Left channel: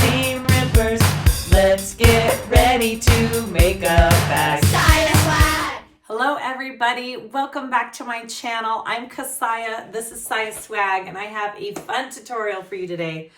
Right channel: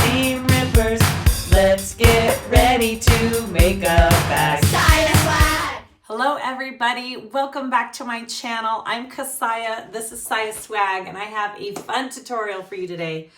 seam rippers. Let's get ready to make a bag. SiahSwag! Hello everybody, welcome back to my channel. I'm Kassiah, this is SiahSwag, and I have a fun tutorial for you today.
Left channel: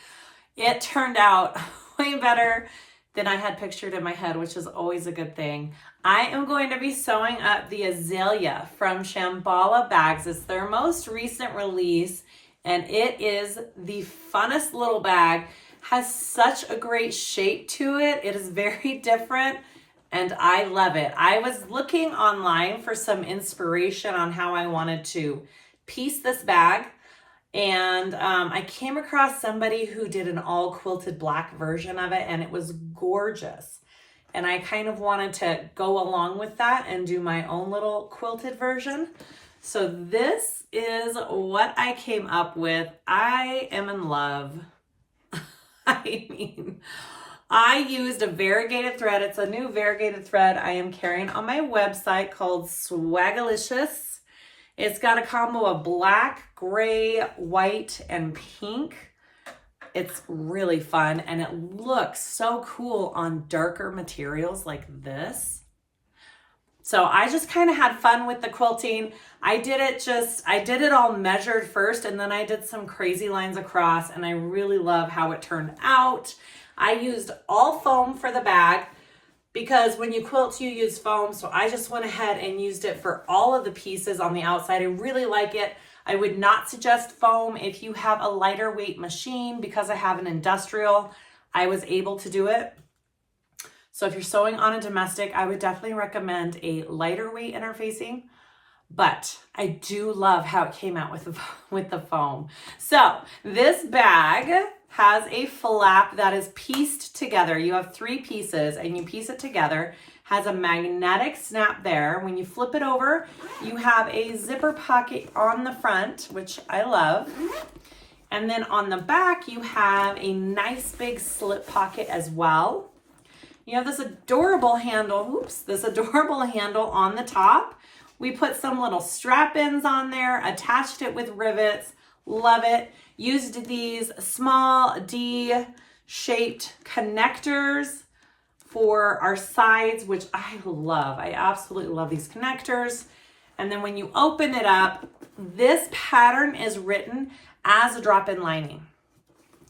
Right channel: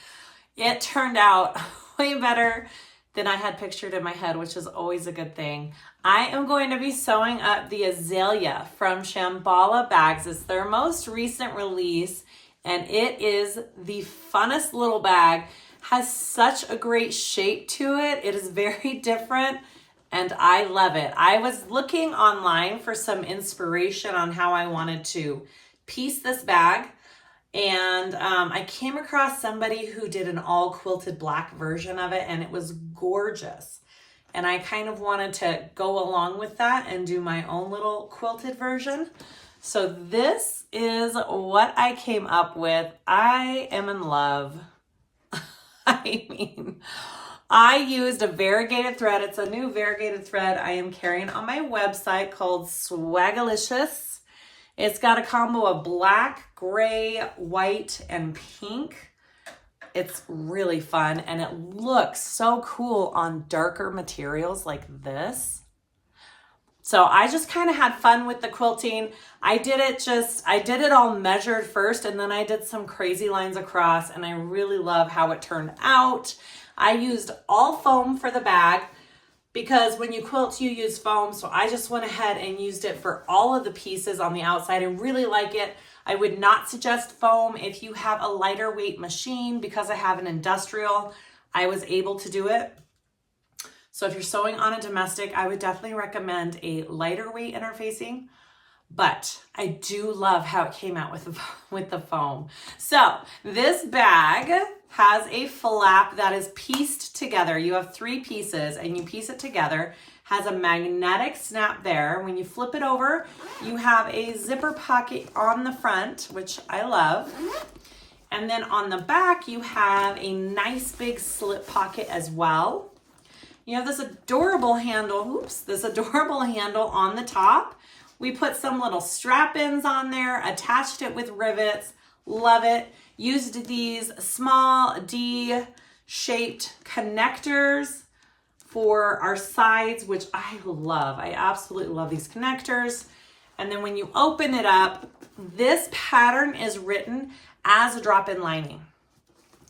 It turned out way better than I had pictured in my head, which is always a good thing. I am going to be sewing up the Azalea from Shamballa bags. It's their most recent release, and it is the funnest little bag. Has such a great shape to it. It is very different, and I love it. I was looking online for some inspiration on how I wanted to piece this bag, and I came across somebody who did an all quilted black version of it, and it was gorgeous. And I kind of wanted to go along with that and do my own little quilted version. So this is what I came up with. I am in love. I mean, I used a variegated thread. It's a new variegated thread I am carrying on my website called Swagalicious. It's got a combo of black, gray, white, and pink. It's really fun, and it looks so cool on darker materials like this. So I just kind of had fun with the quilting. I did it all measured first, and then I did some crazy lines across, and I really love how it turned out. I used all foam for the bag because when you quilt, you use foam. So I just went ahead and used it for all of the pieces on the outside. I really like it. I would not suggest foam if you have a lighter weight machine. Because I have an industrial, I was able to do it. So if you're sewing on a domestic, I would definitely recommend a lighter weight interfacing. But I do love how it came out with the foam. So this bag has a flap that is pieced together. You have 3 pieces and you piece it together. Has a magnetic snap there. When you flip it over, you have a zipper pocket on the front, which I love. And then on the back, you have a nice big slip pocket as well. You have this adorable handle, this adorable handle on the top. We put some little strap-ins on there, attached it with rivets. Love it. Used these small D-shaped connectors for our sides, which I love. I absolutely love these connectors. And then when you open it up, this pattern is written as a drop-in lining.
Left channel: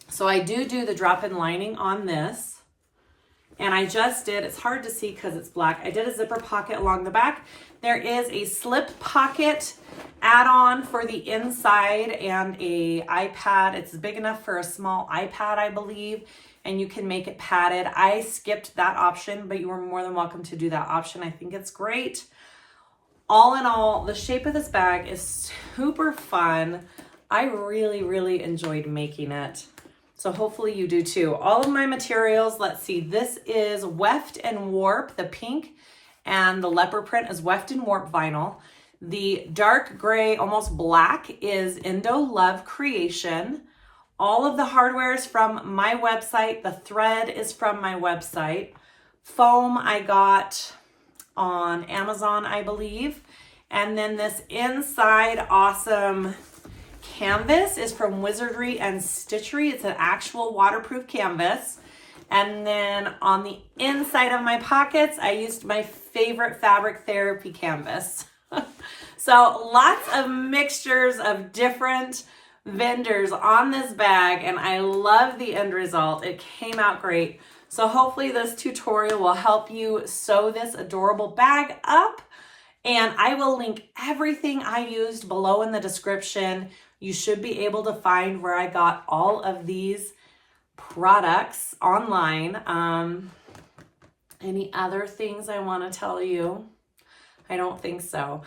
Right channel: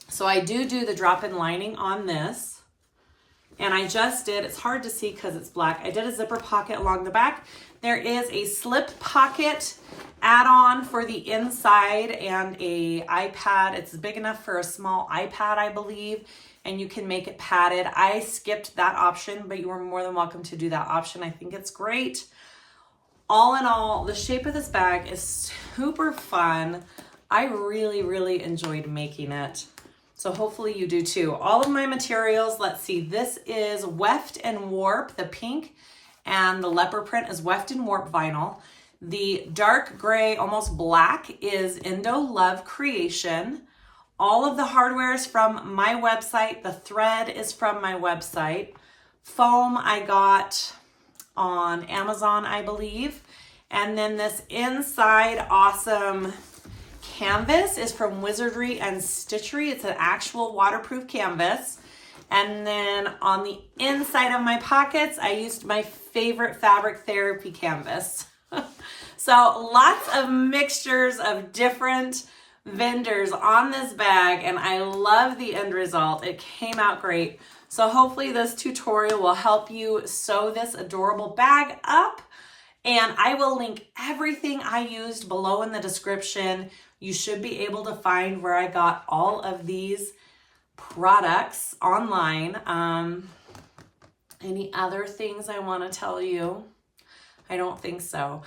So I do the drop-in lining on this. And I just did, it's hard to see because it's black, I did a zipper pocket along the back. There is a slip pocket add-on for the inside and a iPad. It's big enough for a small iPad, I believe, and you can make it padded. I skipped that option, but you are more than welcome to do that option. I think it's great. All in all, the shape of this bag is super fun. I really, really enjoyed making it. So hopefully you do too. All of my materials, let's see, this is Weft and Warp, the pink, and the leopard print is Weft and Warp vinyl. The dark gray, almost black, is Indo Love Creation. All of the hardware is from my website. The thread is from my website. Foam I got on Amazon, I believe. And then this inside awesome canvas is from Wizardry and Stitchery. It's an actual waterproof canvas. And then on the inside of my pockets, I used my favorite fabric therapy canvas. So lots of mixtures of different vendors on this bag, and I love the end result. It came out great. So hopefully this tutorial will help you sew this adorable bag up. And I will link everything I used below in the description. You should be able to find where I got all of these products online. Any other things I want to tell you? I don't think so.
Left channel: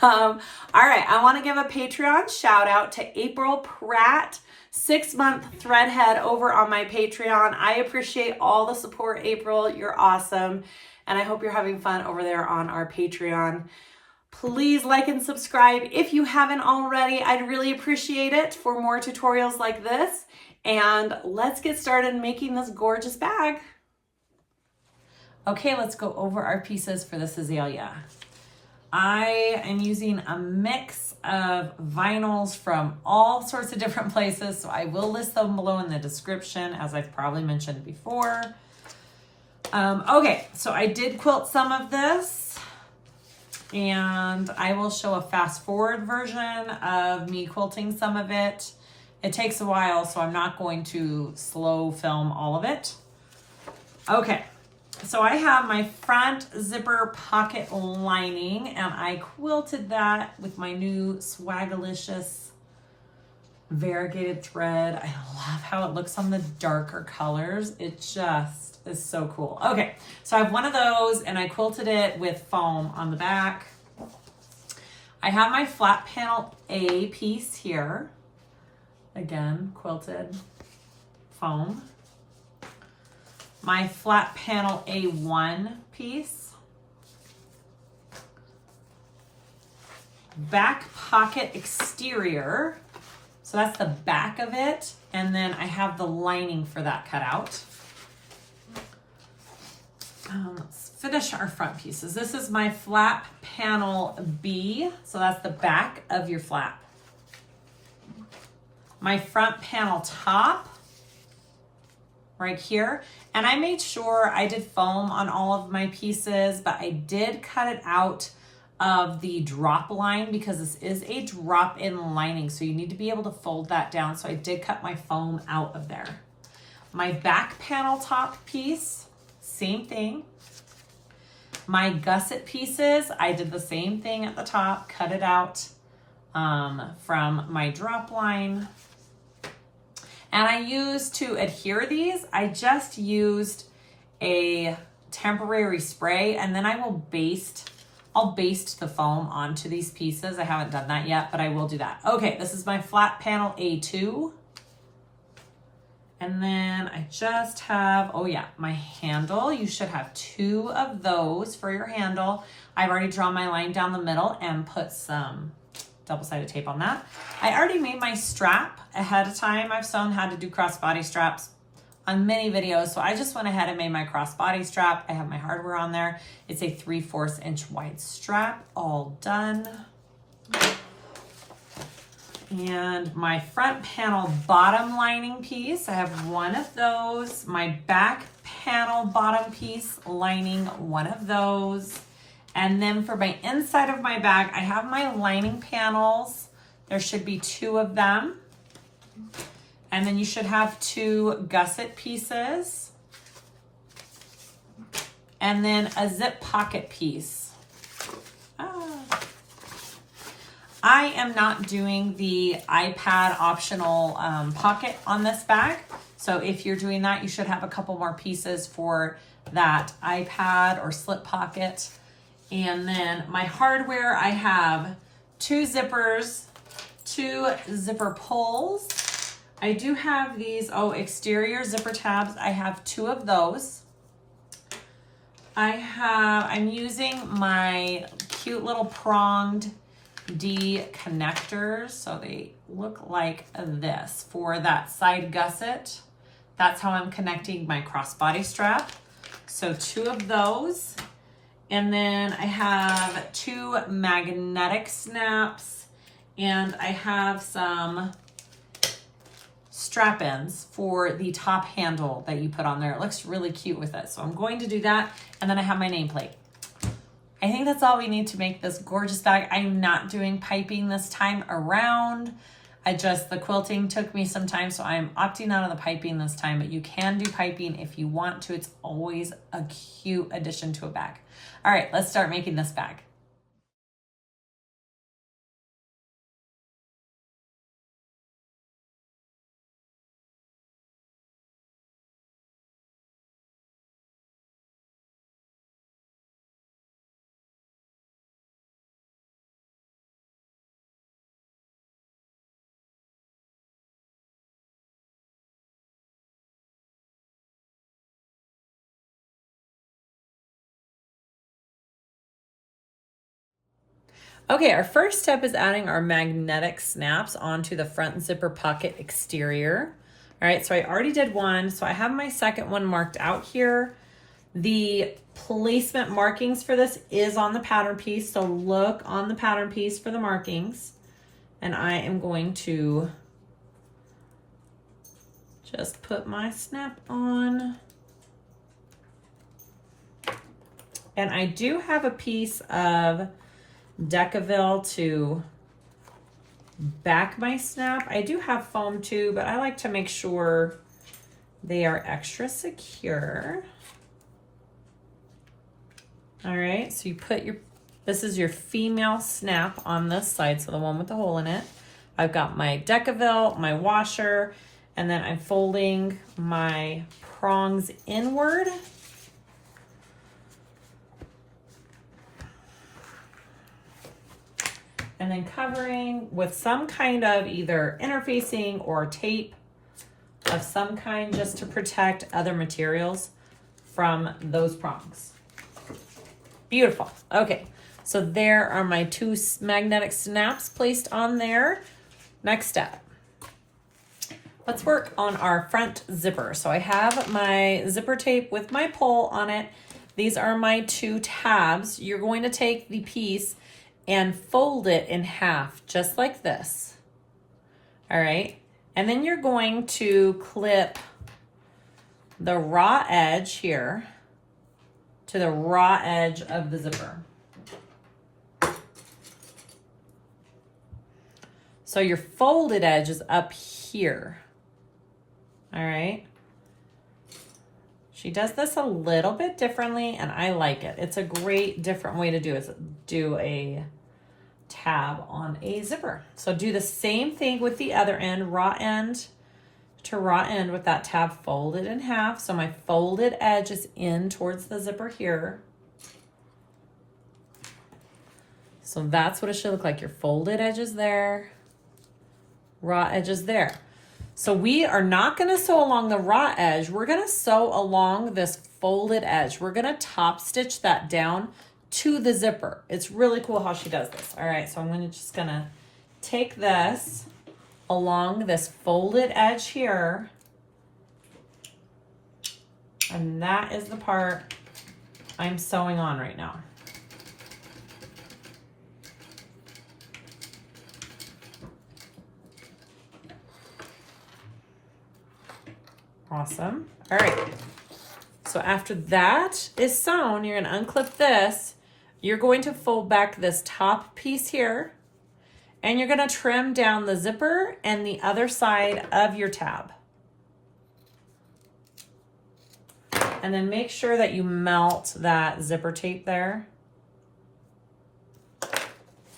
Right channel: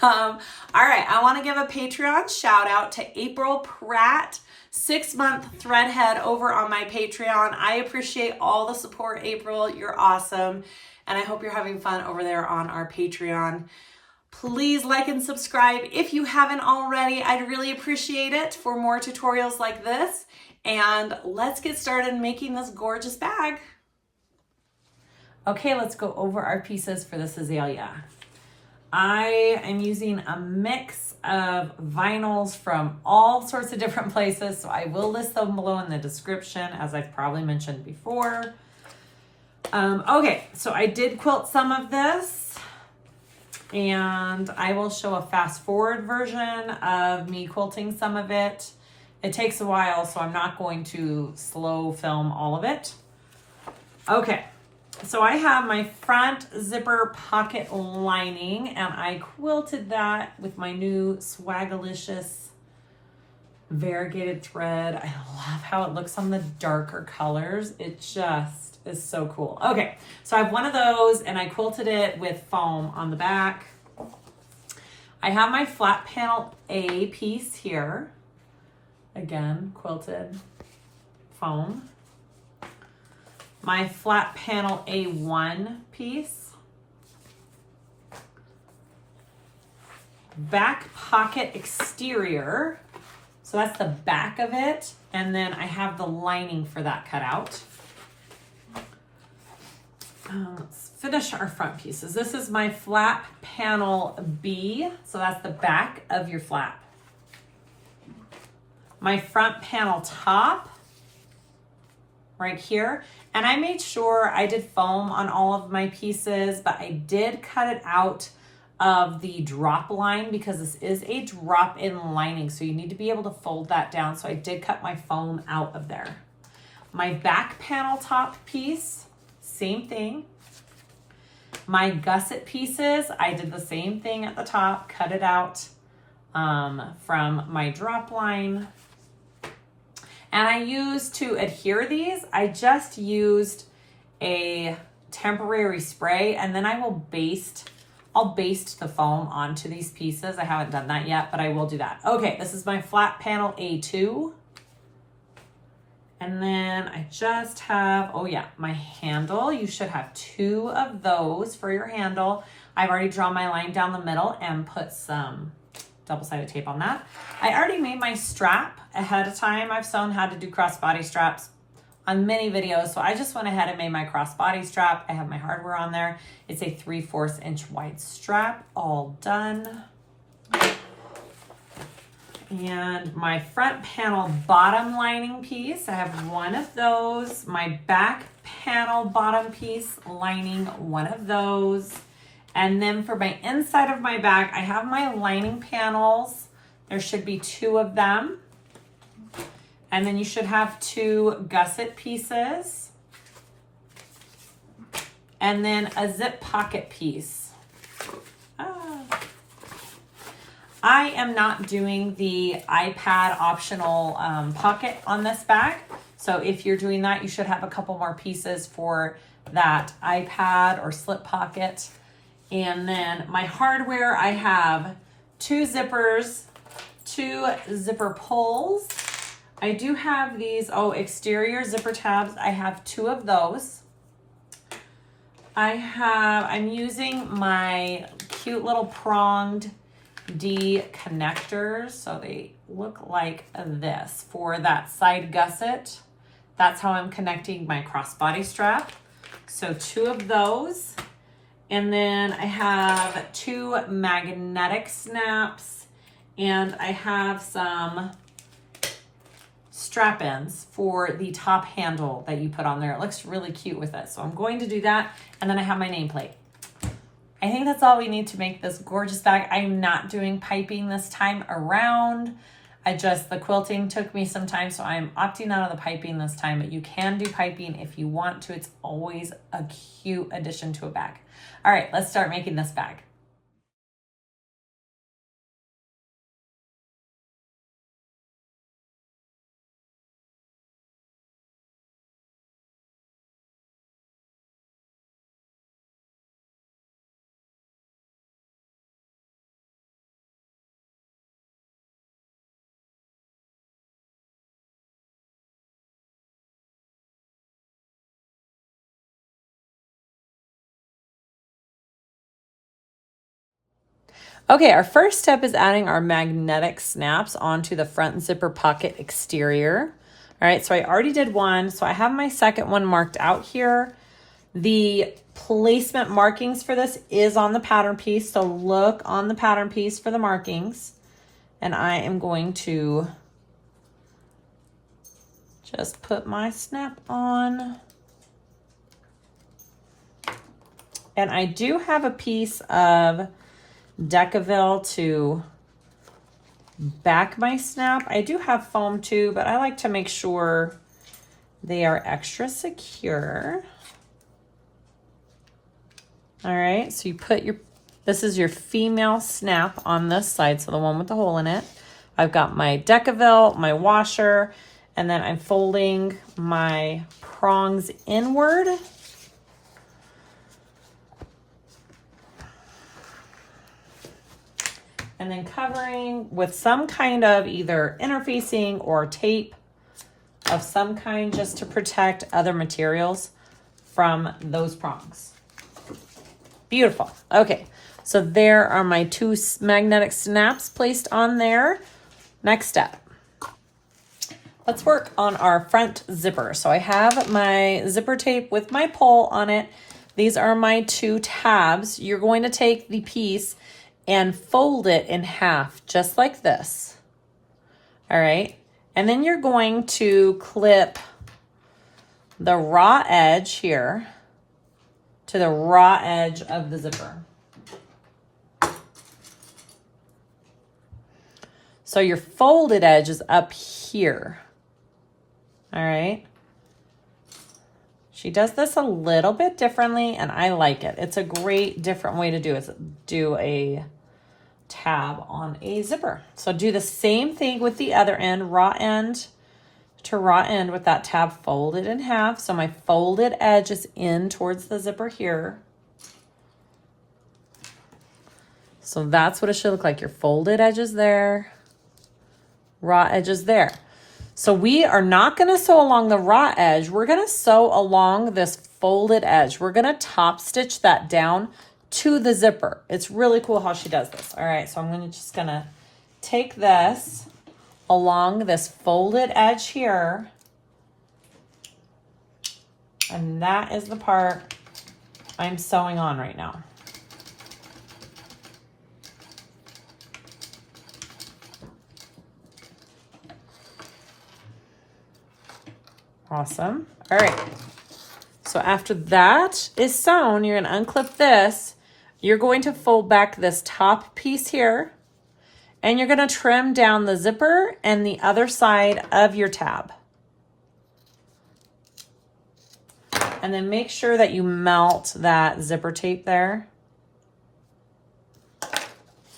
All right, I want to give a Patreon shout out to April Pratt, 6-month threadhead over on my Patreon. I appreciate all the support, April. You're awesome. And I hope you're having fun over there on our Patreon. Please like and subscribe if you haven't already. I'd really appreciate it for more tutorials like this. And let's get started making this gorgeous bag. Okay, let's go over our pieces for this Azalea. I am using a mix of vinyls from all sorts of different places, so I will list them below in the description, as I've probably mentioned before. Okay, so I did quilt some of this, and I will show a fast forward version of me quilting some of it. It takes a while, so I'm not going to slow film all of it. Okay, so I have my front zipper pocket lining, and I quilted that with my new Swagalicious variegated thread. I love how it looks on the darker colors. It just is so cool. Okay, so I have one of those, and I quilted it with foam on the back. I have my flat panel A piece here. Again, quilted foam. My flat panel A1 piece. Back pocket exterior. So that's the back of it. And then I have the lining for that cut out. Let's finish our front pieces. This is my flap panel B. So that's the back of your flap. My front panel top right here. And I made sure I did foam on all of my pieces, but I did cut it out of the drop line because this is a drop in lining. So you need to be able to fold that down. So I did cut my foam out of there. My back panel top piece, same thing. My gusset pieces, I did the same thing at the top, cut it out from my drop line. And I used to adhere these, I just used a temporary spray, and then I'll baste the foam onto these pieces. I haven't done that yet, but I will do that. Okay, this is my flat panel A2. And then I just have, oh yeah, my handle. You should have 2 of those for your handle. I've already drawn my line down the middle and put some double-sided tape on that. I already made my strap ahead of time. I've shown how to do crossbody straps on many videos, so I just went ahead and made my crossbody strap. I have my hardware on there. It's a 3/4 inch wide strap, all done. And my front panel bottom lining piece, I have 1 of those. My back panel bottom piece lining, 1 of those. And then for my inside of my bag, I have my lining panels. There should be 2 of them. And then you should have 2 gusset pieces. And then a zip pocket piece. I am not doing the iPad optional pocket on this bag. So if you're doing that, you should have a couple more pieces for that iPad or slip pocket. And then my hardware, I have 2 zippers, 2 zipper pulls. I do have these, exterior zipper tabs. I have 2 of those. I'm using my cute little pronged D connectors. So they look like this for that side gusset. That's how I'm connecting my crossbody strap. So 2 of those. And then I have 2 magnetic snaps, and I have some strap ends for the top handle that you put on there. It looks really cute with it. So I'm going to do that. And then I have my nameplate. I think that's all we need to make this gorgeous bag. I'm not doing piping this time around. The quilting took me some time, so I'm opting out of the piping this time, but you can do piping if you want to. It's always a cute addition to a bag. All right, let's start making this bag. Okay, our first step is adding our magnetic snaps onto the front zipper pocket exterior. All right, so I already did one, so I have my second one marked out here. The placement markings for this is on the pattern piece, so look on the pattern piece for the markings. And I am going to just put my snap on. And I do have a piece of Decaville to back my snap. I do have foam too, but I like to make sure they are extra secure. All right, so you put your, this is your female snap on this side, so the one with the hole in it. I've got my Decaville, my washer, and then I'm folding my prongs inward. And then covering with some kind of either interfacing or tape of some kind just to protect other materials from those prongs. Beautiful. Okay, so there are my two magnetic snaps placed on there. Next step. Let's work on our front zipper. So I have my zipper tape with my pole on it. These are my two tabs. You're going to take the piece and fold it in half, just like this. All right, and then you're going to clip the raw edge here to the raw edge of the zipper. So your folded edge is up here. All right. She does this a little bit differently, and I like it. It's a great different way to do a tab on a zipper. So do the same thing with the other end, raw end to raw end with that tab folded in half. So my folded edge is in towards the zipper here. So that's what it should look like. Your folded edge is there, raw edge is there. So we are not going to sew along the raw edge. We're going to sew along this folded edge. We're going to top stitch that down to the zipper. It's really cool how she does this. All right, so I'm just gonna take this along this folded edge here, and that is the part I'm sewing on right now. Awesome. All right, so after that is sewn, you're gonna unclip this. You're going to fold back this top piece here, and you're going to trim down the zipper and the other side of your tab. And then make sure that you melt that zipper tape there.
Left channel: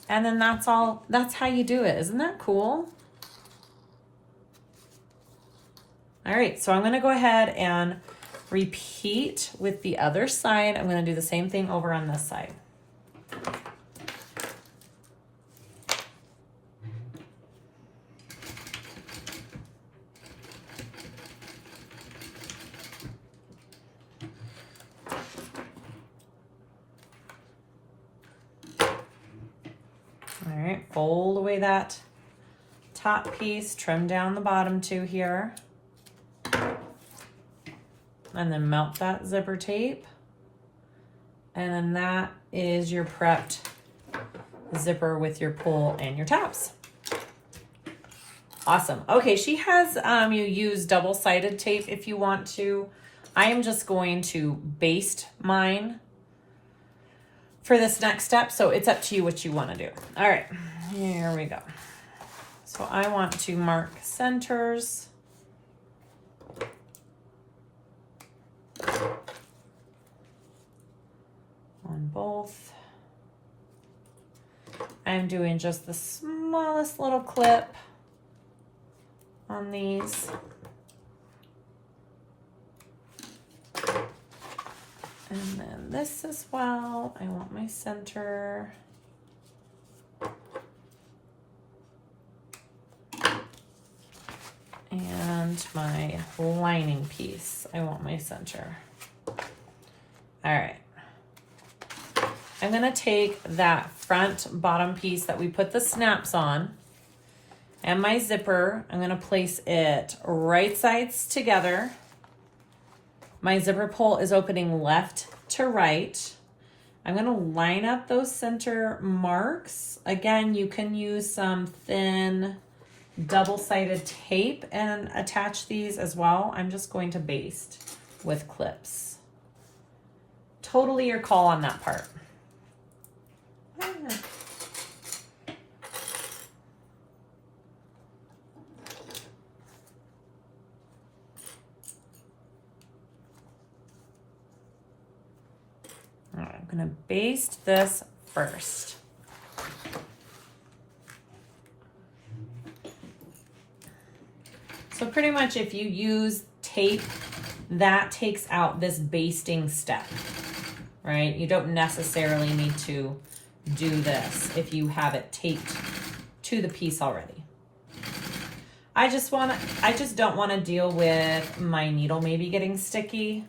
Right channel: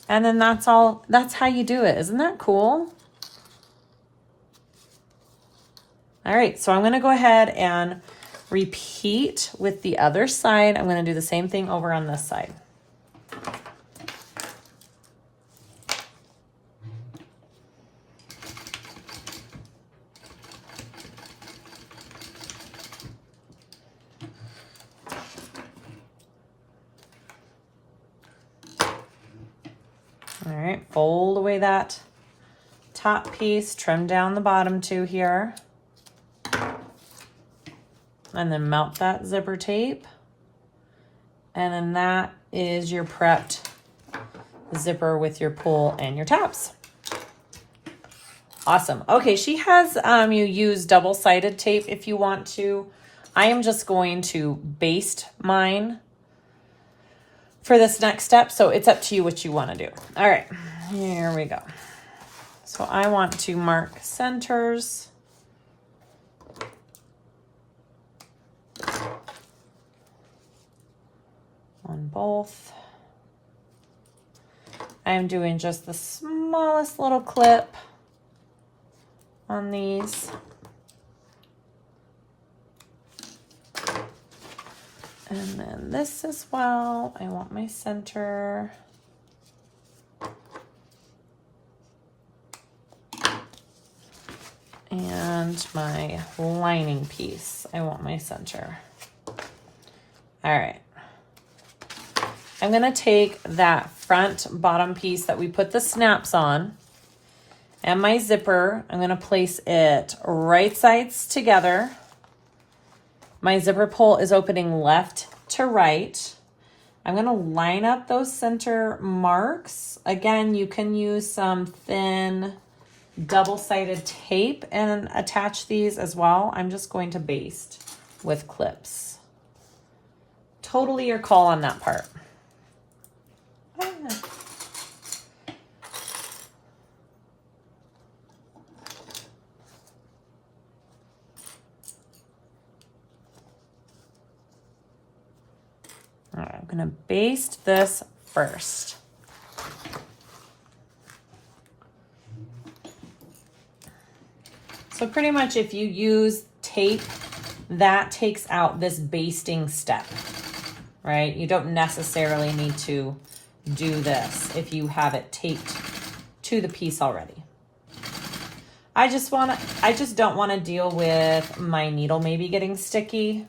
And then that's all, that's how you do it. Isn't that cool? All right, so I'm going to go ahead and repeat with the other side. I'm going to do the same thing over on this side. All right, fold away that top piece, trim down the bottom two here, and then mount that zipper tape. And then that is your prepped zipper with your pull and your tabs. Awesome. Okay, she has, you use double-sided tape if you want to. I am just going to baste mine for this next step, so it's up to you what you want to do. All right, here we go. So I want to mark centers. On both. I'm doing just the smallest little clip on these. And then this as well. I want my center. And my lining piece. I want my center. All right. I'm gonna take that front bottom piece that we put the snaps on and my zipper. I'm gonna place it right sides together My zipper pull is opening left to right. I'm gonna line up those center marks. Again, you can use some thin double-sided tape and attach these as well. I'm just going to baste with clips. Totally your call on that part. All right, I'm gonna baste this first. So pretty much if you use tape, that takes out this basting step, right? You don't necessarily need to do this if you have it taped to the piece already. I just don't want to deal with my needle maybe getting sticky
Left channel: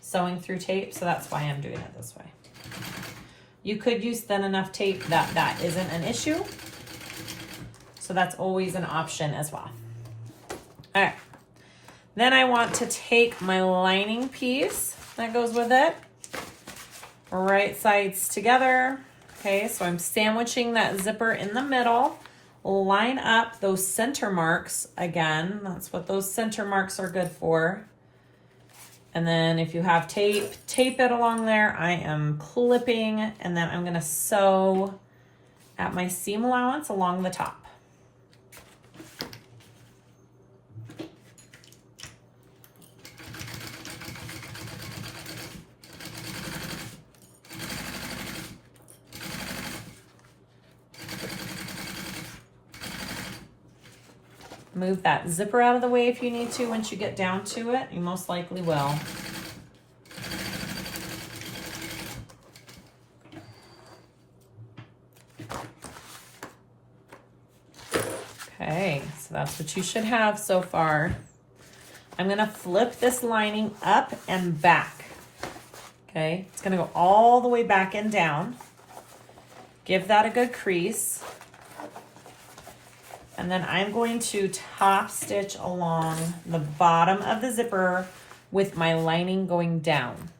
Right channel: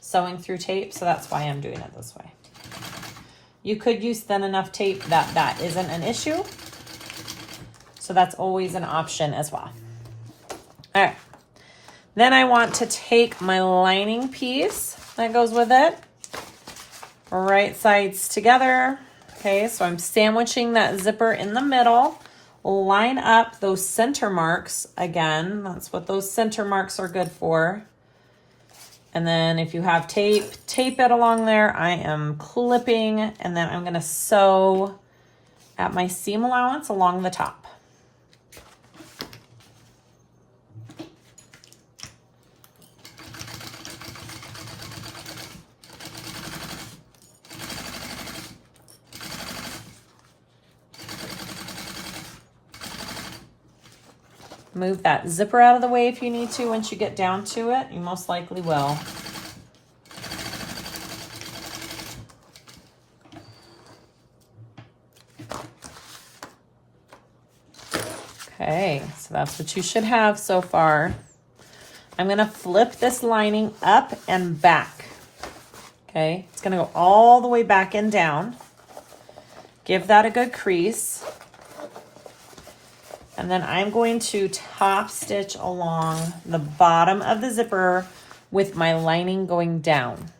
sewing through tape, so that's why I'm doing it this way. You could use thin enough tape that isn't an issue, so that's always an option as well. All right, then I want to take my lining piece that goes with it, right sides together. Okay, so I'm sandwiching that zipper in the middle. Line up those center marks again. That's what those center marks are good for. And then if you have tape, tape it along there. I am clipping, and then I'm gonna sew at my seam allowance along the top. Move that zipper out of the way if you need to once you get down to it. You most likely will. Okay, so that's what you should have so far. I'm gonna flip this lining up and back. Okay, it's gonna go all the way back and down. Give that a good crease. And then I'm going to top stitch along the bottom of the zipper with my lining going down.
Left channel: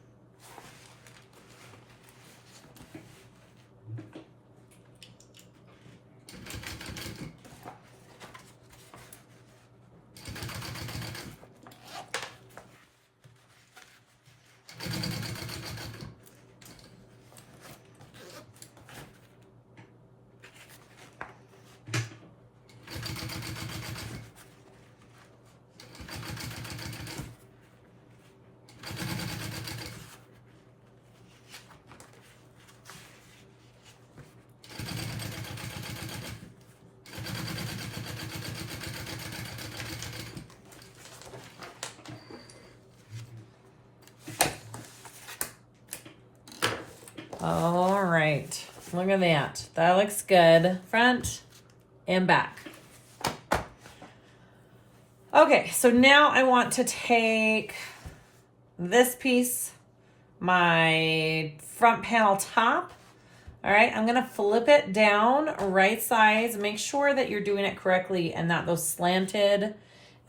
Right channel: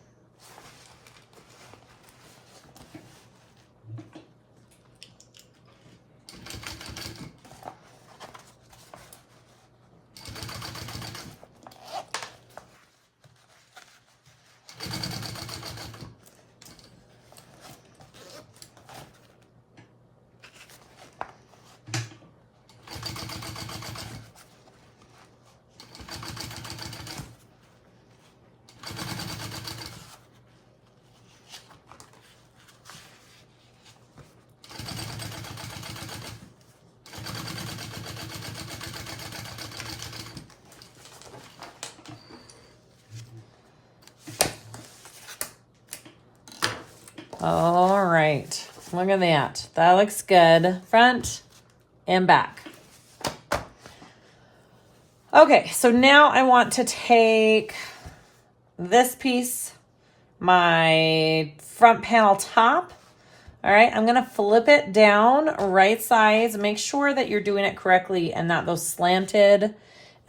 All right, look at that. That looks good. Front and back. Okay, so now I want to take this piece, my front panel top. All right, I'm gonna flip it down right sides. Make sure that you're doing it correctly and that those slanted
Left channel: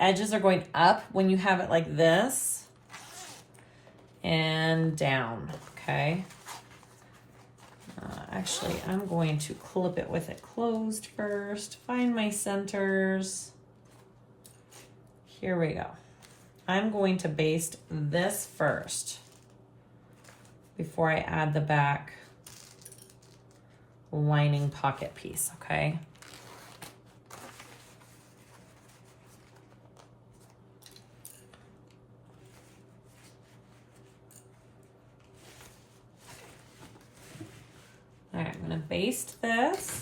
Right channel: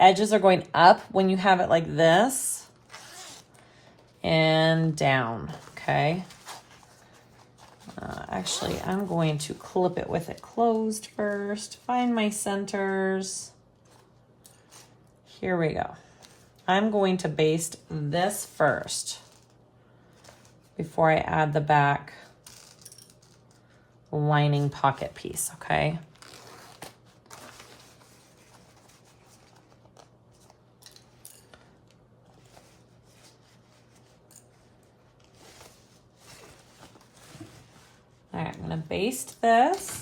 edges are going up when you have it like this and down, okay? Actually, I'm going to clip it with it closed first. Find my centers. Here we go. I'm going to baste this first before I add the back lining pocket piece, okay? All right, I'm gonna baste this.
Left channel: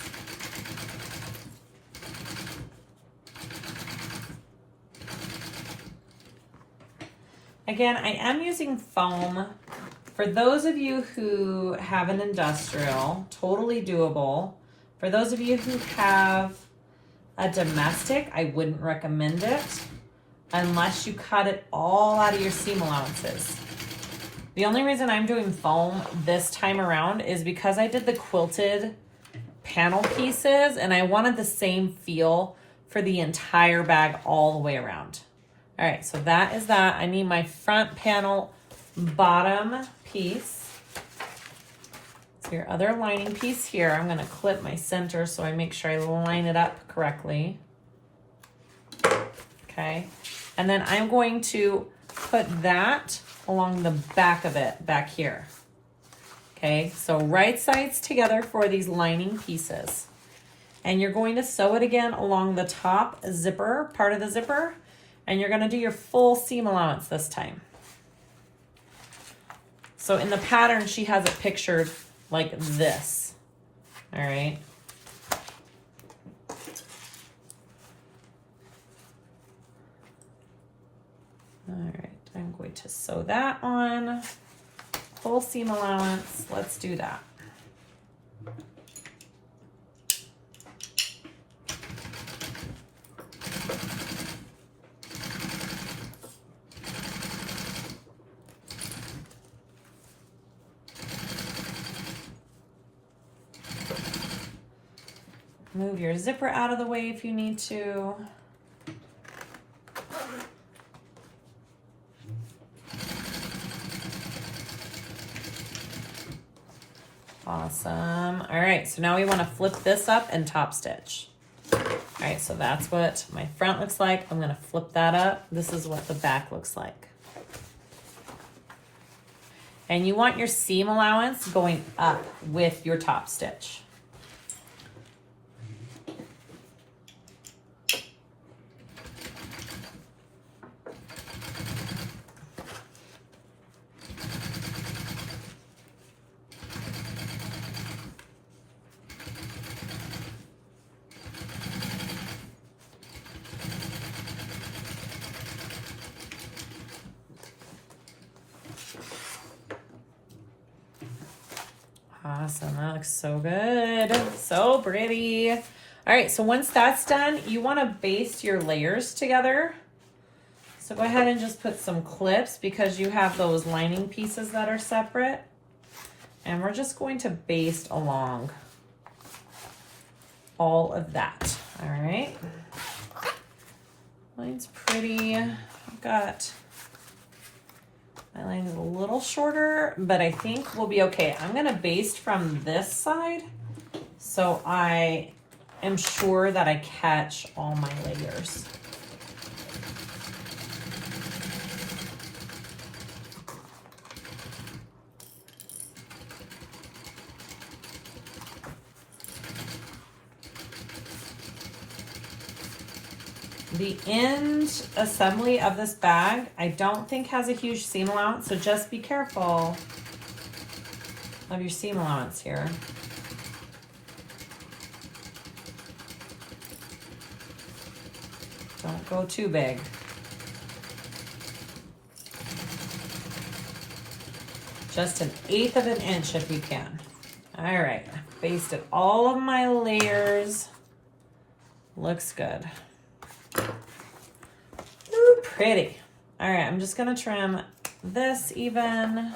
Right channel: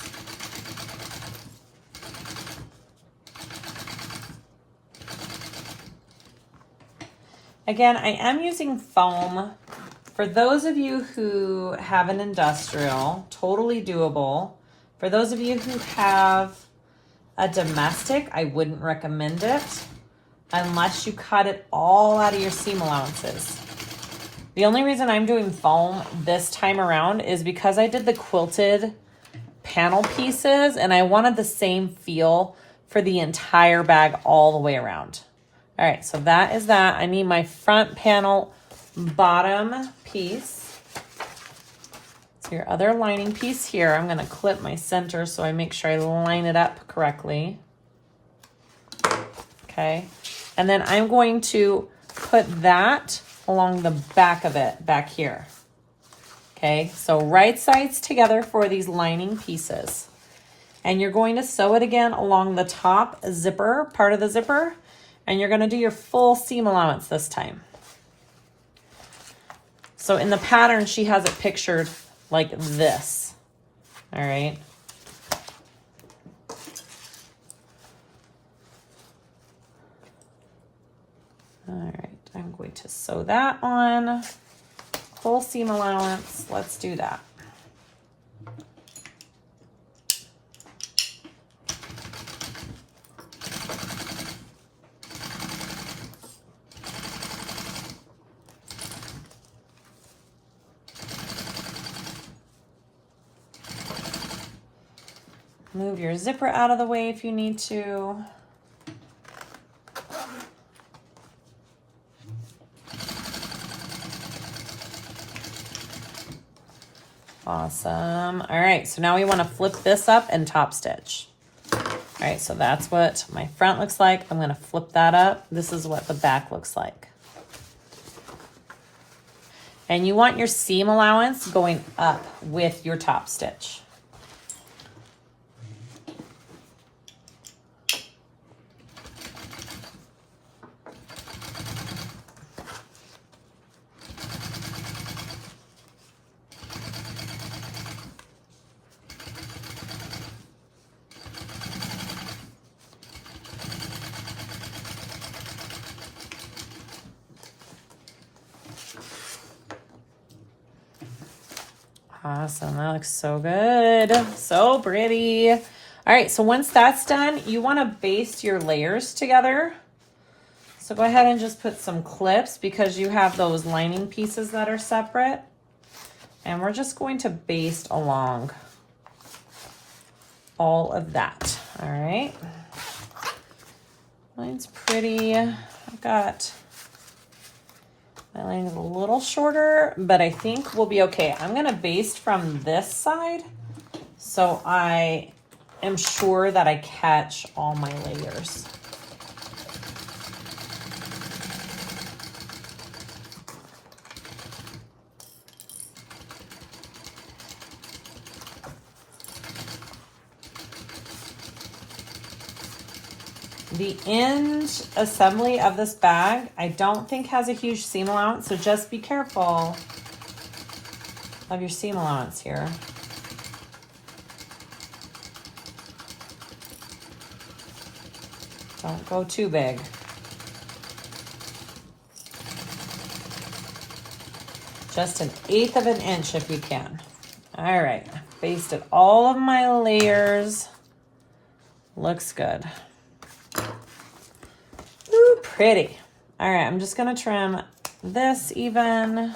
Again, I am using foam. For those of you who have an industrial, totally doable. For those of you who have a domestic, I wouldn't recommend it unless you cut it all out of your seam allowances. The only reason I'm doing foam this time around is because I did the quilted panel pieces and I wanted the same feel for the entire bag all the way around. All right, so that is that. I need my front panel bottom piece. So your other lining piece here, I'm gonna clip my center so I make sure I line it up correctly. Okay, and then I'm going to put that along the back of it, back here. Okay, so right sides together for these lining pieces. And you're going to sew it again along the top zipper, part of the zipper, and you're gonna do your full seam allowance this time. So in the pattern, she has it pictured like this, all right? All right, I'm going to sew that on. Full seam allowance, let's do that. Move your zipper out of the way if you need to. Awesome. All right, so now we want to flip this up and top stitch. All right, so that's what my front looks like. I'm going to flip that up. This is what the back looks like. And you want your seam allowance going up with your top stitch. Awesome, that looks so good, so pretty. All right, so once that's done, you want to baste your layers together. So go ahead and just put some clips because you have those lining pieces that are separate. And we're just going to baste along all of that, all right? Mine's pretty. I've got my line is a little shorter, but I think we'll be okay. I'm gonna baste from this side so I am sure that I catch all my layers. The end assembly of this bag, I don't think has a huge seam allowance, so just be careful of your seam allowance here. Don't go too big. Just 1/8 of an inch if you can. All right, basted all of my layers. Looks good. Ooh, pretty. All right, I'm just gonna trim this even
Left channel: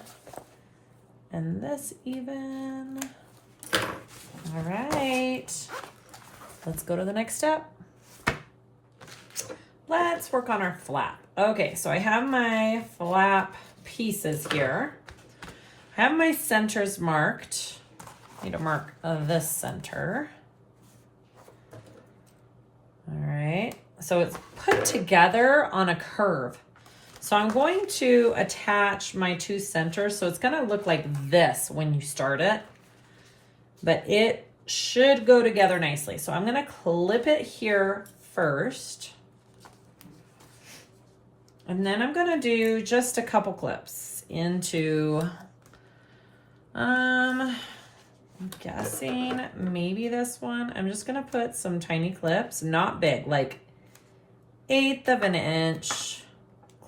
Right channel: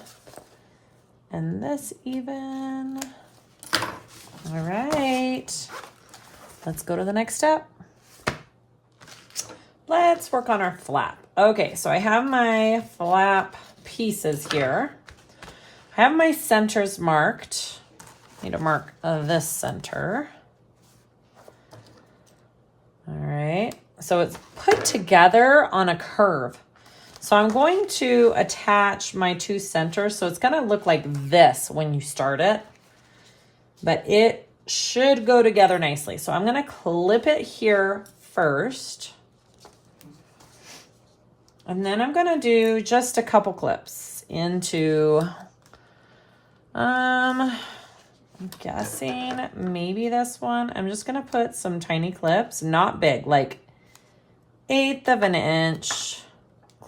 and this even. All right, let's go to the next step. Let's work on our flap. Okay, so I have my flap pieces here. I have my centers marked. I need to mark this center. All right, so it's put together on a curve. So I'm going to attach my two centers. So it's gonna look like this when you start it, but it should go together nicely. So I'm gonna clip it here first. And then I'm gonna do just a couple clips into, I'm guessing maybe this one. I'm just gonna put some tiny clips, not big, like 1/8 of an inch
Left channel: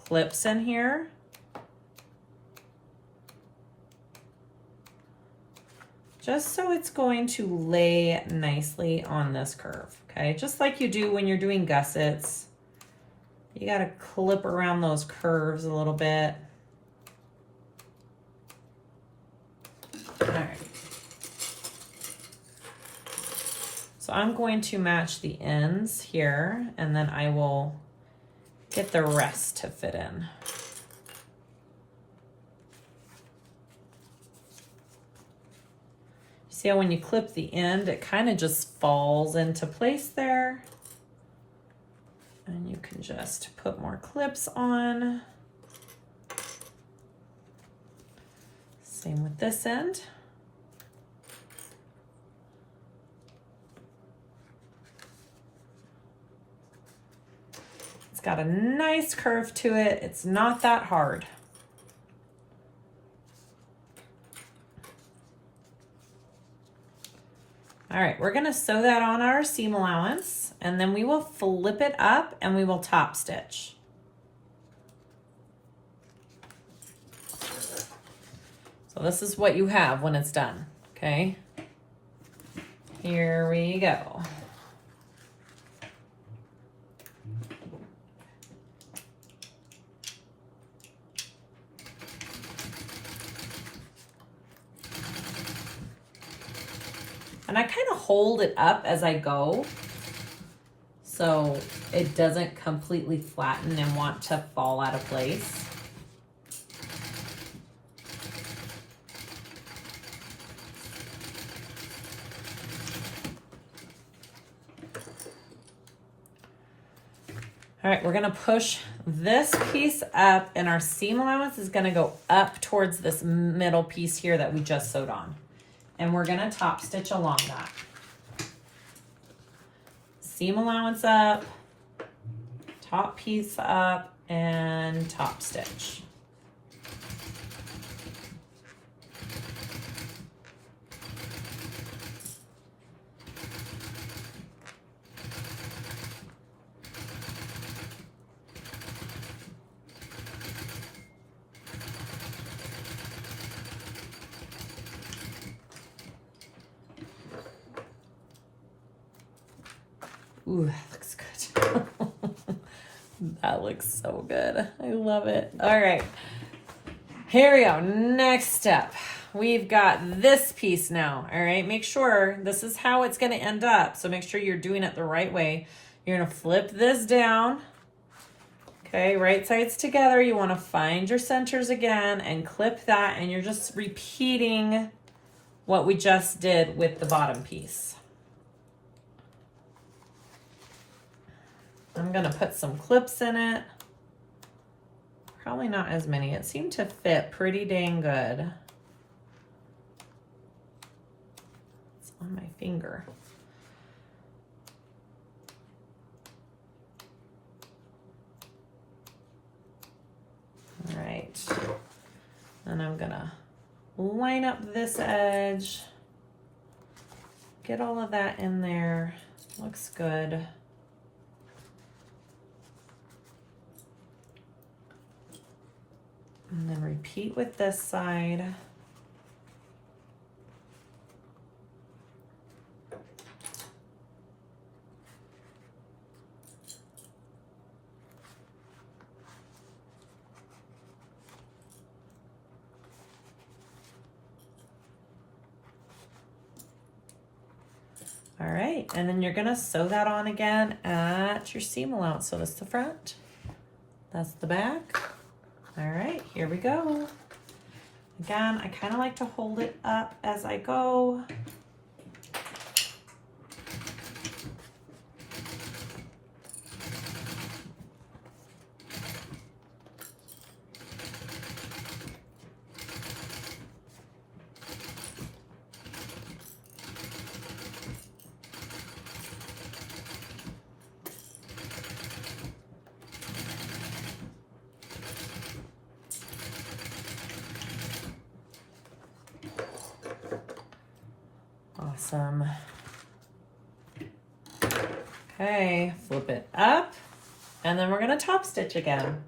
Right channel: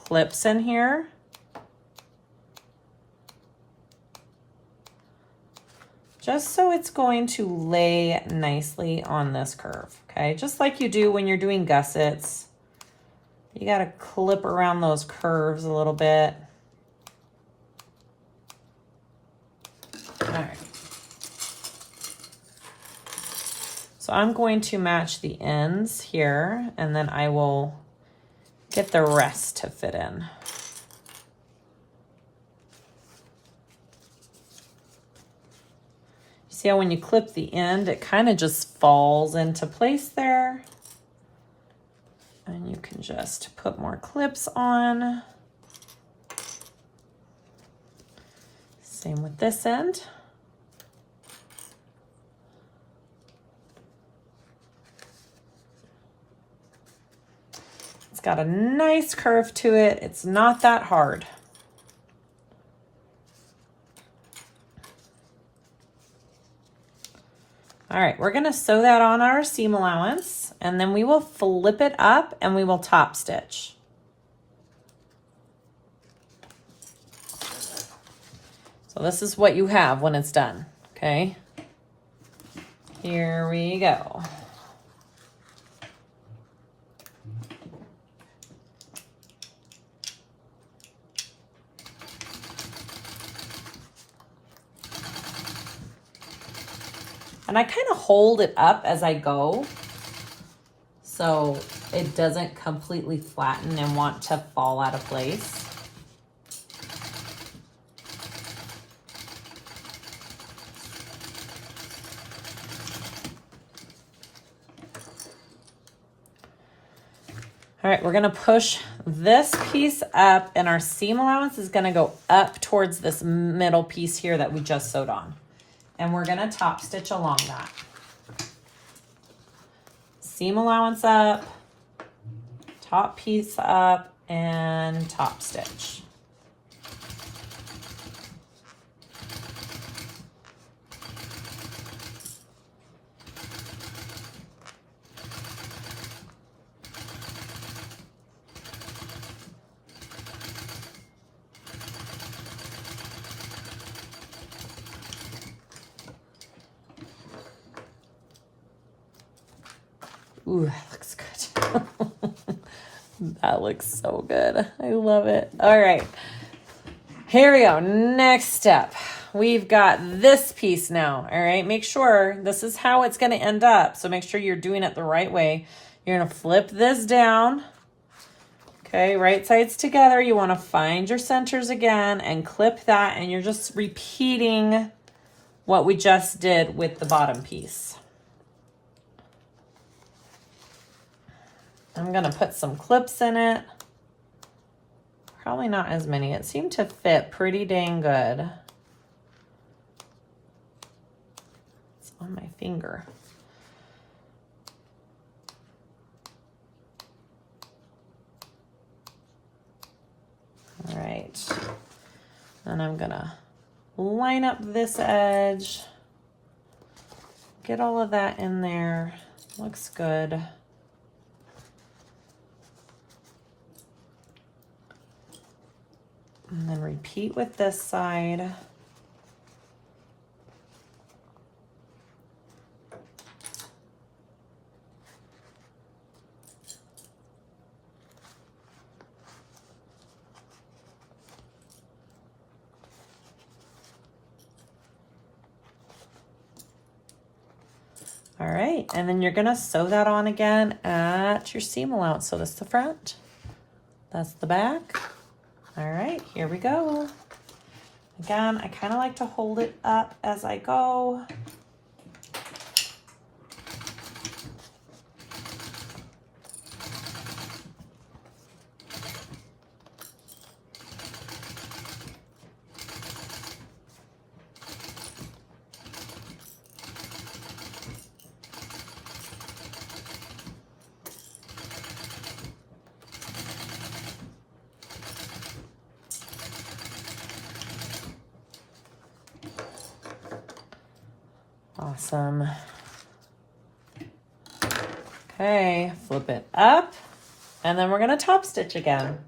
clips in here. Just so it's going to lay nicely on this curve, okay? Just like you do when you're doing gussets. You gotta clip around those curves a little bit. All right. So I'm going to match the ends here, and then I will get the rest to fit in. See how when you clip the end, it kind of just falls into place there. And you can just put more clips on. Same with this end. It's got a nice curve to it. It's not that hard. All right, we're gonna sew that on our seam allowance, and then we will flip it up and we will top stitch. So this is what you have when it's done, okay? Here we go. And I kind of hold it up as I go so it doesn't completely flatten and want to fall out of place. All right, we're gonna push this piece up and our seam allowance is gonna go up towards this middle piece here that we just sewed on. And we're gonna top stitch along that. Seam allowance up, top piece up, and top stitch. Ooh, that looks good. That looks so good. I love it. All right, here we go. Next step. We've got this piece now. All right, make sure this is how it's going to end up. So make sure you're doing it the right way. You're going to flip this down. Okay, right sides together. You want to find your centers again and clip that. And you're just repeating what we just did with the bottom piece. I'm gonna put some clips in it. Probably not as many. It seemed to fit pretty dang good. It's on my finger. All right. And I'm gonna line up this edge. Get all of that in there. Looks good. And then repeat with this side. All right, and then you're gonna sew that on again at your seam allowance. So this is the front, that's the back. All right, here we go. Again, I kind of like to hold it up as I go. Awesome. Okay, flip it up, and then we're gonna top stitch again.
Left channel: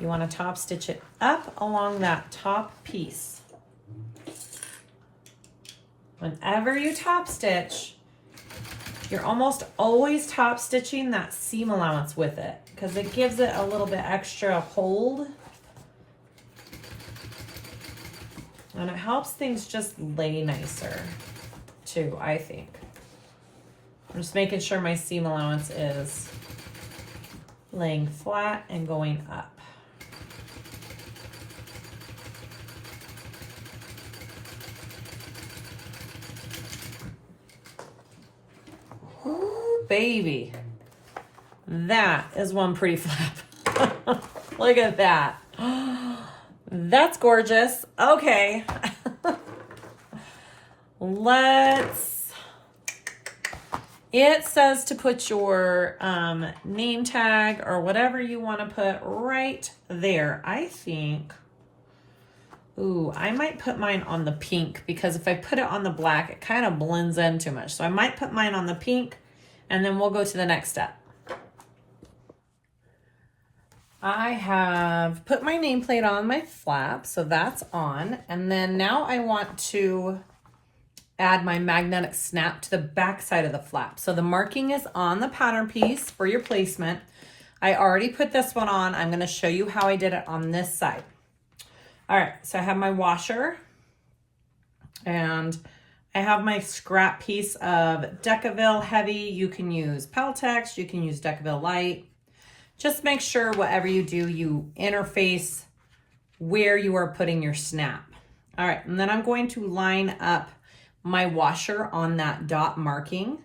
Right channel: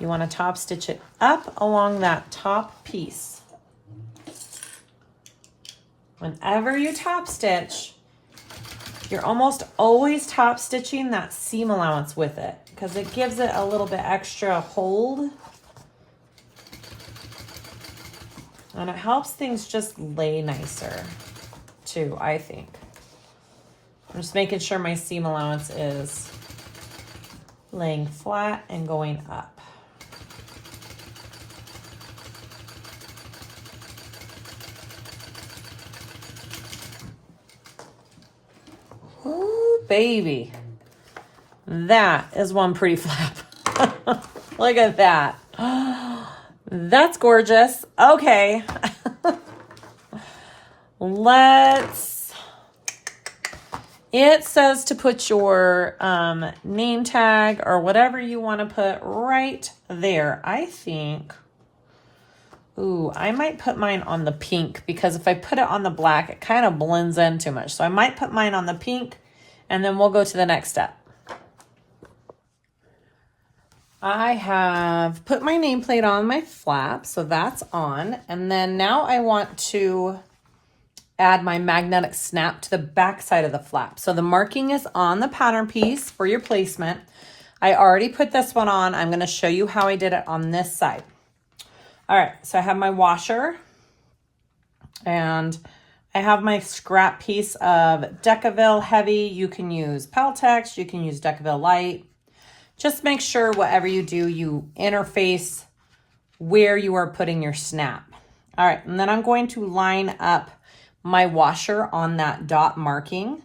You wanna top stitch it up along that top piece. Whenever you top stitch, you're almost always top stitching that seam allowance with it because it gives it a little bit extra hold. And it helps things just lay nicer too, I think. I'm just making sure my seam allowance is laying flat and going up. baby. That is one pretty flap. Look at that. That's gorgeous. Okay. It says to put your name tag or whatever you want to put right there. I think, ooh, I might put mine on the pink because if I put it on the black, it kind of blends in too much. So I might put mine on the pink and then we'll go to the next step. I have put my nameplate on my flap, so that's on. And then now I want to add my magnetic snap to the back side of the flap. So the marking is on the pattern piece for your placement. I already put this one on. I'm going to show you how I did it on this side. All right, so I have my washer and I have my scrap piece of Decaville Heavy. You can use Peltex, you can use Decaville Light. Just make sure whatever you do, you interface where you are putting your snap. All right, and then I'm going to line up my washer on that dot marking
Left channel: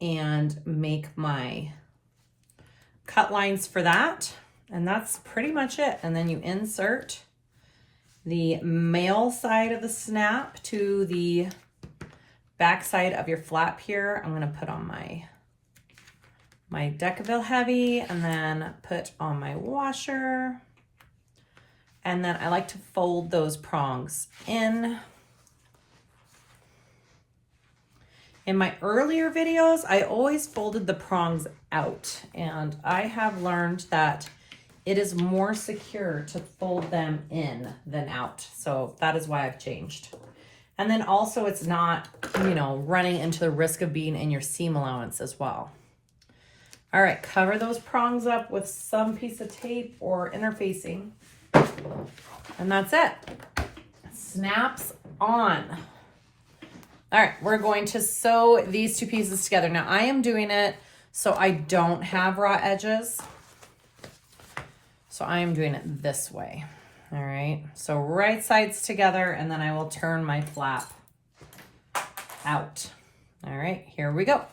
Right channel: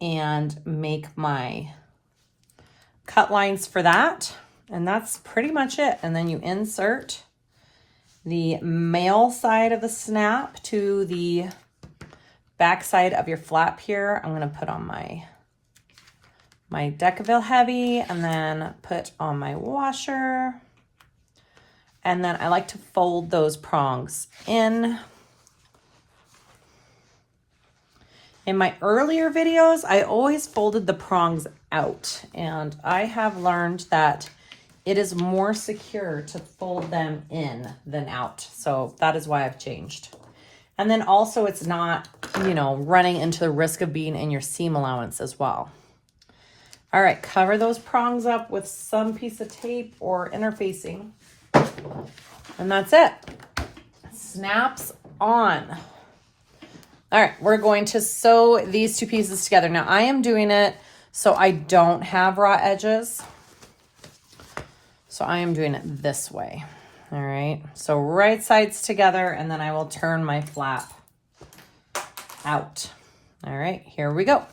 and make my cut lines for that. And that's pretty much it. And then you insert the male side of the snap to the back side of your flap here. I'm gonna put on my Decaville Heavy and then put on my washer. And then I like to fold those prongs in. In my earlier videos, I always folded the prongs out, and I have learned that it is more secure to fold them in than out. So that is why I've changed. And then also it's not, you know, running into the risk of being in your seam allowance as well. All right, cover those prongs up with some piece of tape or interfacing. And that's it. Snaps on. All right, we're going to sew these two pieces together. Now I am doing it so I don't have raw edges. So I am doing it this way. All right, so right sides together and then I will turn my flap out. All right, here we go.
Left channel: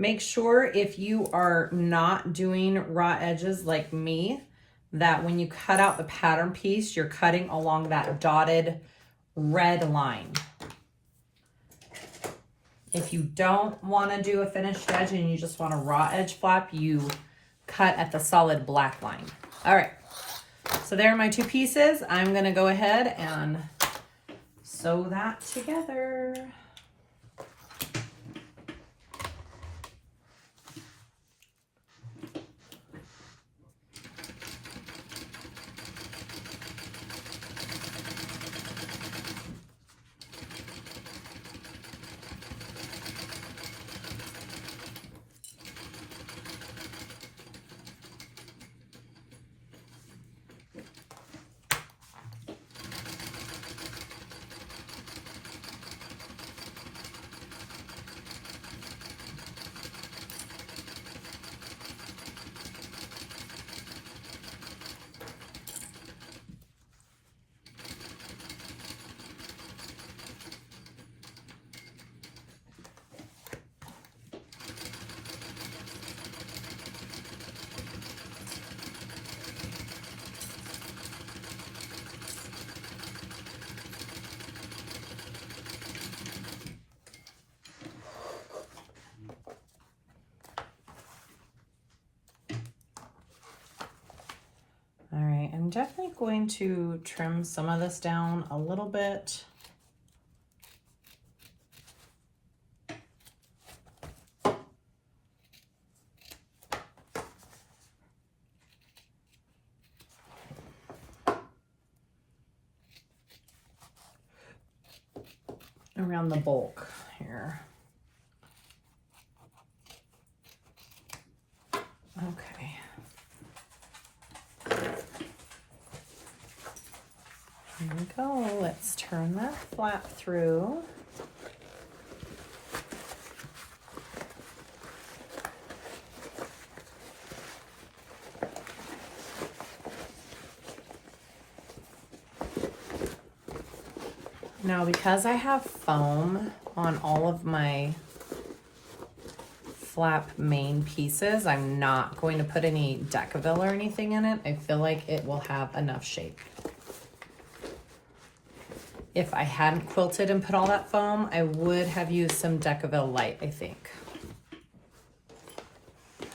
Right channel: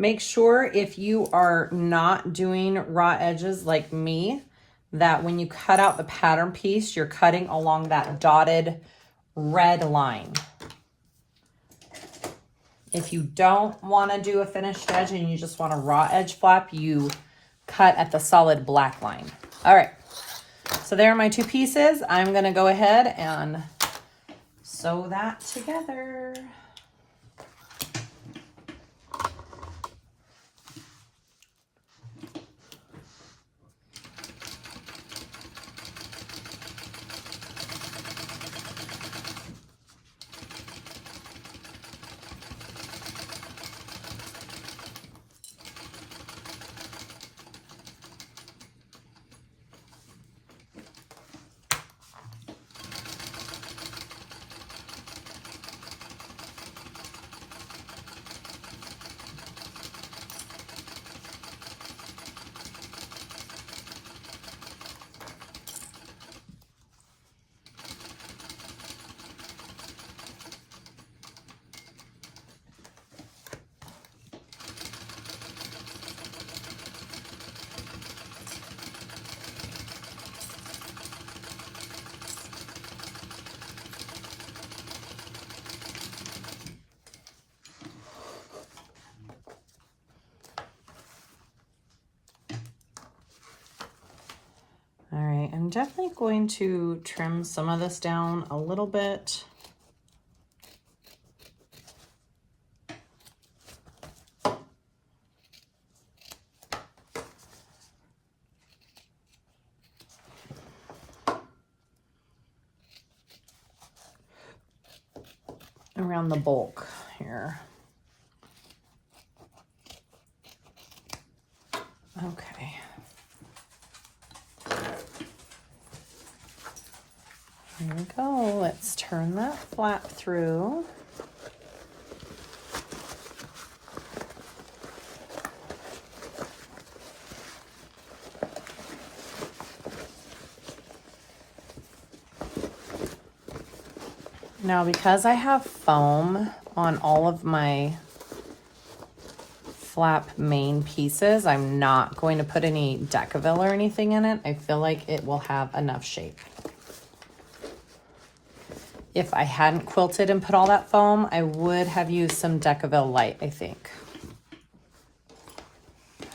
Make sure if you are not doing raw edges like me, that when you cut out the pattern piece, you're cutting along that dotted red line. If you don't want to do a finished edge and you just want a raw edge flap, you cut at the solid black line. All right, so there are my two pieces. I'm gonna go ahead and sew that together. All right, I'm definitely going to trim some of this down a little bit. around the bulk here. Okay. Here we go. Let's turn that flap through. Now, because I have foam on all of my flap main pieces, I'm not going to put any Decaville or anything in it. I feel like it will have enough shape. If I hadn't quilted and put all that foam, I would have used some Decaville Light, I think.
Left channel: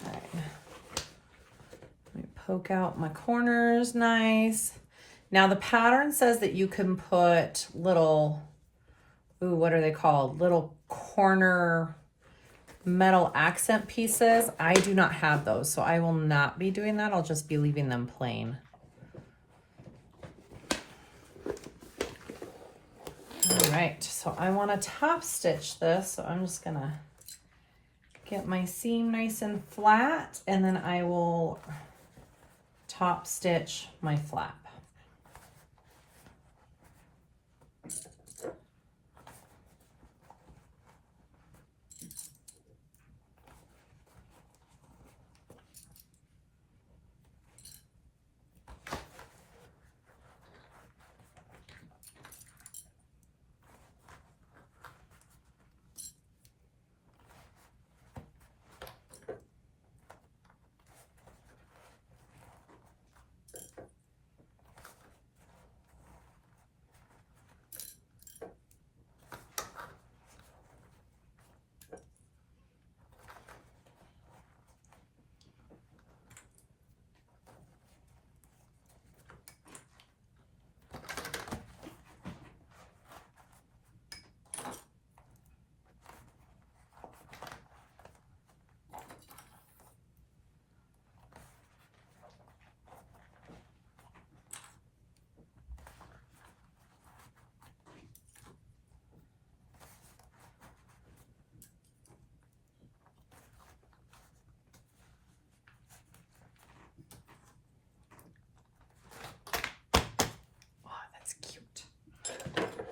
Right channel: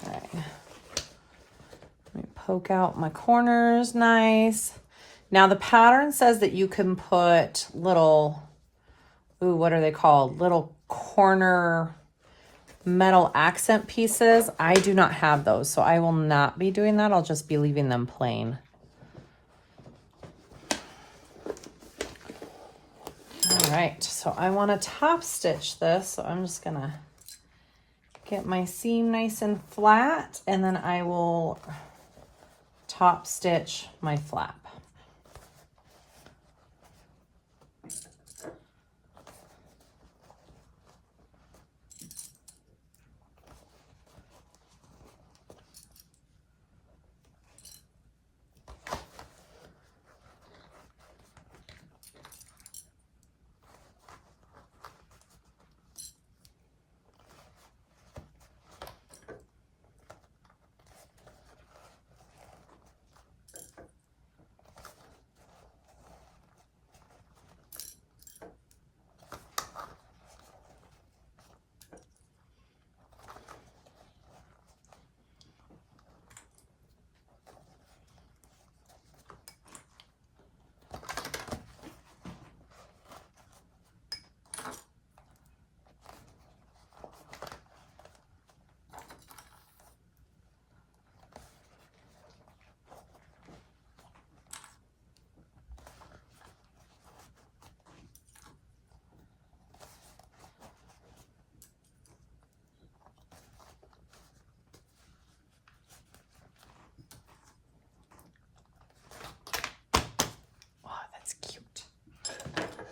Okay. Let me poke out my corners nice. Now the pattern says that you can put little, ooh, what are they called? Little corner metal accent pieces. I do not have those, so I will not be doing that. I'll just be leaving them plain. All right, so I want to top stitch this, so I'm just gonna get my seam nice and flat, and then I will top stitch my flap.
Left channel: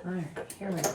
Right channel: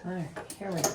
All right, here we go.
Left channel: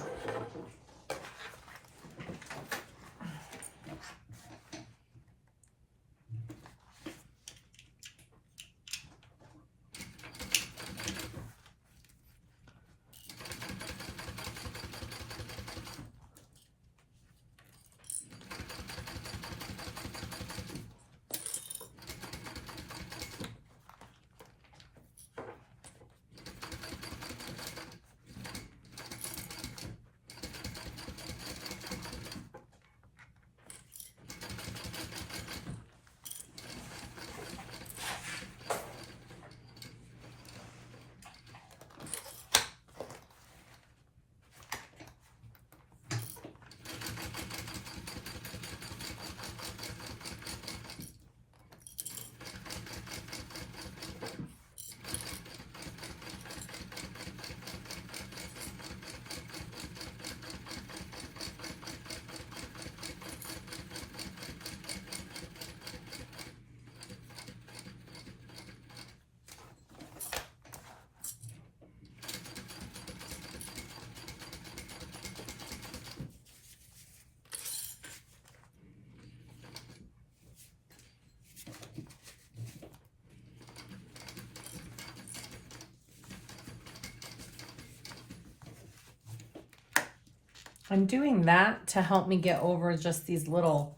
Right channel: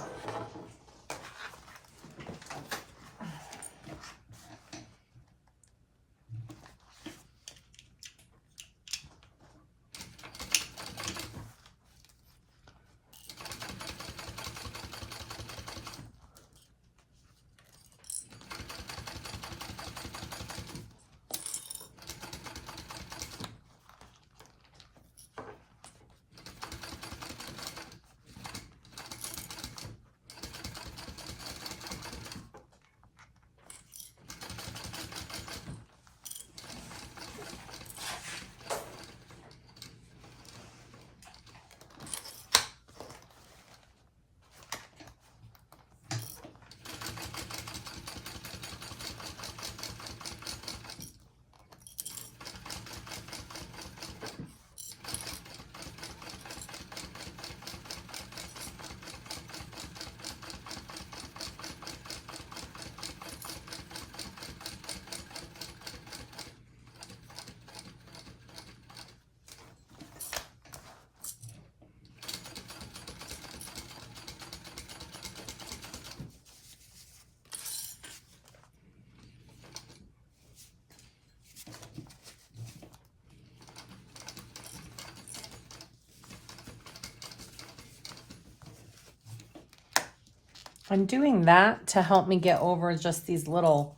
I'm doing that to help me get over just these little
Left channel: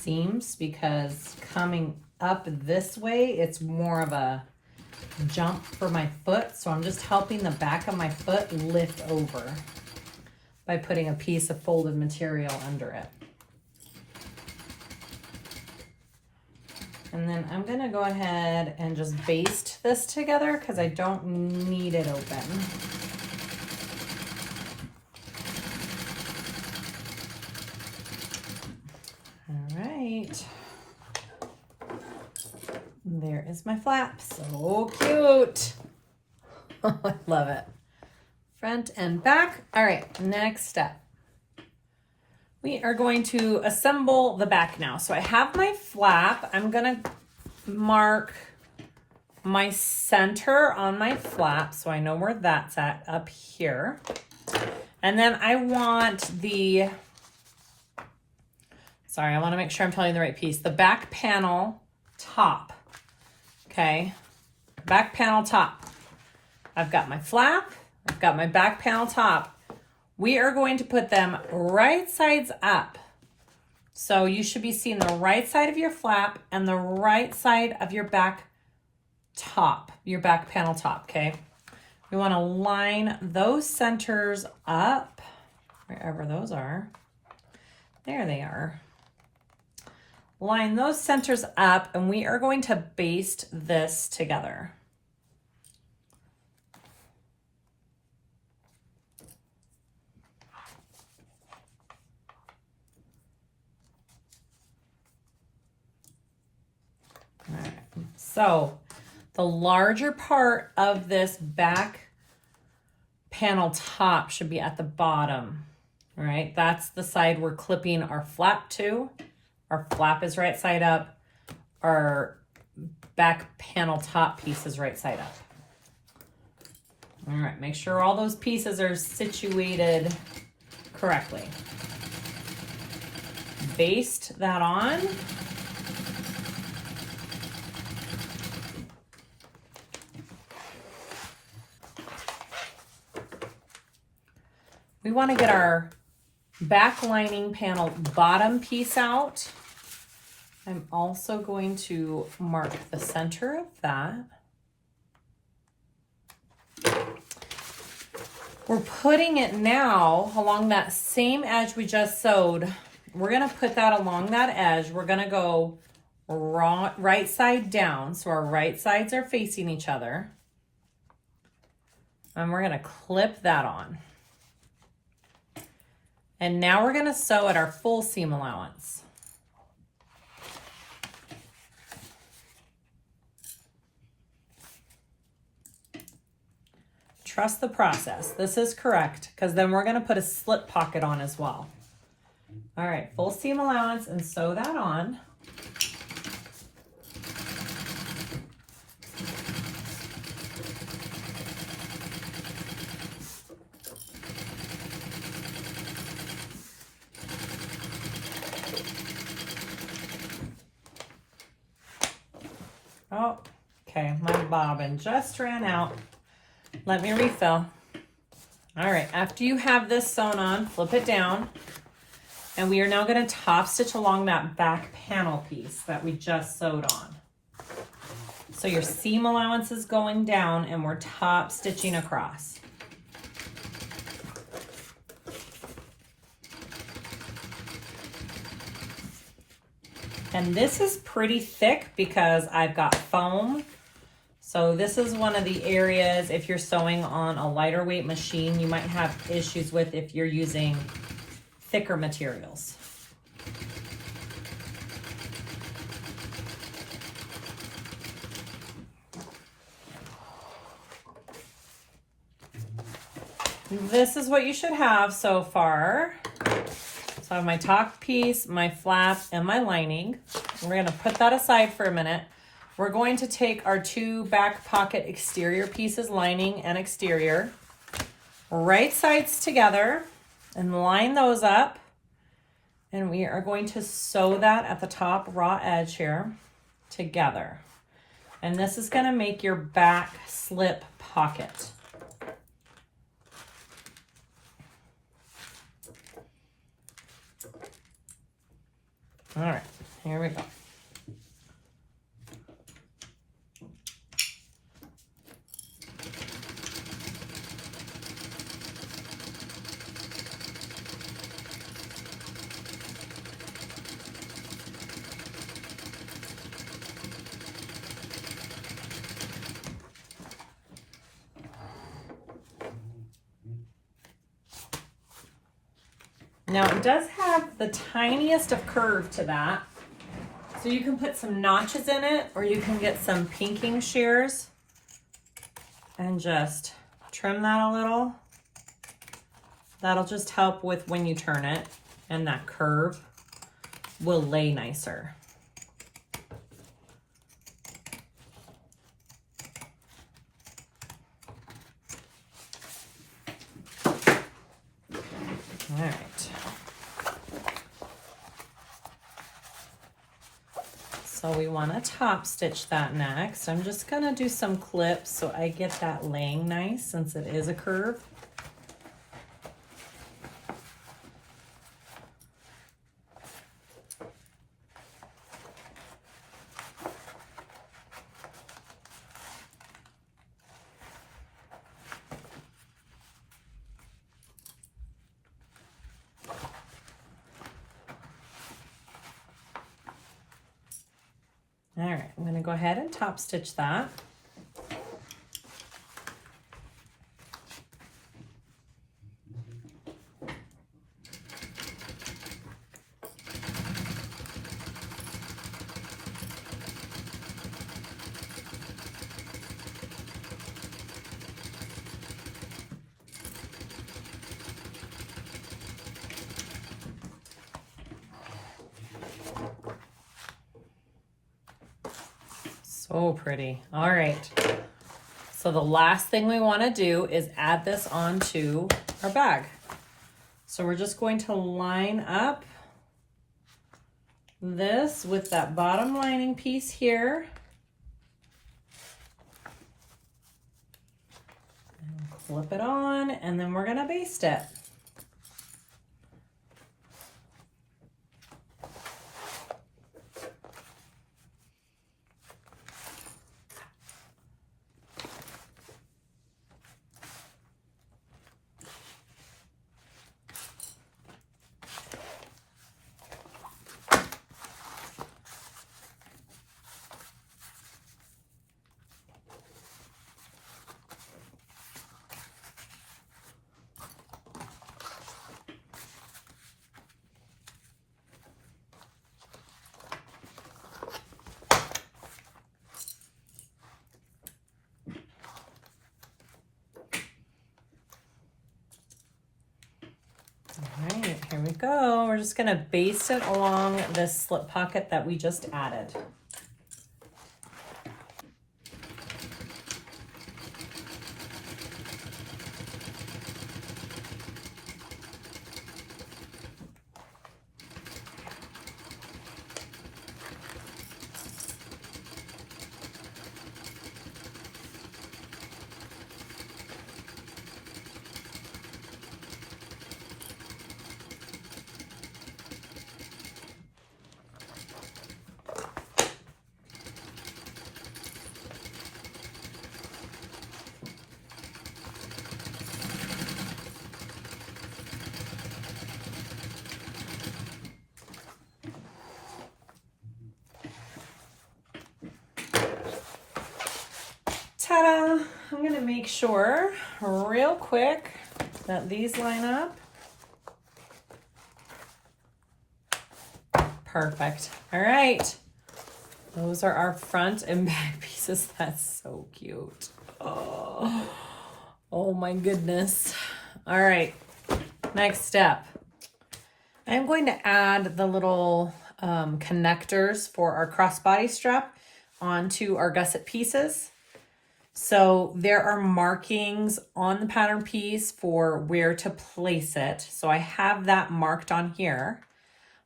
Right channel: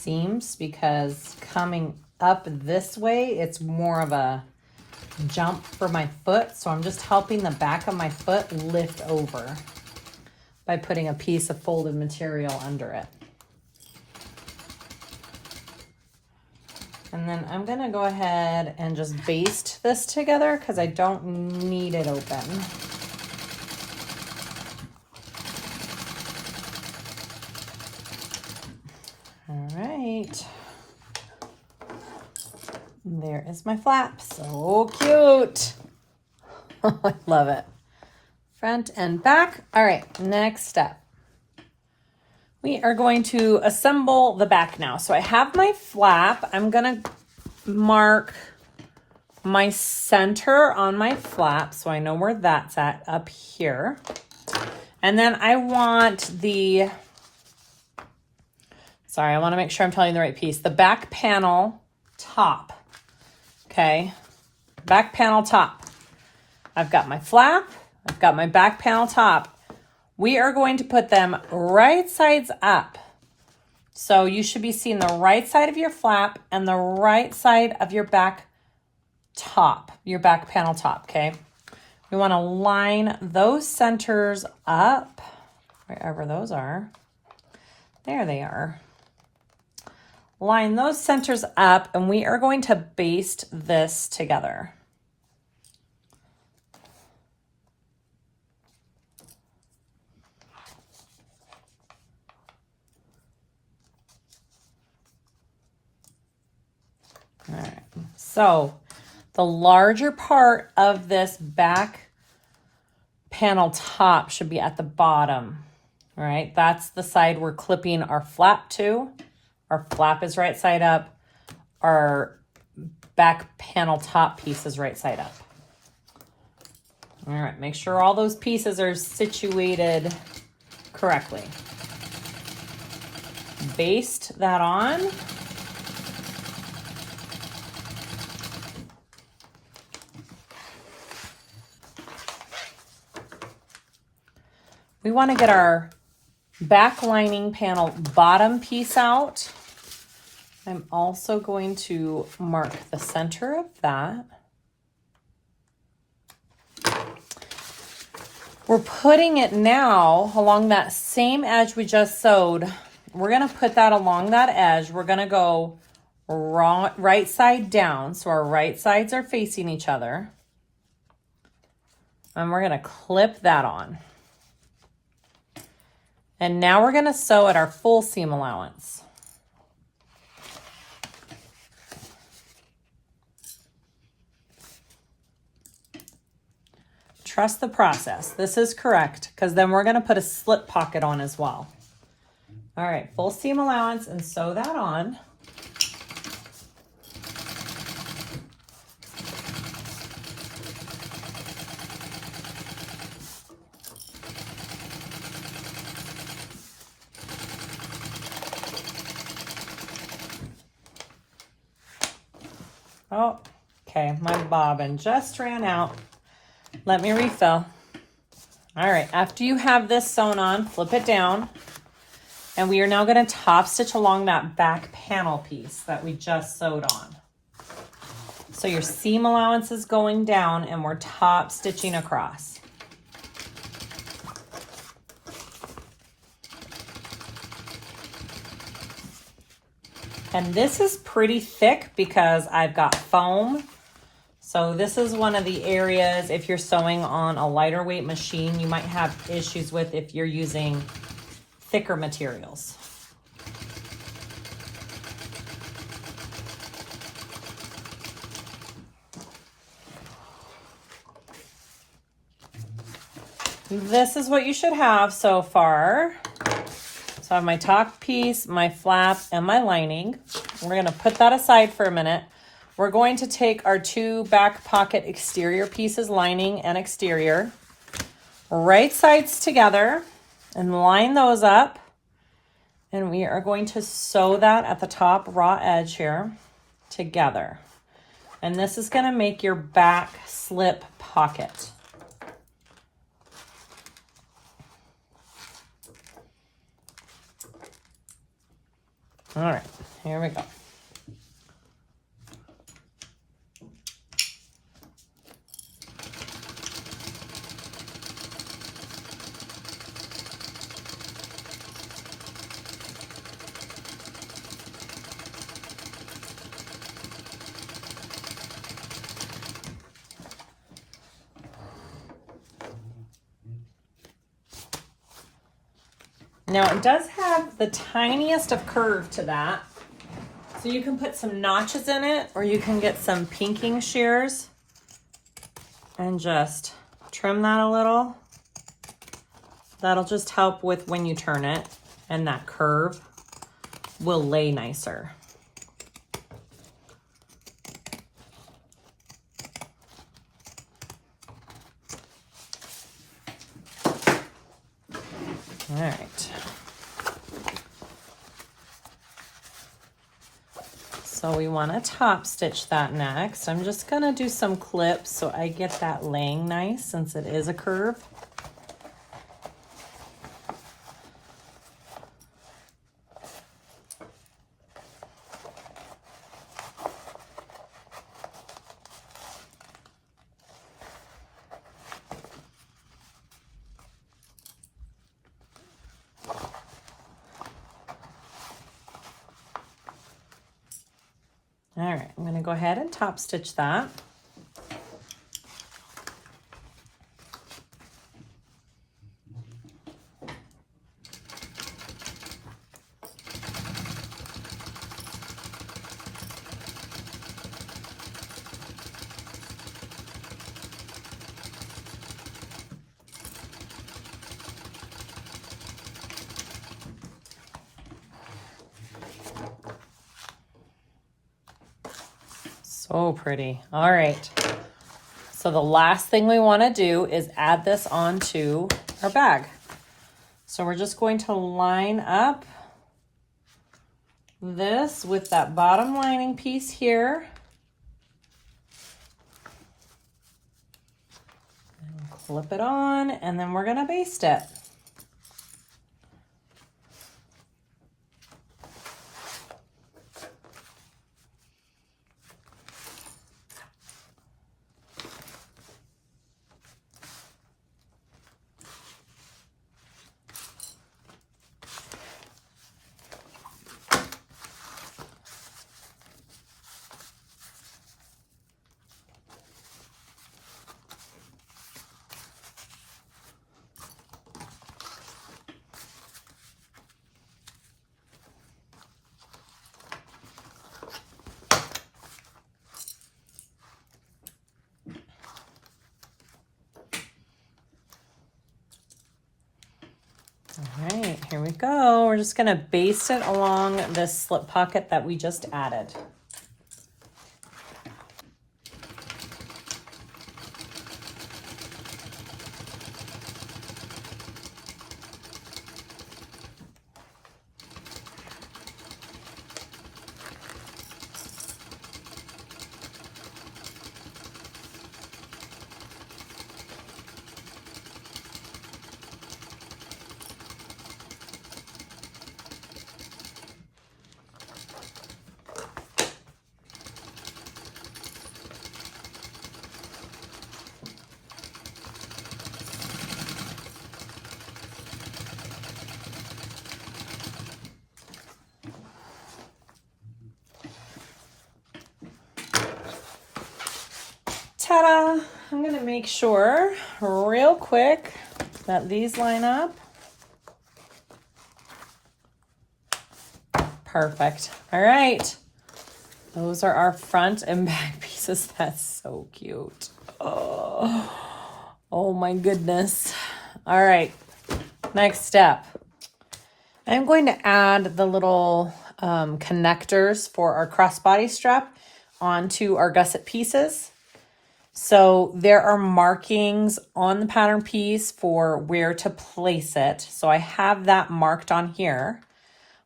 seams, because coming up this way, it's more of a jump for my foot. So I'm just helping the back of my foot lift over by putting a piece of folded material under it. And then I'm gonna go ahead and just baste this together because I don't need it open. There is my flap. So cute. I love it. front and back. All right, next step. We are going to assemble the back now. So I have my flap. I'm gonna mark my center on my flap so I know where that's at up here. And then I want the, sorry, I want to make sure I'm telling you the right piece. The back panel top, okay? Back panel top. I've got my flap, I've got my back panel top. We are going to put them right sides up. So you should be seeing the right side of your flap and the right side of your back top, your back panel top, okay? We want to line those centers up, wherever those are. There they are. Line those centers up, and we are going to baste this together. All right, so the larger part of this back panel top should be at the bottom. All right, that's the side we're clipping our flap to. Our flap is right side up. Our back panel top piece is right side up. All right, make sure all those pieces are situated correctly. Baste that on. We want to get our back lining panel bottom piece out. I'm also going to mark the center of that. We're putting it now along that same edge we just sewed. We're going to put that along that edge. We're going to go right side down. So our right sides are facing each other. And we're going to clip that on. And now we're going to sew at our full seam allowance. Trust the process. This is correct, because then we're going to put a slip pocket on as well. All right, full seam allowance, and sew that on. Oh, okay, my bobbin just ran out. Let me refill. All right, after you have this sewn on, flip it down. And we are now going to top stitch along that back panel piece that we just sewed on. So your seam allowance is going down and we're top stitching across. And this is pretty thick because I've got foam. So this is one of the areas, if you're sewing on a lighter weight machine, you might have issues with if you're using thicker materials. This is what you should have so far. So I have my top piece, my flap, and my lining. We're going to put that aside for a minute. We're going to take our two back pocket exterior pieces, lining and exterior, right sides together, and line those up. And we are going to sew that at the top raw edge here together. And this is going to make your back slip pocket. All right, here we go. Now it does have the tiniest of curve to that. So you can put some notches in it, or you can get some pinking shears and just trim that a little. That'll just help with when you turn it, and that curve will lay nicer. All right. So we want to top stitch that next. I'm just going to do some clips so I get that laying nice since it is a curve. All right, I'm going to go ahead and top stitch that. So pretty. All right. So the last thing we want to do is add this onto our bag. So we're just going to line up this with that bottom lining piece here. Flip it on, and then we're going to baste it. All right, here we go. We're just gonna baste it along this slip pocket that we just added. Ta-da! I'm gonna make sure real quick that these line up. Perfect. All right. Those are our front and back pieces. That's so cute. Oh my goodness. All right. Next step. I'm going to add the little connectors for our crossbody strap onto our gusset pieces. So there are markings on the pattern piece for where to place it. So I have that marked on here.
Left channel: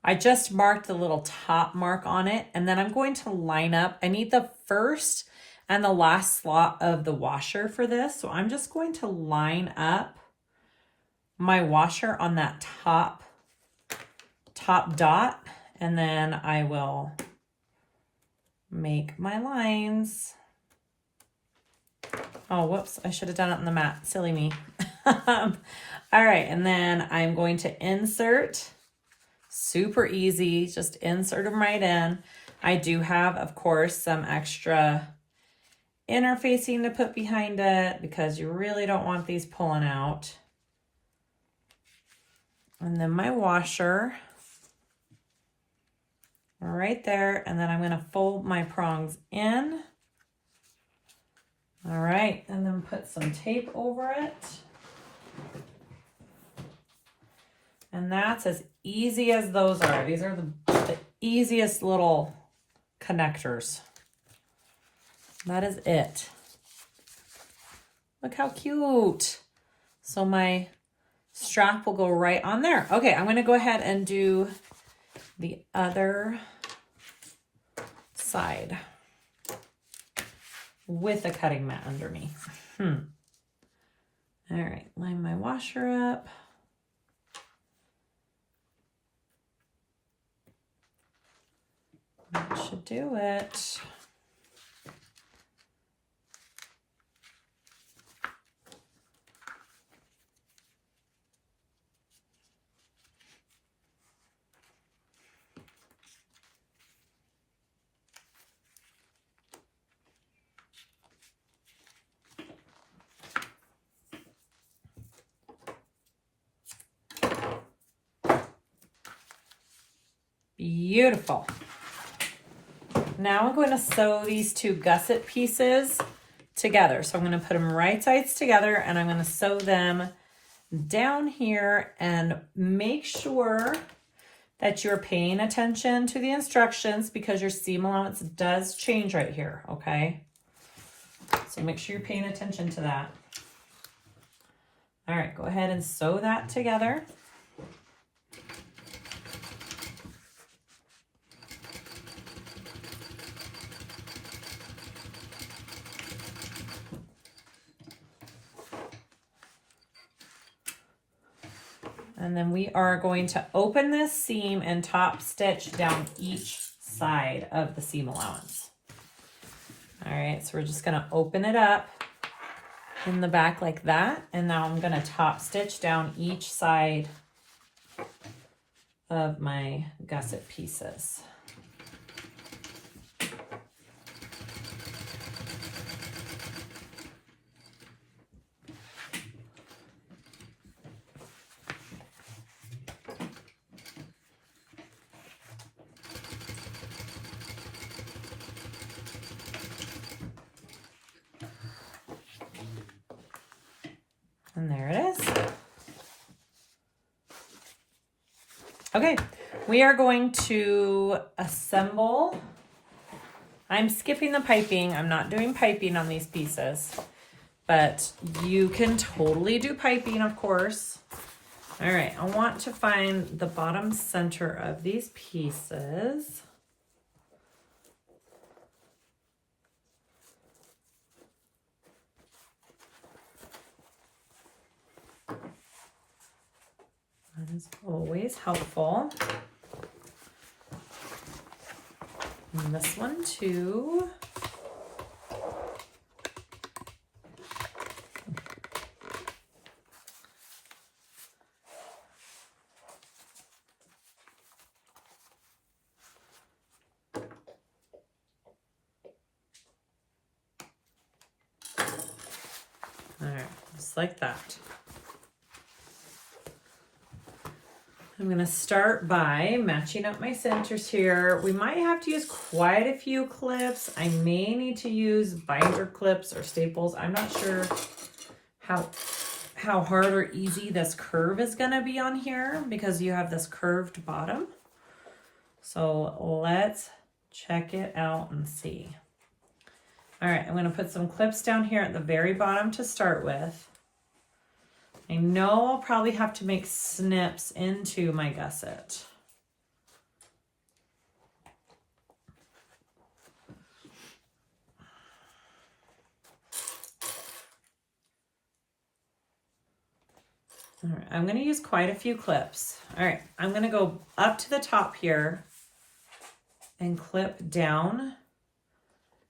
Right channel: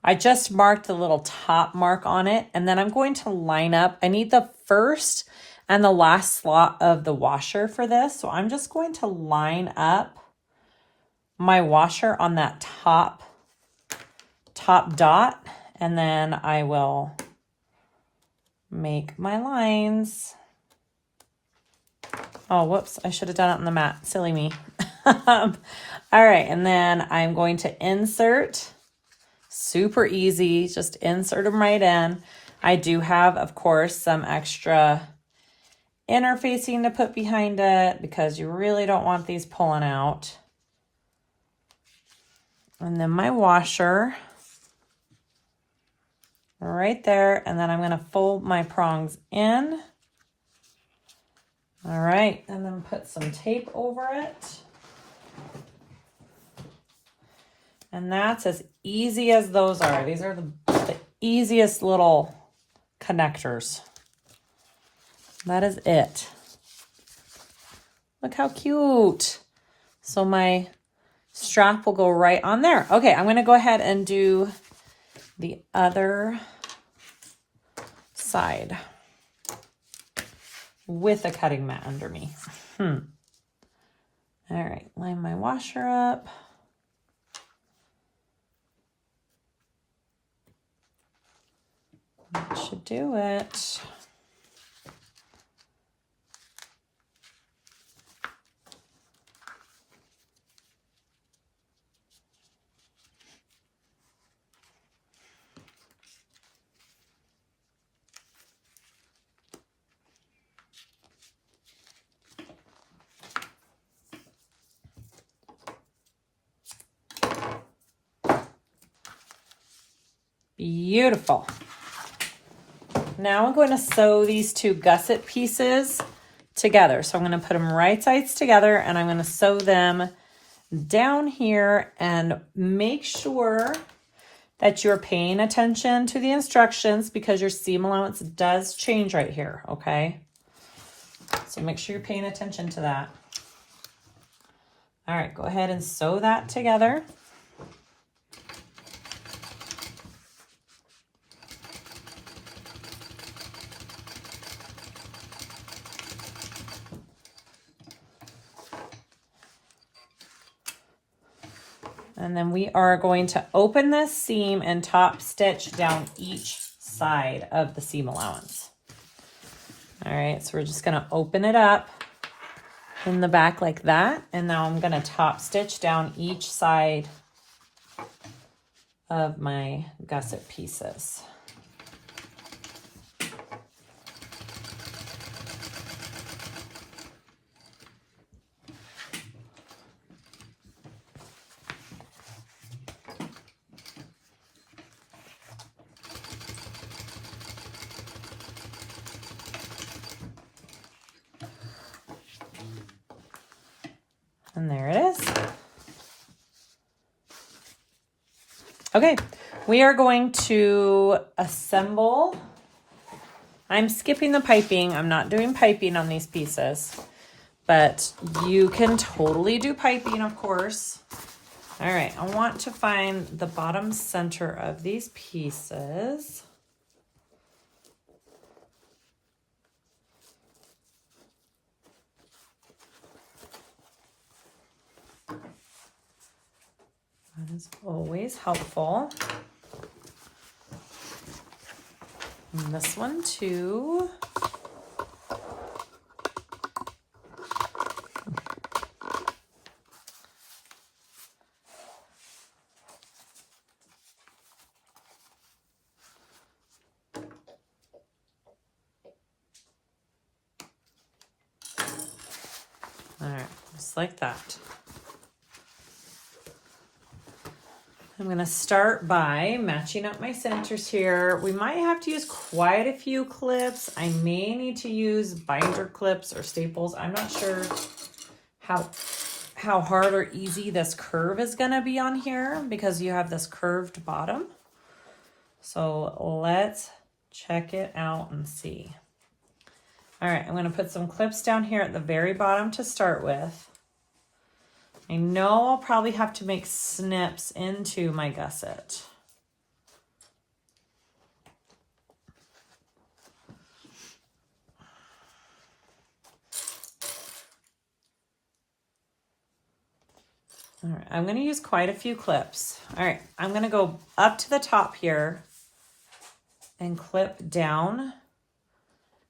I just marked the little top mark on it, and then I'm going to line up. I need the first and the last slot of the washer for this. So I'm just going to line up my washer on that top dot, and then I will make my lines. Oh, whoops, I should have done it on the mat. Silly me. All right, and then I'm going to insert. Super easy, just insert them right in. I do have, of course, some extra interfacing to put behind it because you really don't want these pulling out. And then my washer right there, and then I'm going to fold my prongs in. All right, and then put some tape over it. And that's as easy as those are. These are the easiest little connectors. That is it. Look how cute. So my strap will go right on there. Okay, I'm going to go ahead and do the other side with a cutting mat under me. All right, line my washer up. That should do it. Beautiful. Now I'm going to sew these two gusset pieces together. So I'm going to put them right sides together and I'm going to sew them down here, and make sure that you're paying attention to the instructions because your seam allowance does change right here, okay? So make sure you're paying attention to that. All right, go ahead and sew that together. And then we are going to open this seam and top stitch down each side of the seam allowance. All right, so we're just gonna open it up in the back like that. And now I'm gonna top stitch down each side of my gusset pieces. And there it is. Okay, we are going to assemble. I'm skipping the piping. I'm not doing piping on these pieces, but you can totally do piping, of course. All right, I want to find the bottom center of these pieces. That is always helpful. And this one too. All right, just like that. I'm going to start by matching up my centers here. We might have to use quite a few clips. I may need to use binder clips or staples. I'm not sure how hard or easy this curve is going to be on here because you have this curved bottom. So let's check it out and see. All right, I'm going to put some clips down here at the very bottom to start with. I know I'll probably have to make snips into my gusset. All right, I'm going to use quite a few clips. All right, I'm going to go up to the top here and clip down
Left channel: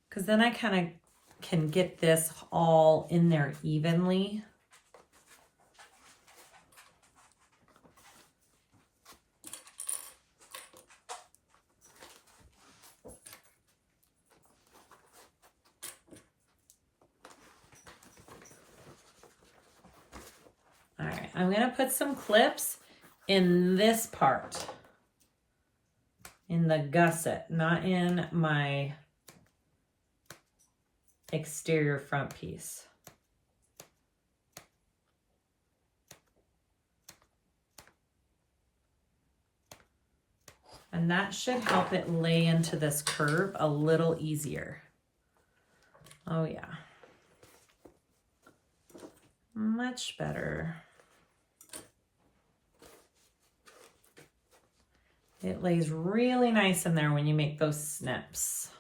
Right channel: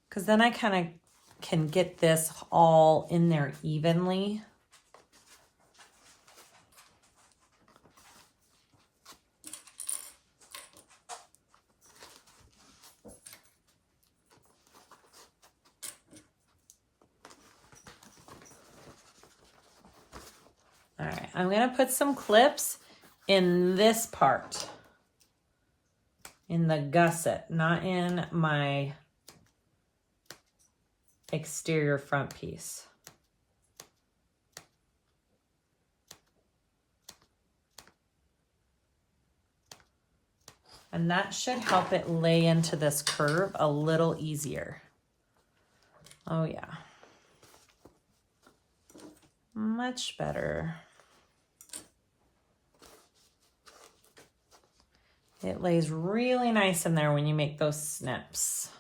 because then I kind of can get this all in there evenly. All right, I'm going to put some clips in this part, in the gusset, not in my exterior front piece. And that should help it lay into this curve a little easier. Oh yeah. Much better. It lays really nice in there when you make those snips.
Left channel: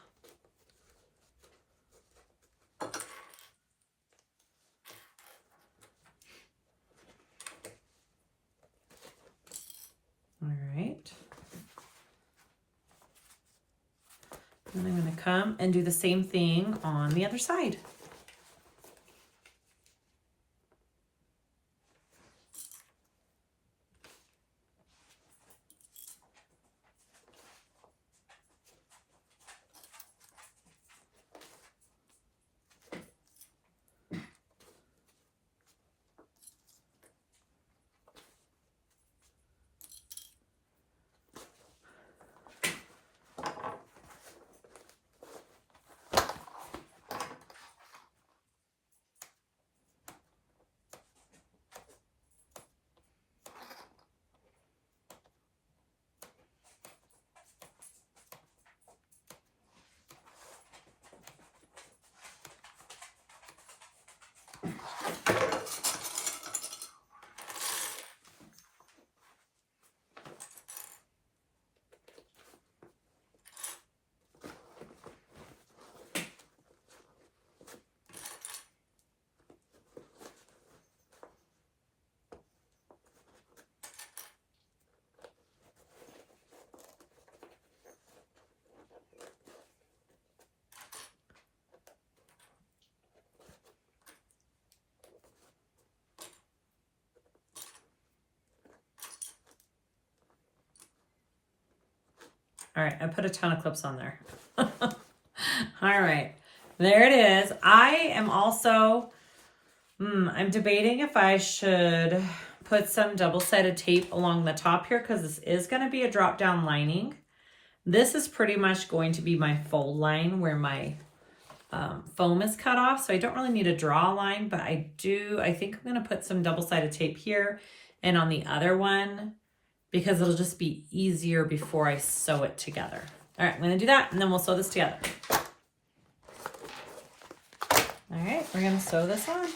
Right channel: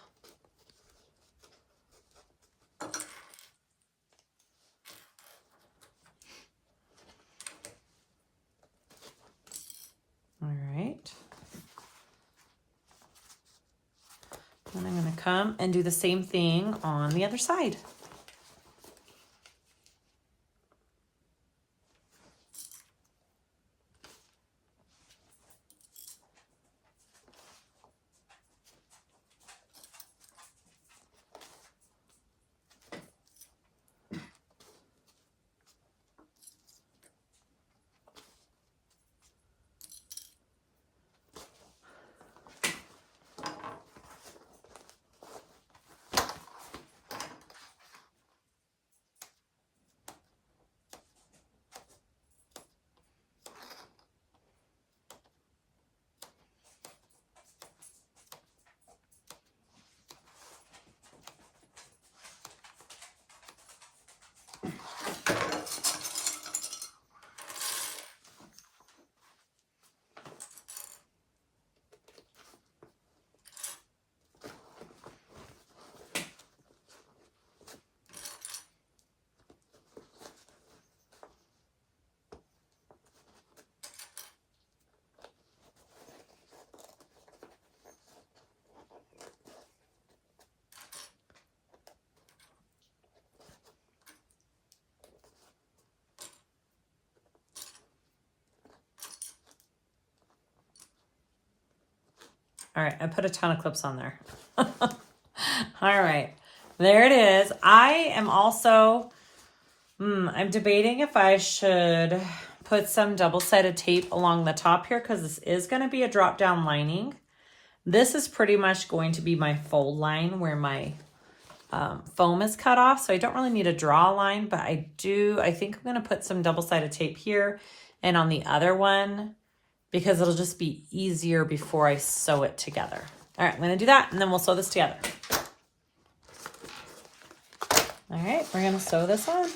All right. And I'm going to come and do the same thing on the other side. All right, I put a ton of clips on there. All right, there it is. I am also, I'm debating if I should put some double-sided tape along the top here because this is going to be a drop-down lining. This is pretty much going to be my fold line where my foam is cut off, so I don't really need to draw a line, but I think I'm going to put some double-sided tape here and on the other one, because it'll just be easier before I sew it together. All right, I'm gonna do that and then we'll sew this together. All right, we're gonna sew this on.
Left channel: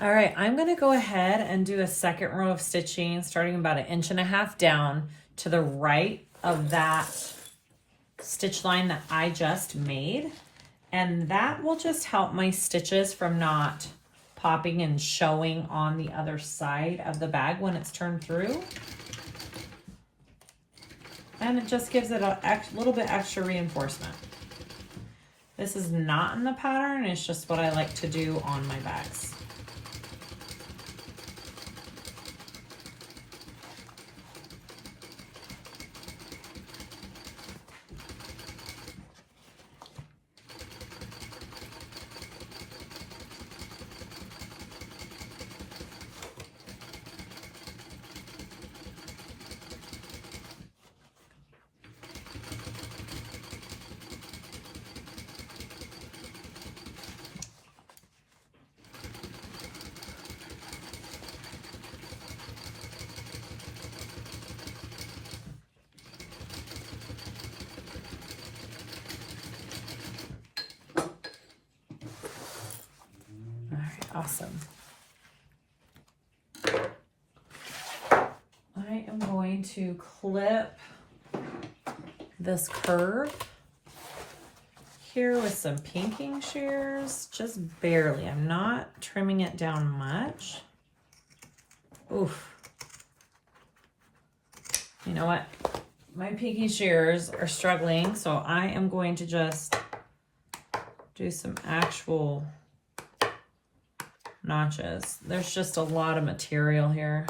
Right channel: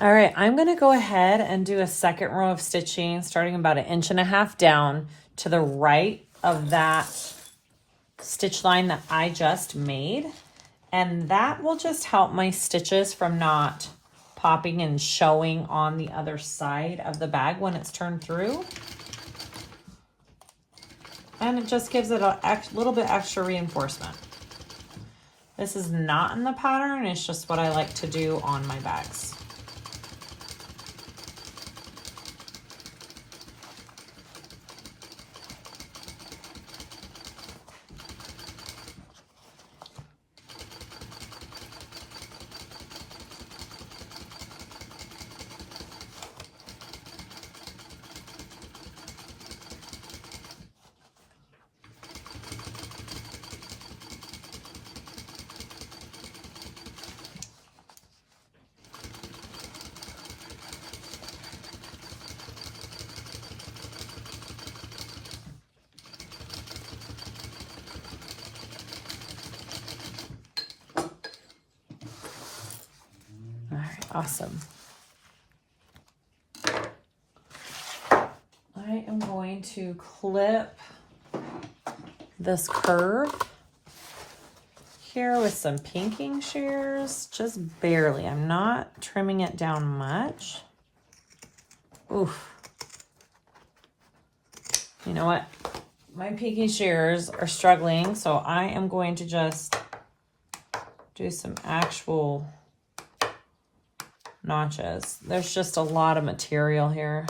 All right, I'm gonna go ahead and do a second row of stitching starting about 1.5 inches down to the right of that stitch line that I just made. And that will just help my stitches from not popping and showing on the other side of the bag when it's turned through. And it just gives it a little bit extra reinforcement. This is not in the pattern, it's just what I like to do on my bags. Awesome. I am going to clip this curve here with some pinking shears, just barely. I'm not trimming it down much. Oof. You know what? My pinking shears are struggling, so I am going to just do some actual notches. There's just a lot of material here.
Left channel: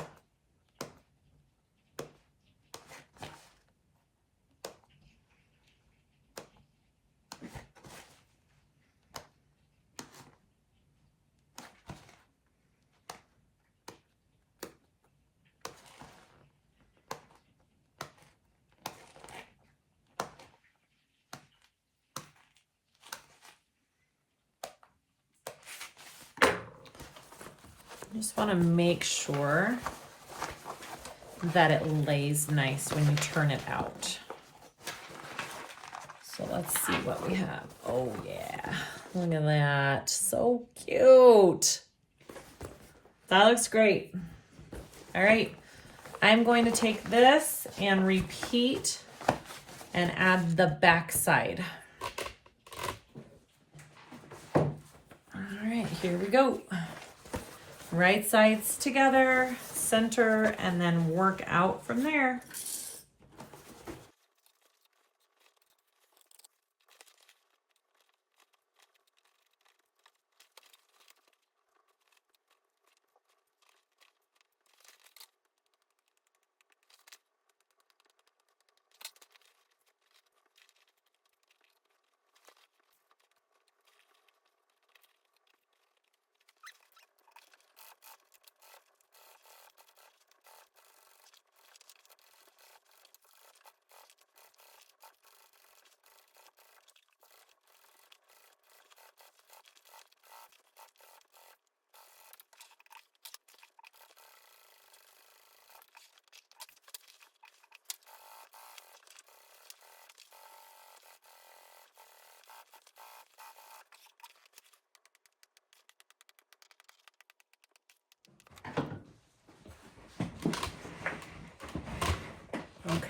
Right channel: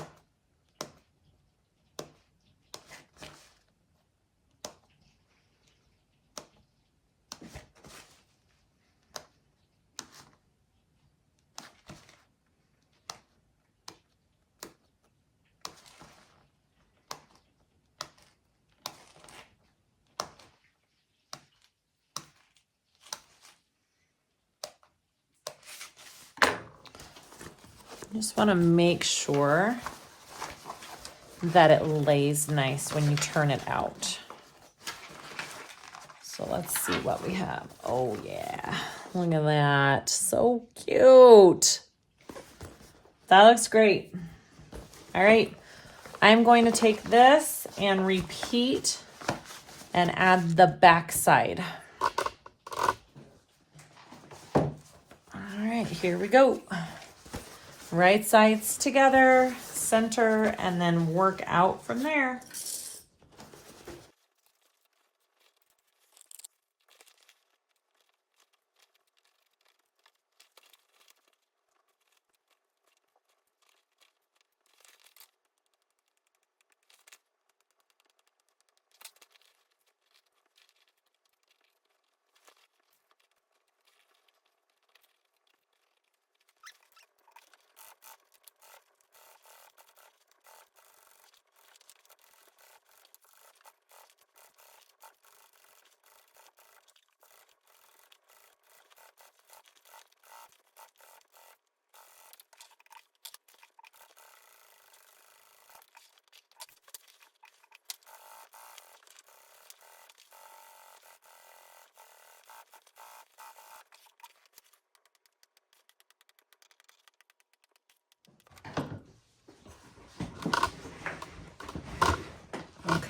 I just want to make sure that it lays nice when you turn it out. So let's see what we have. Oh yeah, look at that, so cute. That looks great. All right, I'm going to take this and repeat and add the back side. All right, here we go. Right sides together, center, and then work out from there.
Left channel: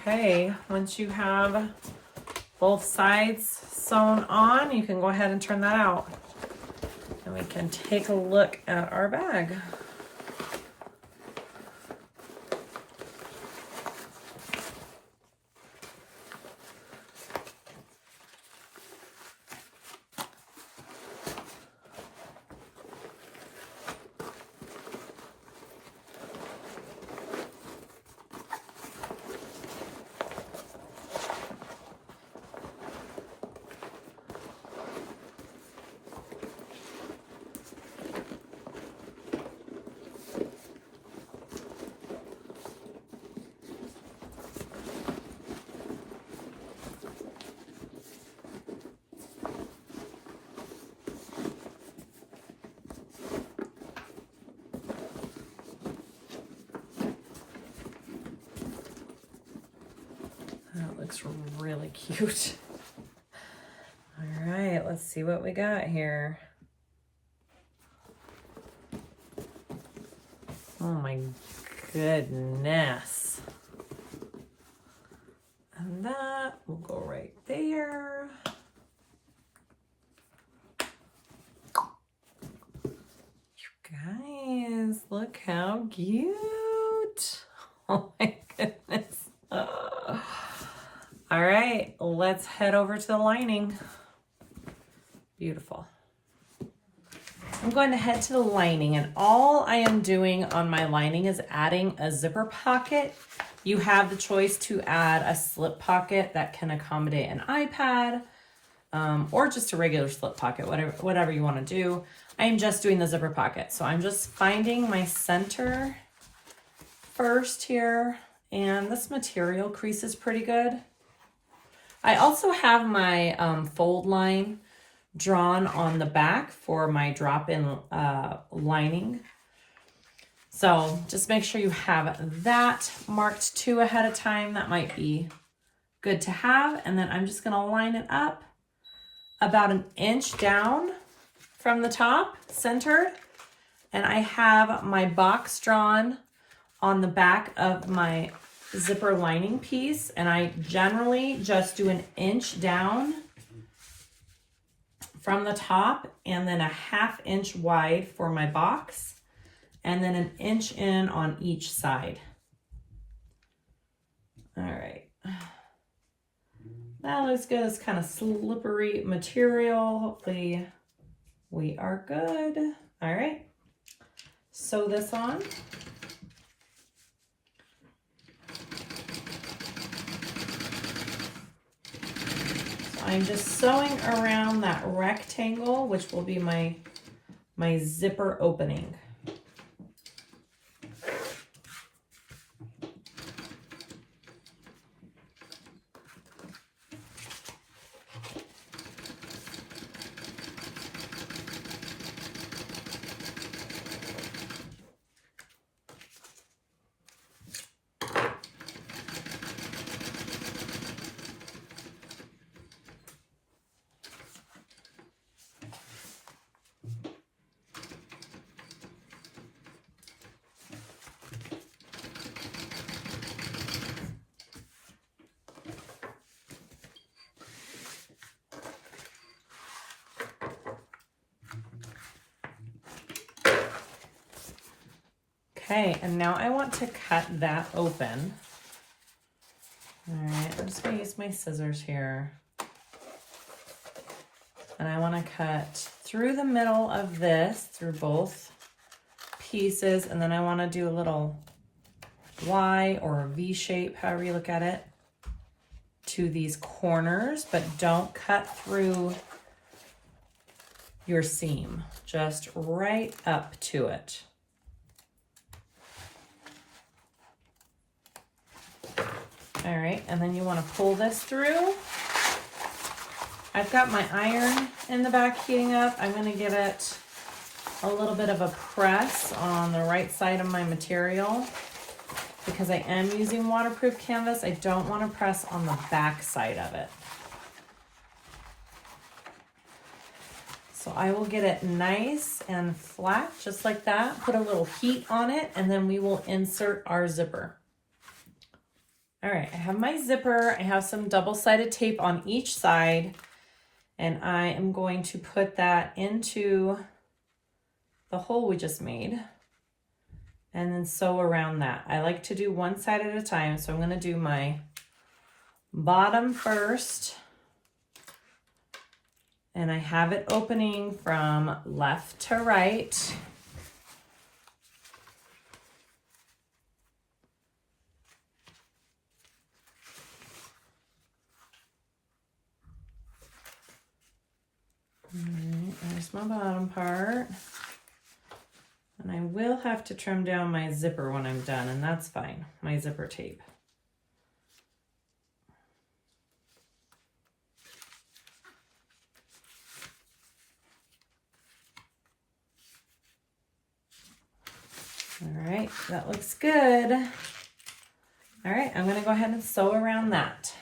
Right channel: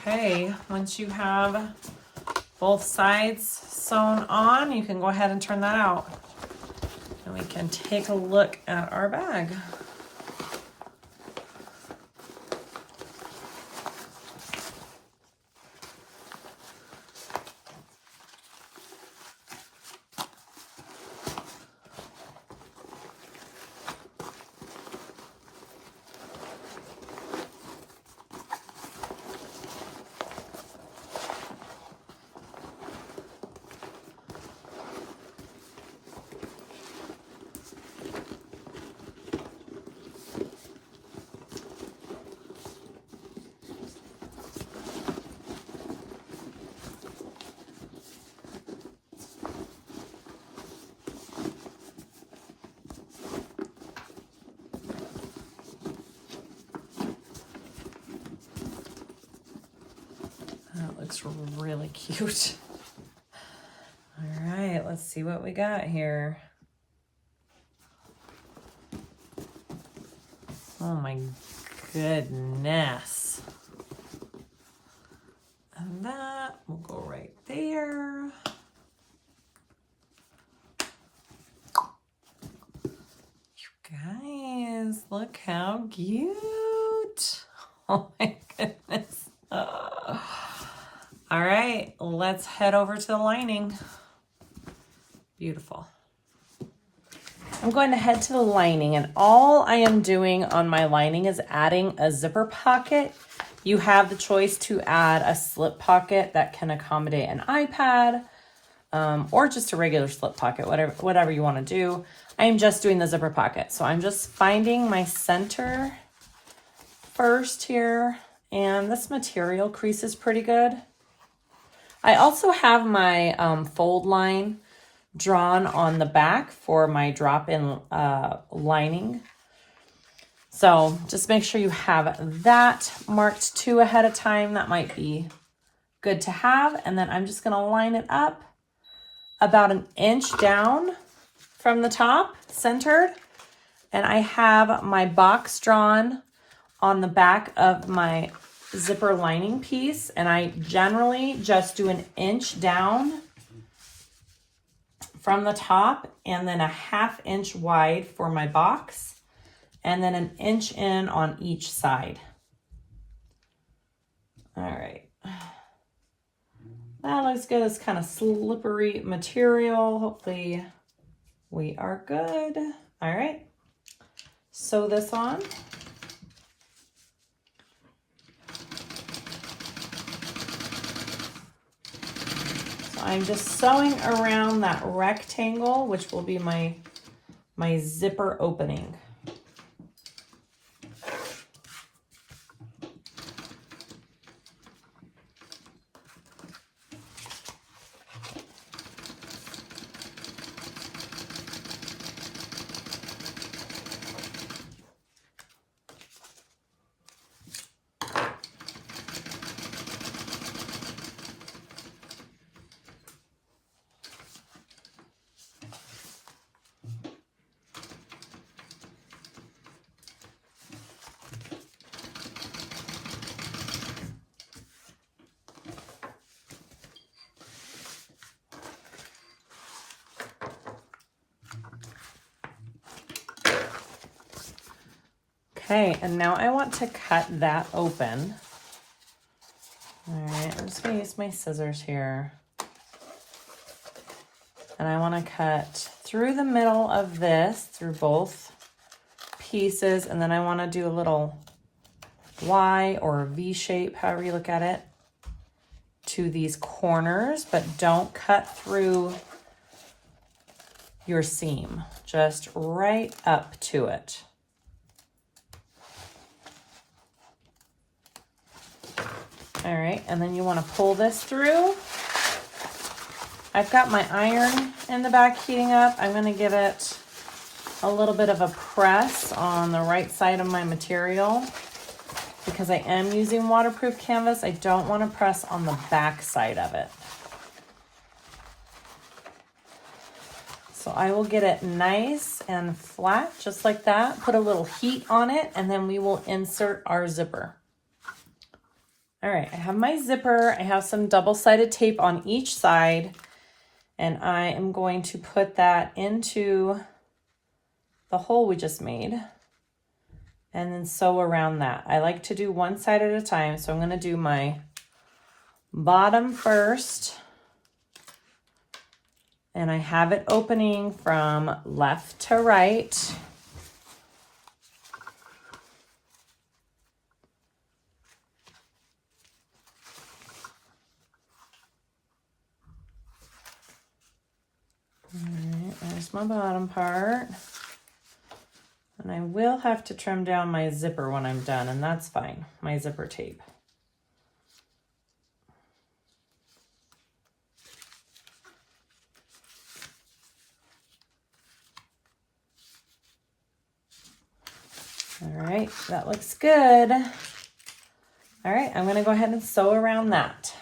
Okay, once you have both sides sewn on, you can go ahead and turn that out. And we can take a look at our bag. That looks really cute. All right, let's see what we got here. Oh my goodness. And that will go right there. You guys, look how cute. Oh my goodness. All right, let's head over to the lining. Beautiful. I'm going to head to the lining, and all I am doing on my lining is adding a zipper pocket. You have the choice to add a slip pocket that can accommodate an iPad, or just a regular slip pocket, whatever you want to do. I am just doing the zipper pocket. So I'm just finding my center first here, and this material creases pretty good. I also have my fold line drawn on the back for my drop-in lining. So just make sure you have that marked too ahead of time. That might be good to have. And then I'm just gonna line it up about 1 inch down from the top, centered. And I have my box drawn on the back of my zipper lining piece, and I generally just do 1 inch down from the top and then a 1/2 inch wide for my box, and then 1 inch in on each side. All right. That looks good. It's kind of slippery material. Hopefully we are good. All right. Sew this on. So I'm just sewing around that rectangle, which will be my zipper opening. Okay, and now I want to cut that open. All right, I'm just gonna use my scissors here. And I wanna cut through the middle of this, through both pieces, and then I wanna do a little Y or a V shape, however you look at it, to these corners, but don't cut through your seam, just right up to it. All right, and then you want to pull this through. I've got my iron in the back heating up. I'm going to give it a little bit of a press on the right side of my material because I am using waterproof canvas. I don't want to press on the back side of it. So I will get it nice and flat, just like that. Put a little heat on it, and then we will insert our zipper. All right, I have my zipper. I have some double-sided tape on each side, and I am going to put that into the hole we just made and then sew around that. I like to do one side at a time, so I'm gonna do my bottom first, and I have it opening from left to right. Alright, there's my bottom part. And I will have to trim down my zipper when I'm done, and that's fine, my zipper tape. Alright, that looks good. Alright, I'm gonna go ahead and sew around that.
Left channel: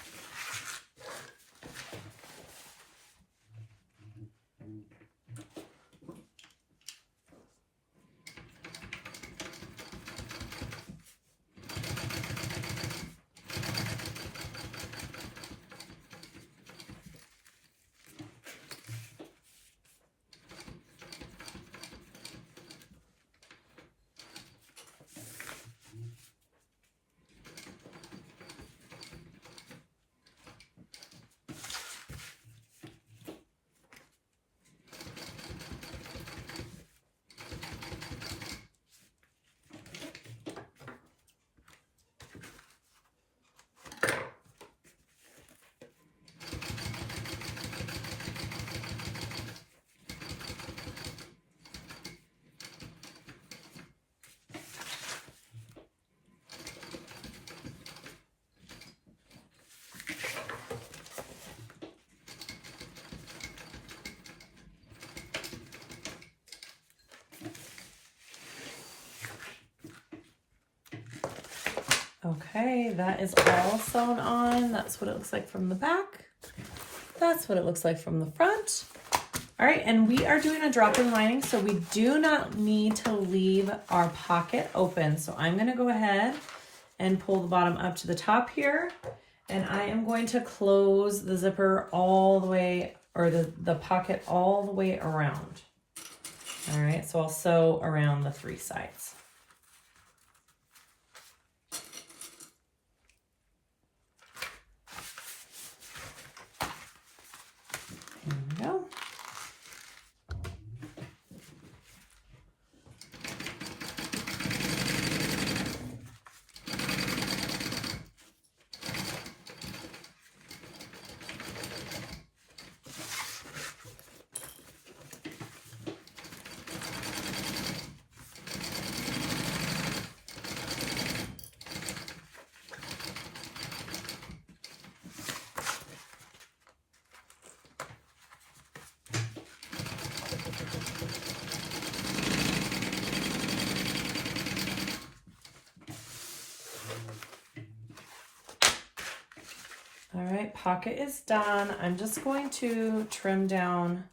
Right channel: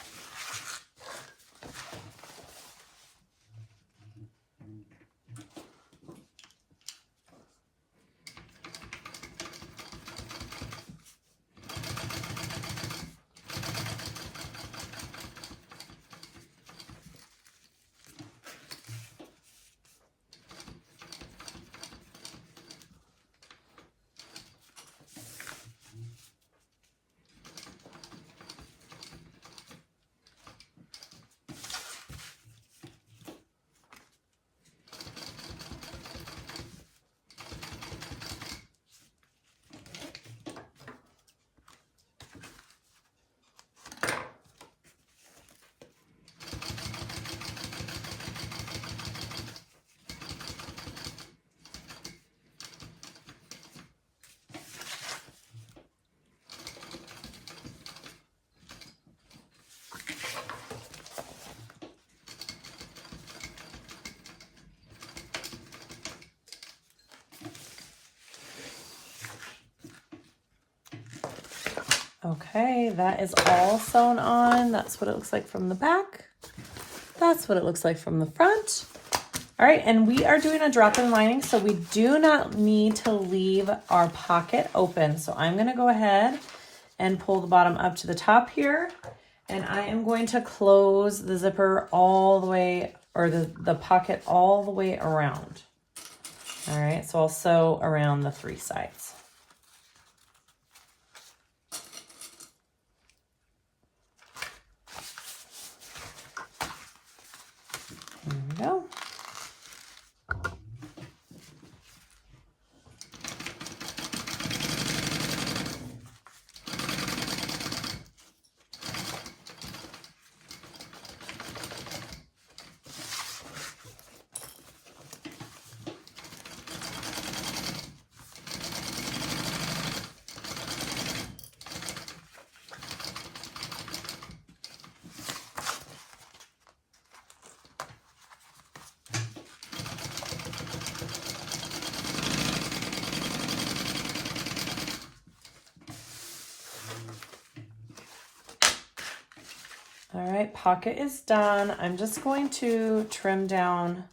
Okay, that is all sewn on. That's what it looks like from the back. That's what it looks like from the front. All right, and we are doing a drop-in lining, so we do not need to leave our pocket open. So I'm gonna go ahead and pull the bottom up to the top here, and I am going to close the zipper all the way, or the pocket all the way around. All right, so I'll sew around the 3 sides. There we go. All right, pocket is done. I'm just going to trim down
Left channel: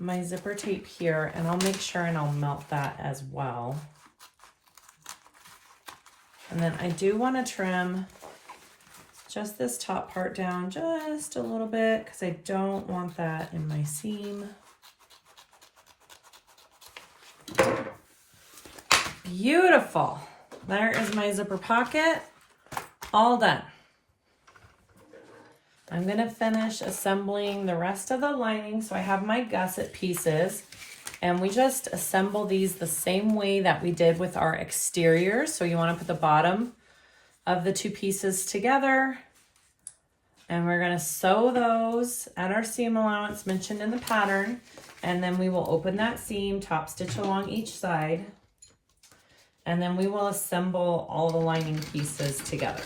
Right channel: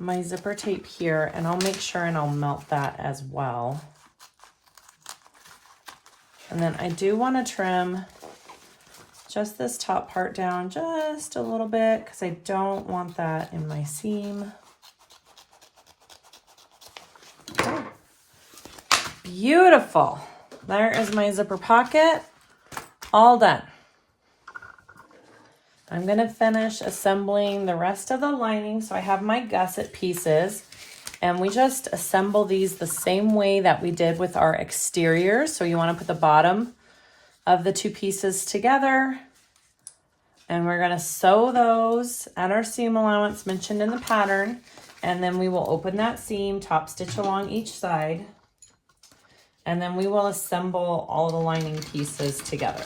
my zipper tape here, and I'll make sure and I'll melt that as well. And then I do want to trim just this top part down just a little bit because I don't want that in my seam. Beautiful. There is my zipper pocket, all done. I'm going to finish assembling the rest of the lining. So I have my gusset pieces, and we just assemble these the same way that we did with our exterior. So you want to put the bottom of the 2 pieces together, and we're going to sew those at our seam allowance mentioned in the pattern, and then we will open that seam, top stitch along each side, and then we will assemble all the lining pieces together.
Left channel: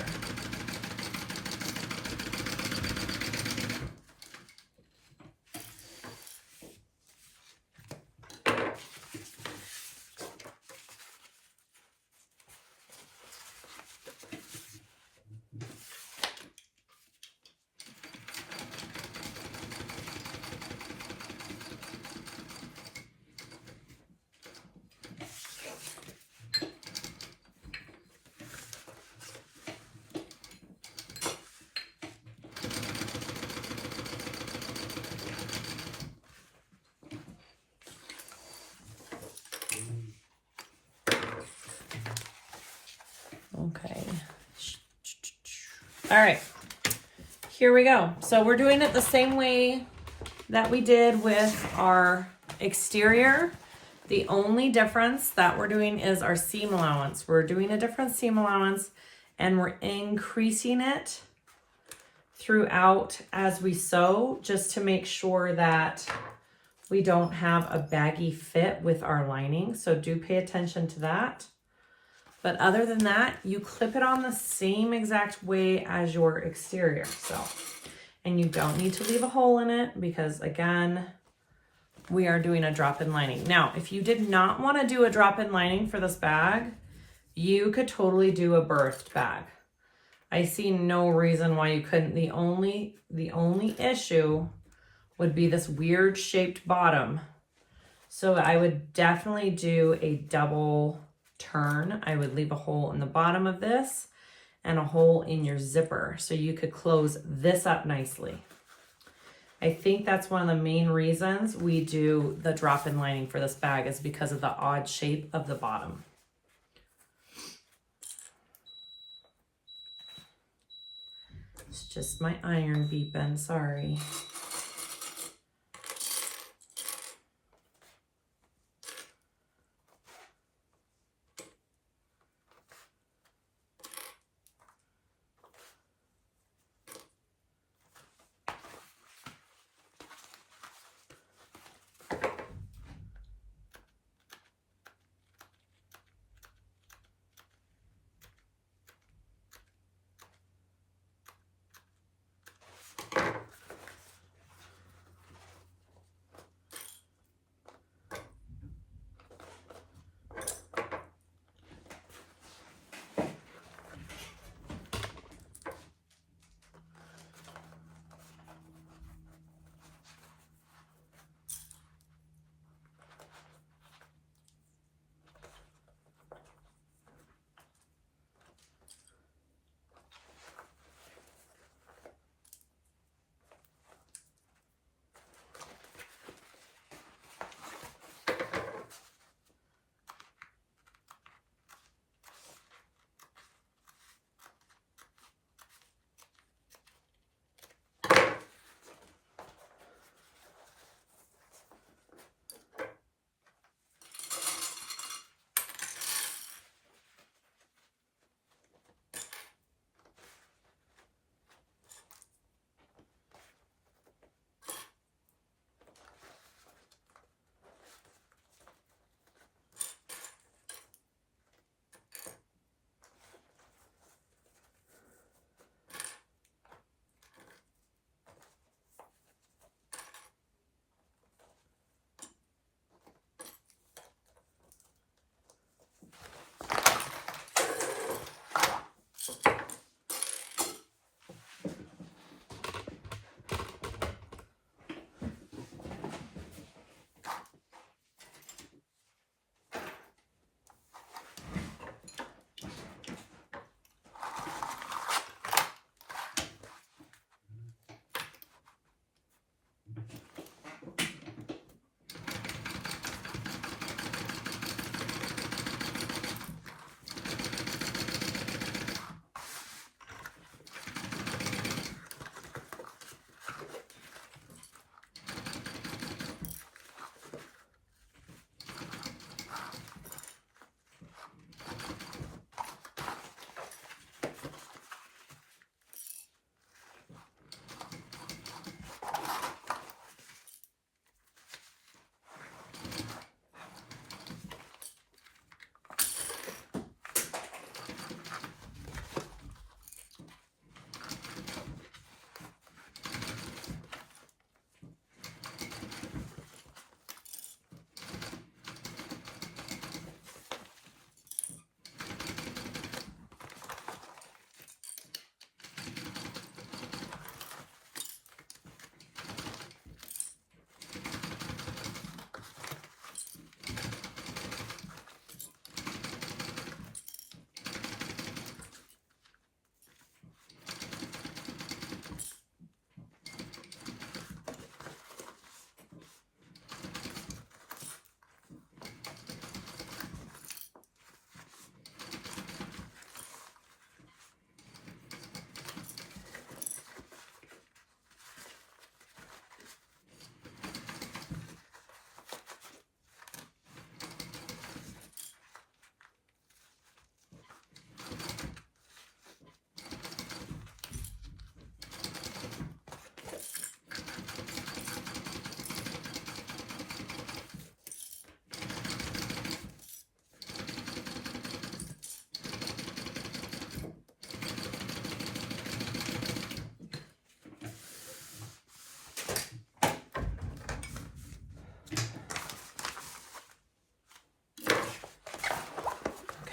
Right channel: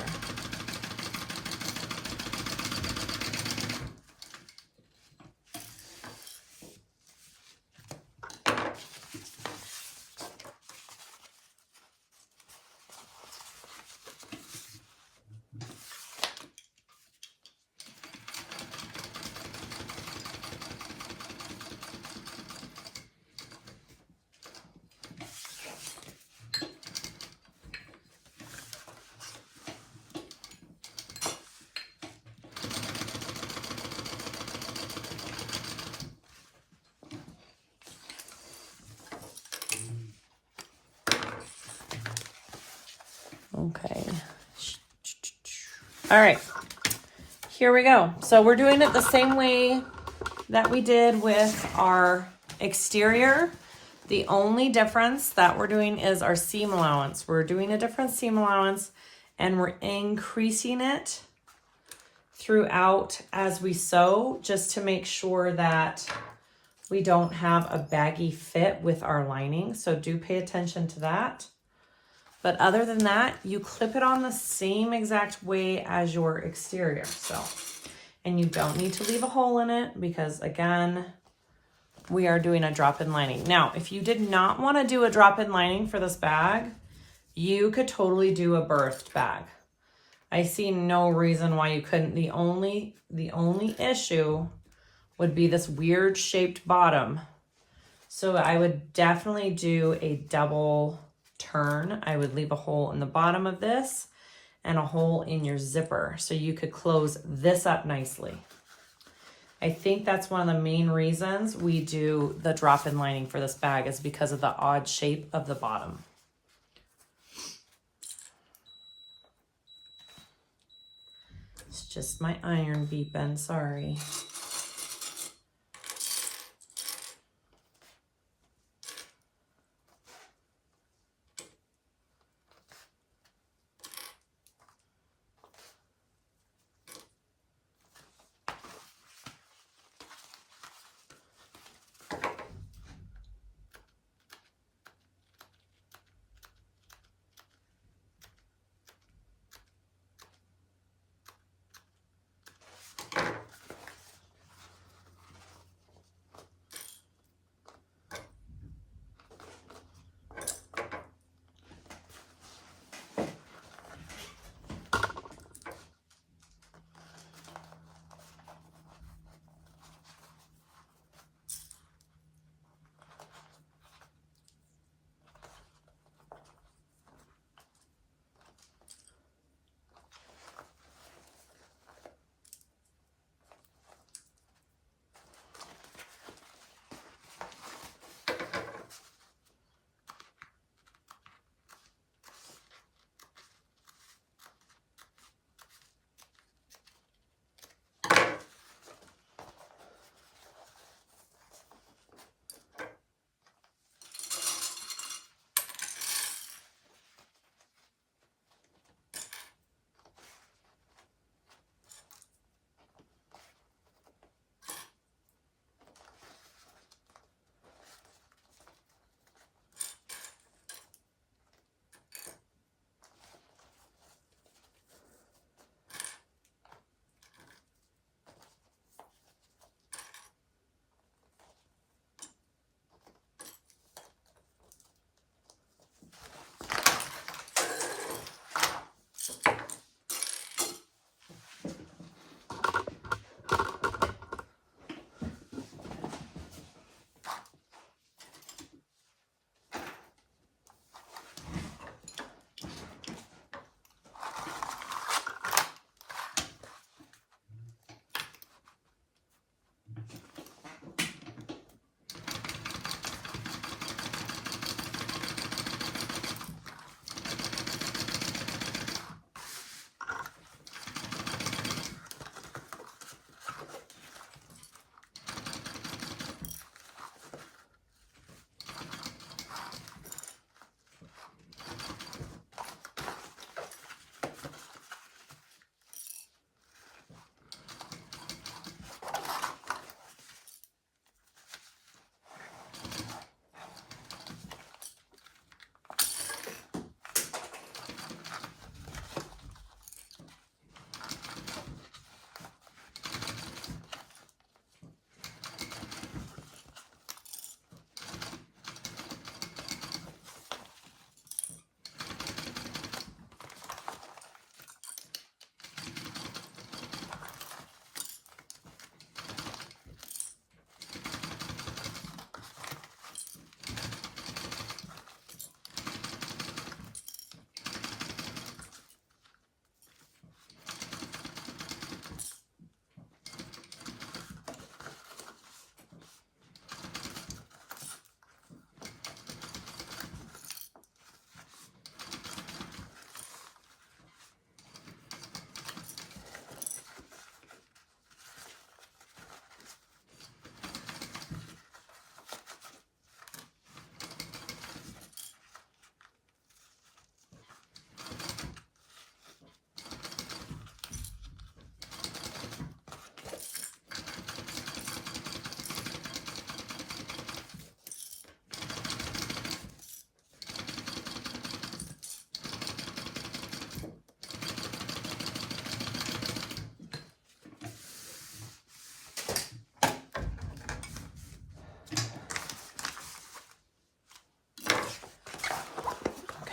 Okay. All right, here we go. So we're doing it the same way that we did with our exterior. The only difference that we're doing is our seam allowance. We're doing a different seam allowance, and we're increasing it throughout as we sew, just to make sure that we don't have a baggy fit with our lining. So do pay attention to that. But other than that, you clip it on the same exact way as your exterior. So, and you don't need to leave a hole in it because, again, we are doing a drop-in lining. Now, if you did not want to do a drop-in lining for this bag, you could totally do a birthed bag. I see no reason why you couldn't. The only issue would be this weird shaped bottom. So I would definitely do a double turn. I would leave a hole in the bottom of this and a hole in your zipper so you could close this up nicely. I think that's one of the main reasons we do the drop-in lining for this bag, is because of the odd shape of the bottom. It's just my iron beeping, sorry.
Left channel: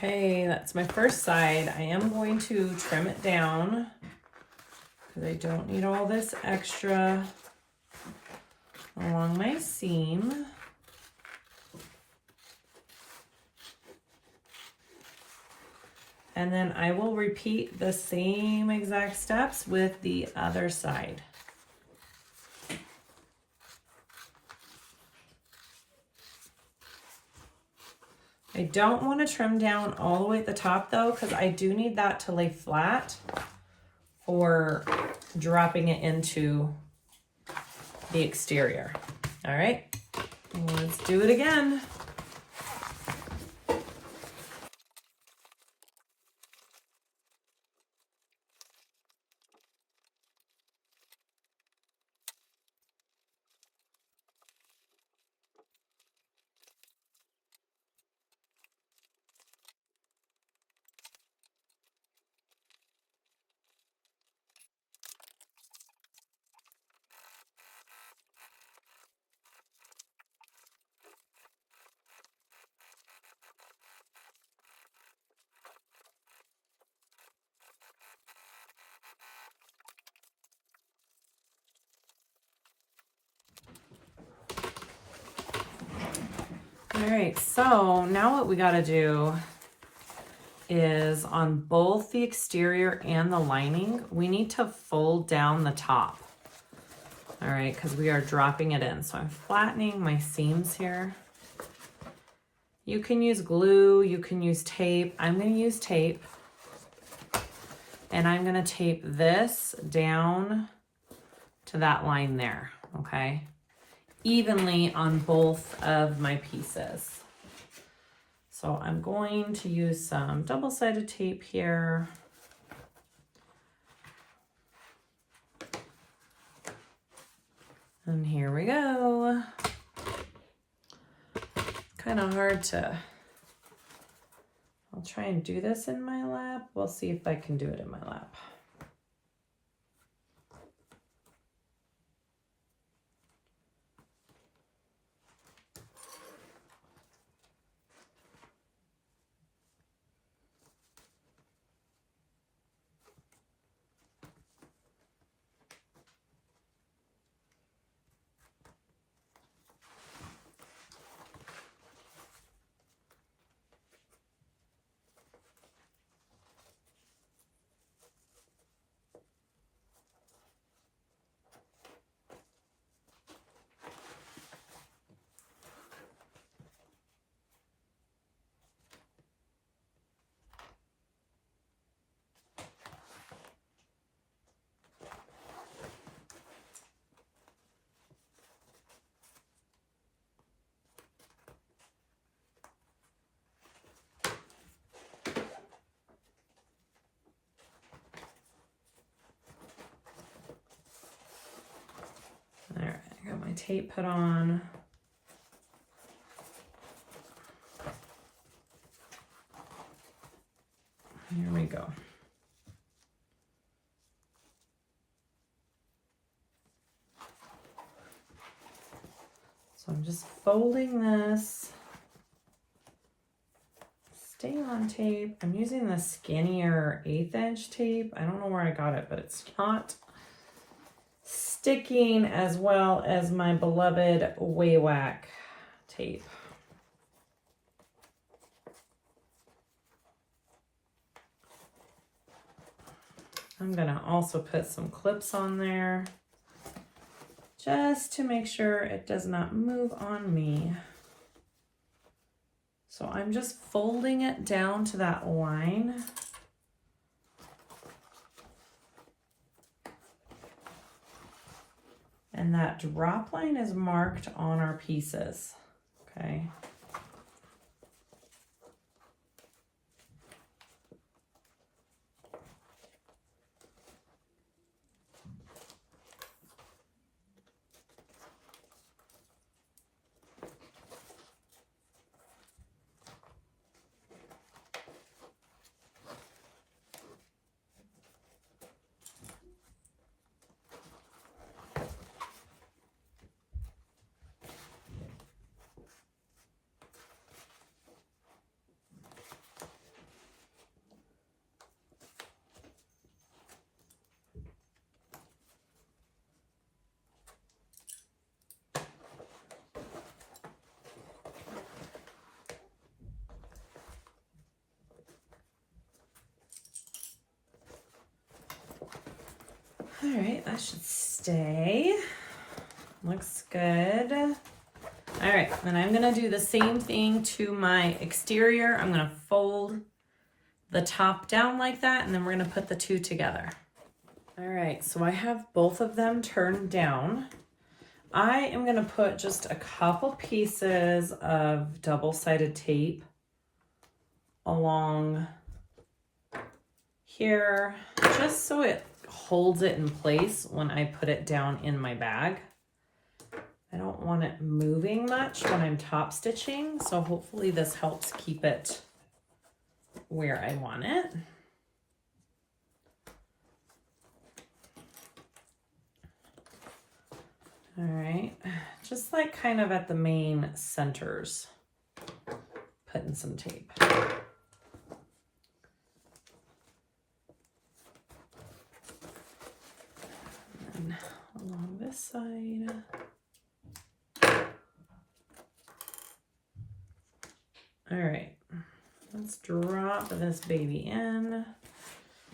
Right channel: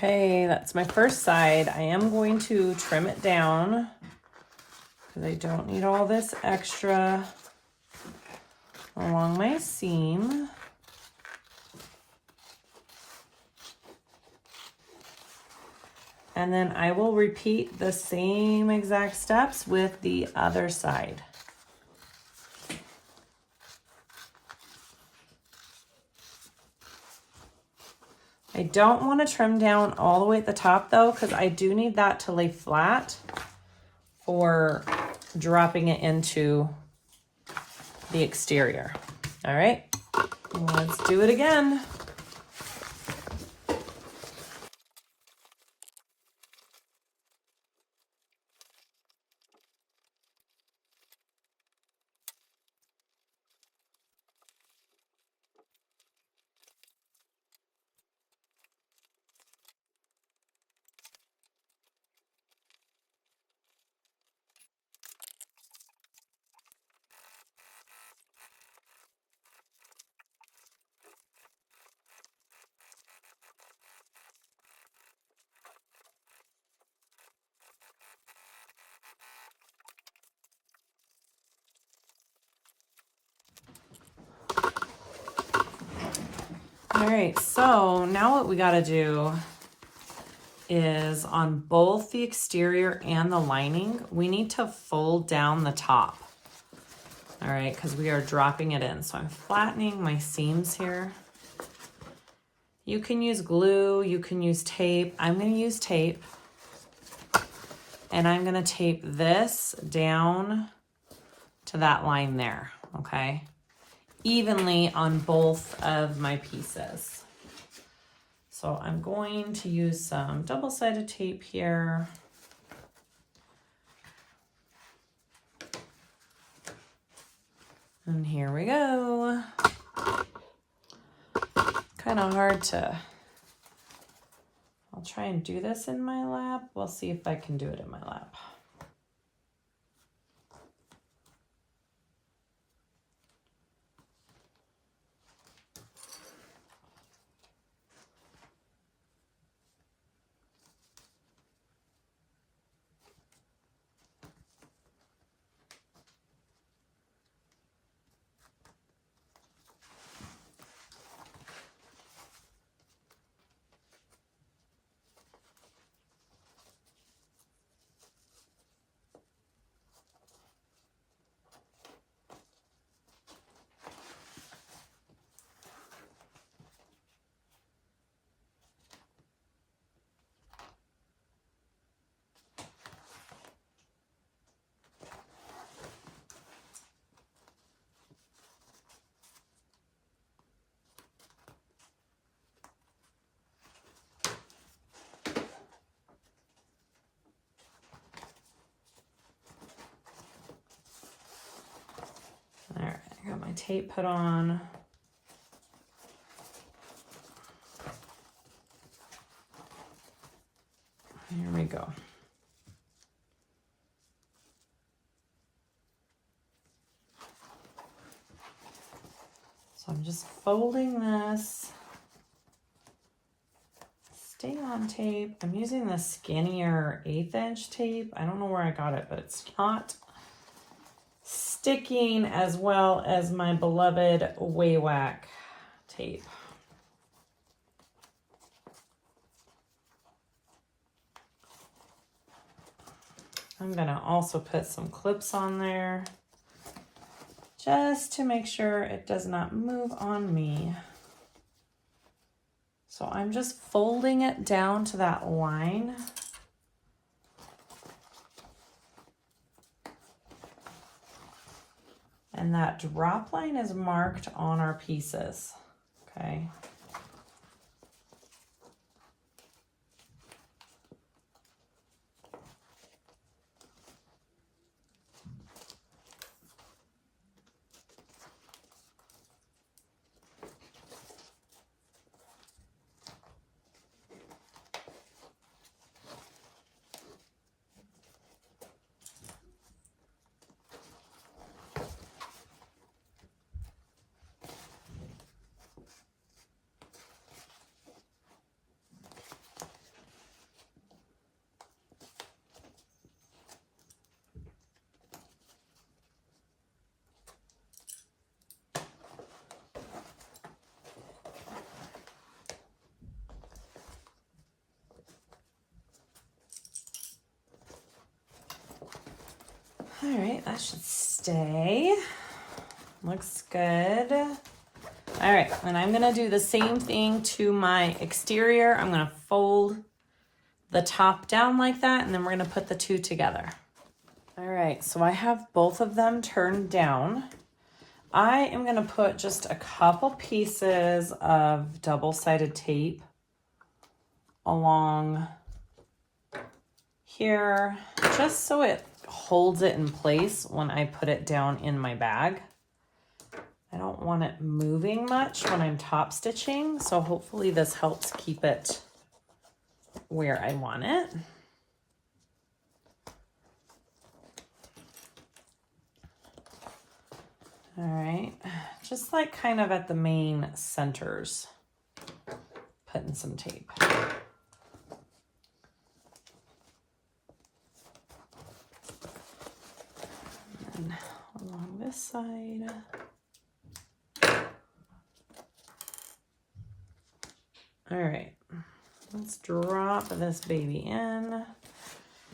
Okay, that's my first side. I am going to trim it down because I don't need all this extra along my seam. And then I will repeat the same exact steps with the other side. I don't want to trim down all the way at the top though, because I do need that to lay flat for dropping it into the exterior. All right, let's do it again. All right, so now what we got to do is on both the exterior and the lining, we need to fold down the top. All right, because we are dropping it in. So I'm flattening my seams here. You can use glue, you can use tape. I'm going to use tape. And I'm going to tape this down to that line there, okay? Evenly on both of my pieces. So I'm going to use some double-sided tape here. And here we go. Kind of hard to, I'll try and do this in my lap. We'll see if I can do it in my lap. All right, I got my tape put on. Here we go. So I'm just folding this. Stay on tape. I'm using the skinnier 1/8 inch tape. I don't know where I got it, but it's not sticking as well as my beloved Waywack tape. I'm gonna also put some clips on there just to make sure it does not move on me. So I'm just folding it down to that line. And that drop line is marked on our pieces, okay? All right, that should stay. Looks good. All right, and I'm gonna do the same thing to my exterior. I'm gonna fold the top down like that, and then we're gonna put the two together. All right, so I have both of them turned down. I am gonna put just a couple pieces of double-sided tape along here, just so it holds it in place when I put it down in my bag. I don't want it moving much when I'm top stitching, so hopefully this helps keep it where I want it. All right, just like kind of at the main centers, putting some tape. And along this side. All right, let's drop this baby in.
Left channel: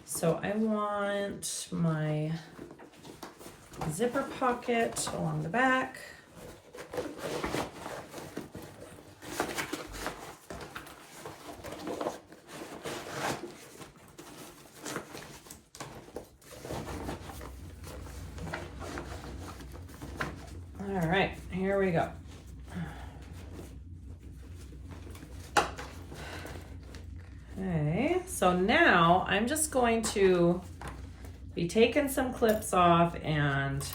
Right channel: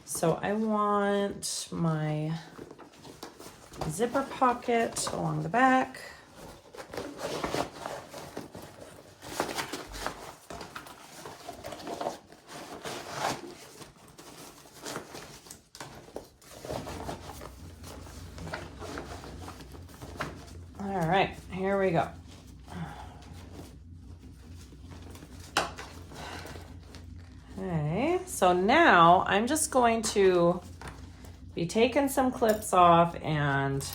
So I want my zipper pocket along the back. All right, here we go. Okay, so now I'm just going to be taking some clips off and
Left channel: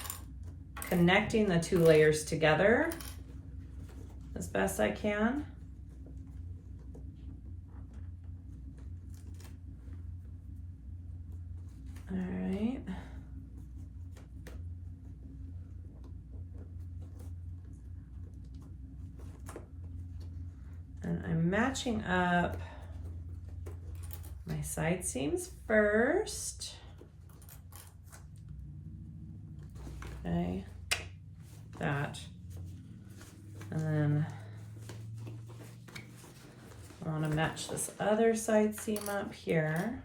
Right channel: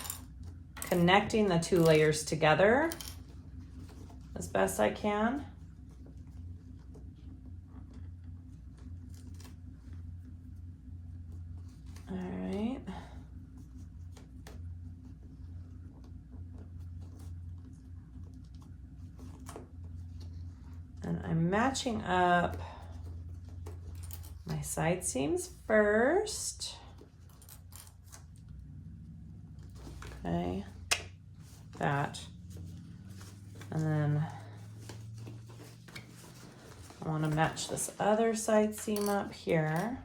connecting the two layers together as best I can. All right. And I'm matching up my side seams first. Okay, that. And then I want to match this other side seam up here.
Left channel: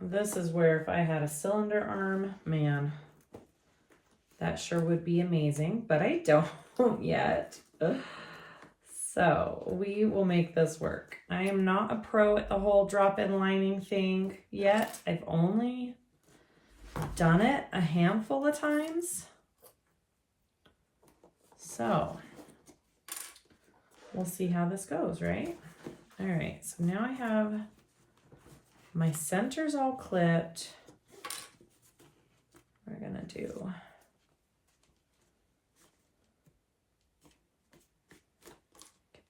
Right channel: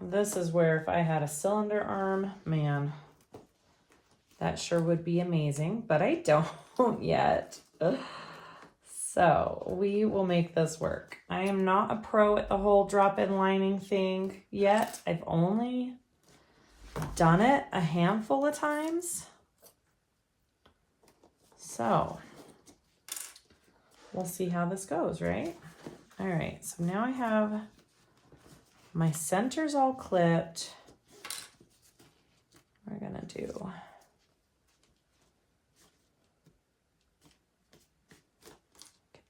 This is where if I had a cylinder arm, man, that sure would be amazing, but I don't yet. Ugh. So we will make this work. I am not a pro at the whole drop-in lining thing yet. I've only done it a handful of times. So we'll see how this goes, right? All right, so now I have my centers all clipped. We're gonna do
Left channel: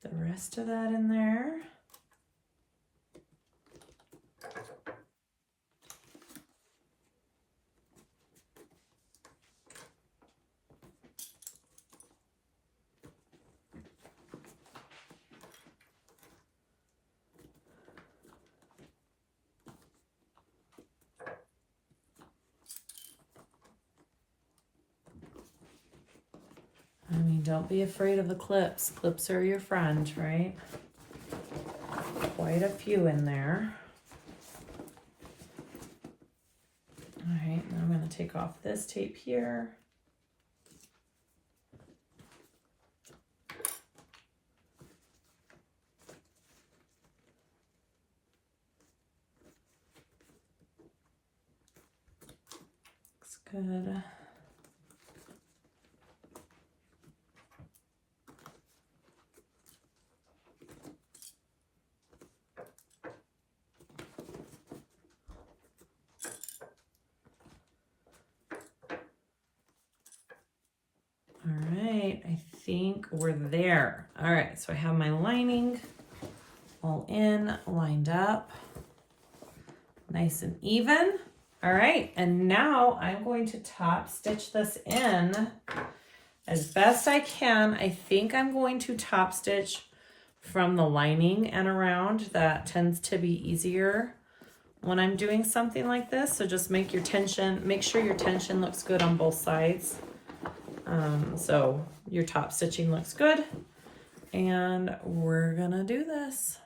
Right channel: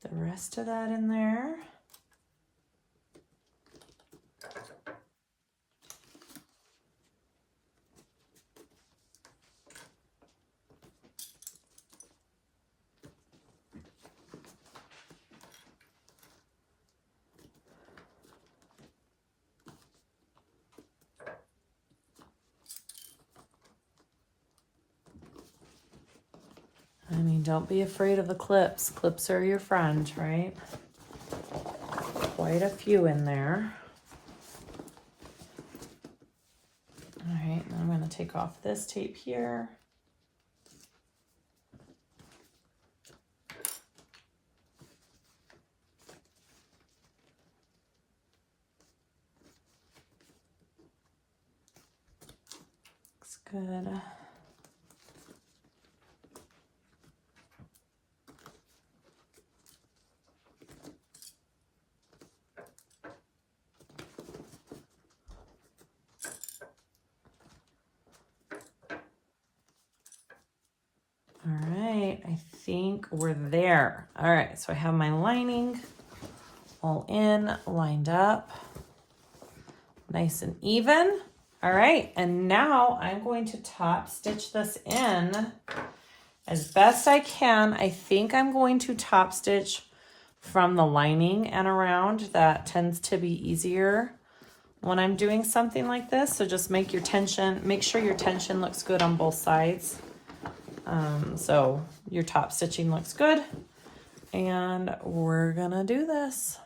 get the rest of that in there. I mean, don't be afraid of the clips. Clips are your friend, right? Quite a few in there. All right, and I'm going to take off this tape here. Looks good. All right, I think we're there. All right, so I have my lining all in, lined up, nice and even. All right, and now I'm going to top stitch this in as best I can. I think I'm going to top stitch from the lining and around. That tends to be easier when I'm doing something like this. So just make sure your tension looks good on both sides. So your top stitching looks good, and we're gonna do this.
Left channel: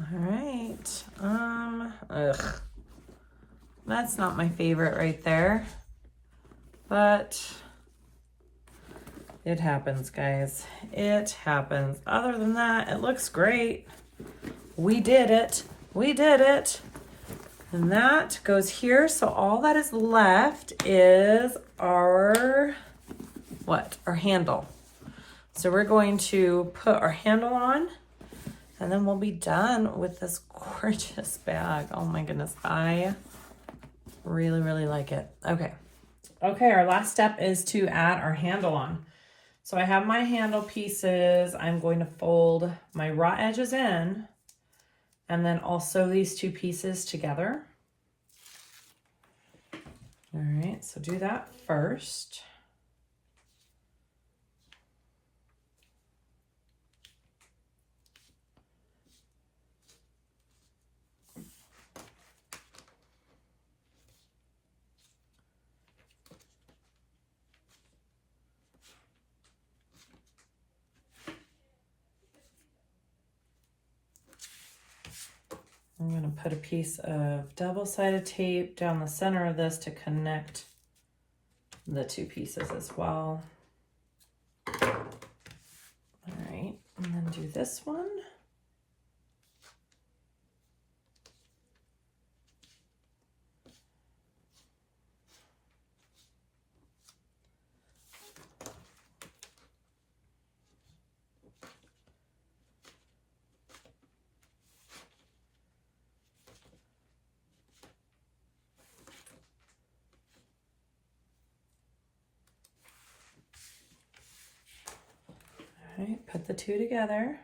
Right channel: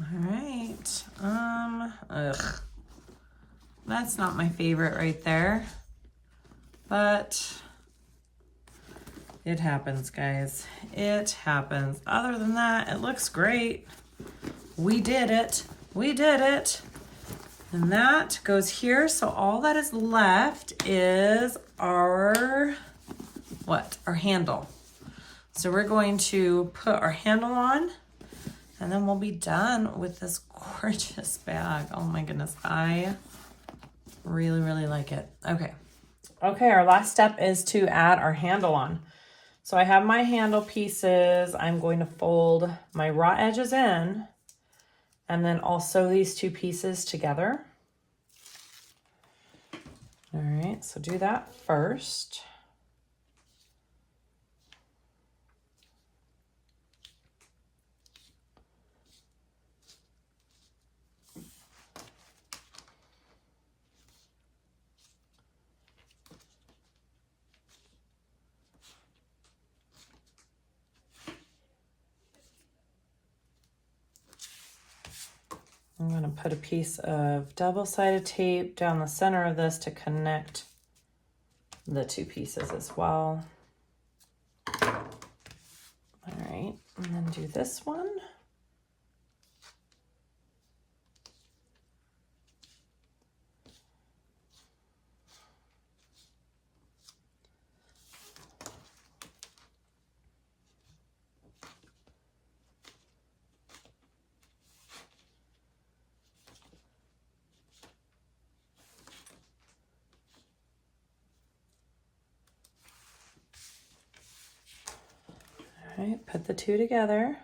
All right. That's not my favorite right there, but it happens, guys. It happens. Other than that, it looks great. We did it. We did it. And that goes here. So all that is left is our, our handle. So we're going to put our handle on, and then we'll be done with this gorgeous bag. Oh my goodness, I Really, really like it. Okay. Okay, our last step is to add our handle on. So I have my handle pieces. I'm going to fold my raw edges in, and then also these two pieces together. All right, so do that first. I'm going to put a piece of double-sided tape down the center of this to connect the two pieces as well. All right, and then do this one. All right, put the two together.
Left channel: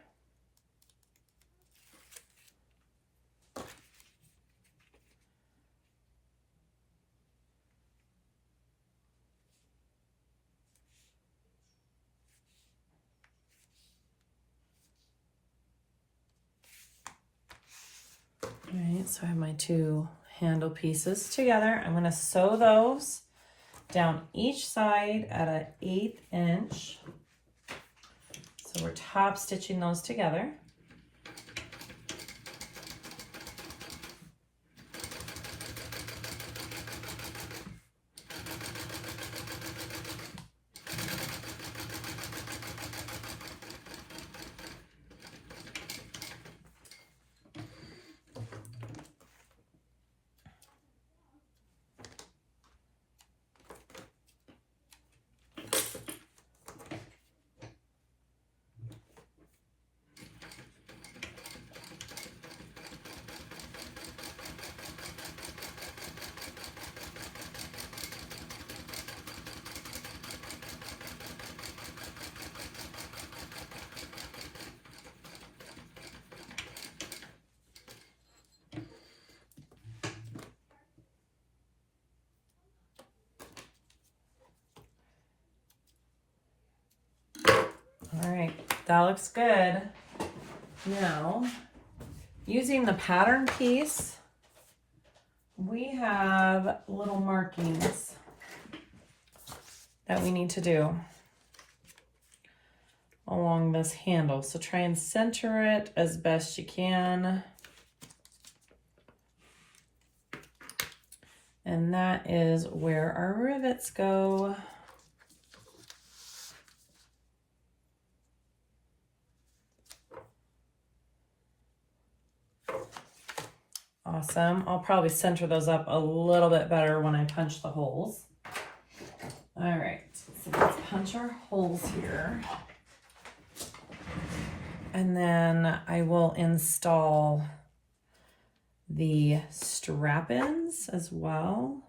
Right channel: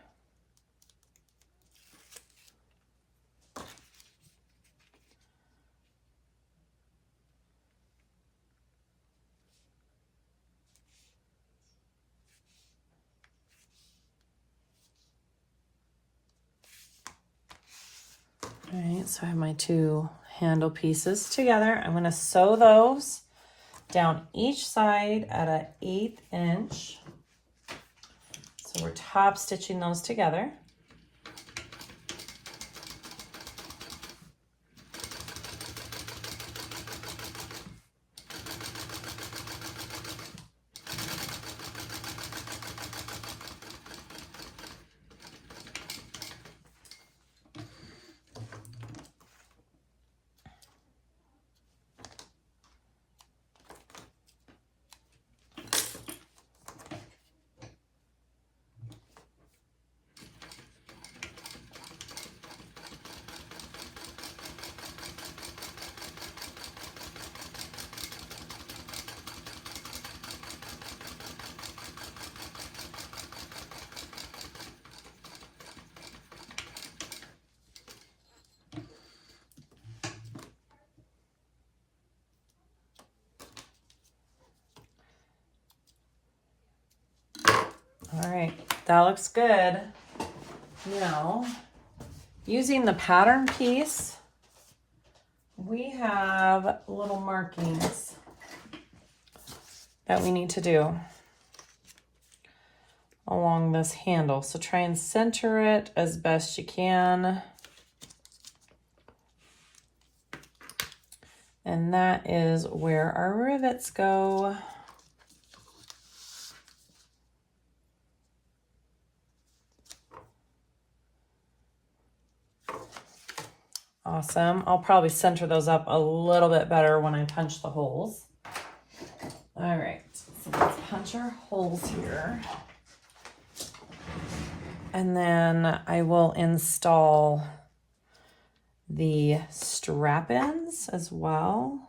All right, so I have my two handle pieces together. I'm going to sew those down each side at an 1/8 inch. So we're top stitching those together. All right, that looks good. Now, using the pattern piece, we have little markings that we need to do along this handle. So try and center it as best you can. And that is where our rivets go. Awesome. I'll probably center those up a little bit better when I punch the holes. All right, so let's punch our holes here. And then I will install the strap-ins as well.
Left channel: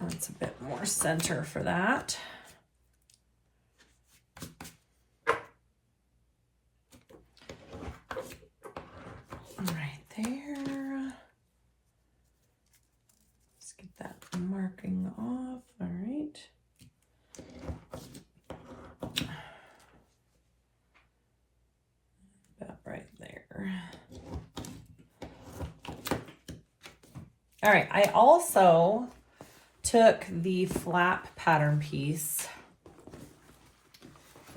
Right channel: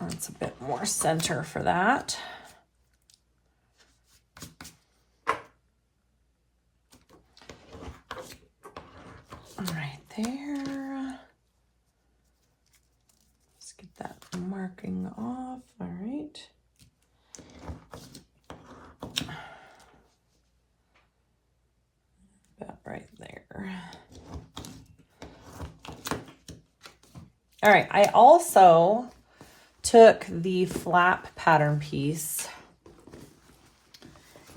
That's a bit more center for that. Right there. Let's get that marking off. All right. About right there. All right, I also took the flap pattern piece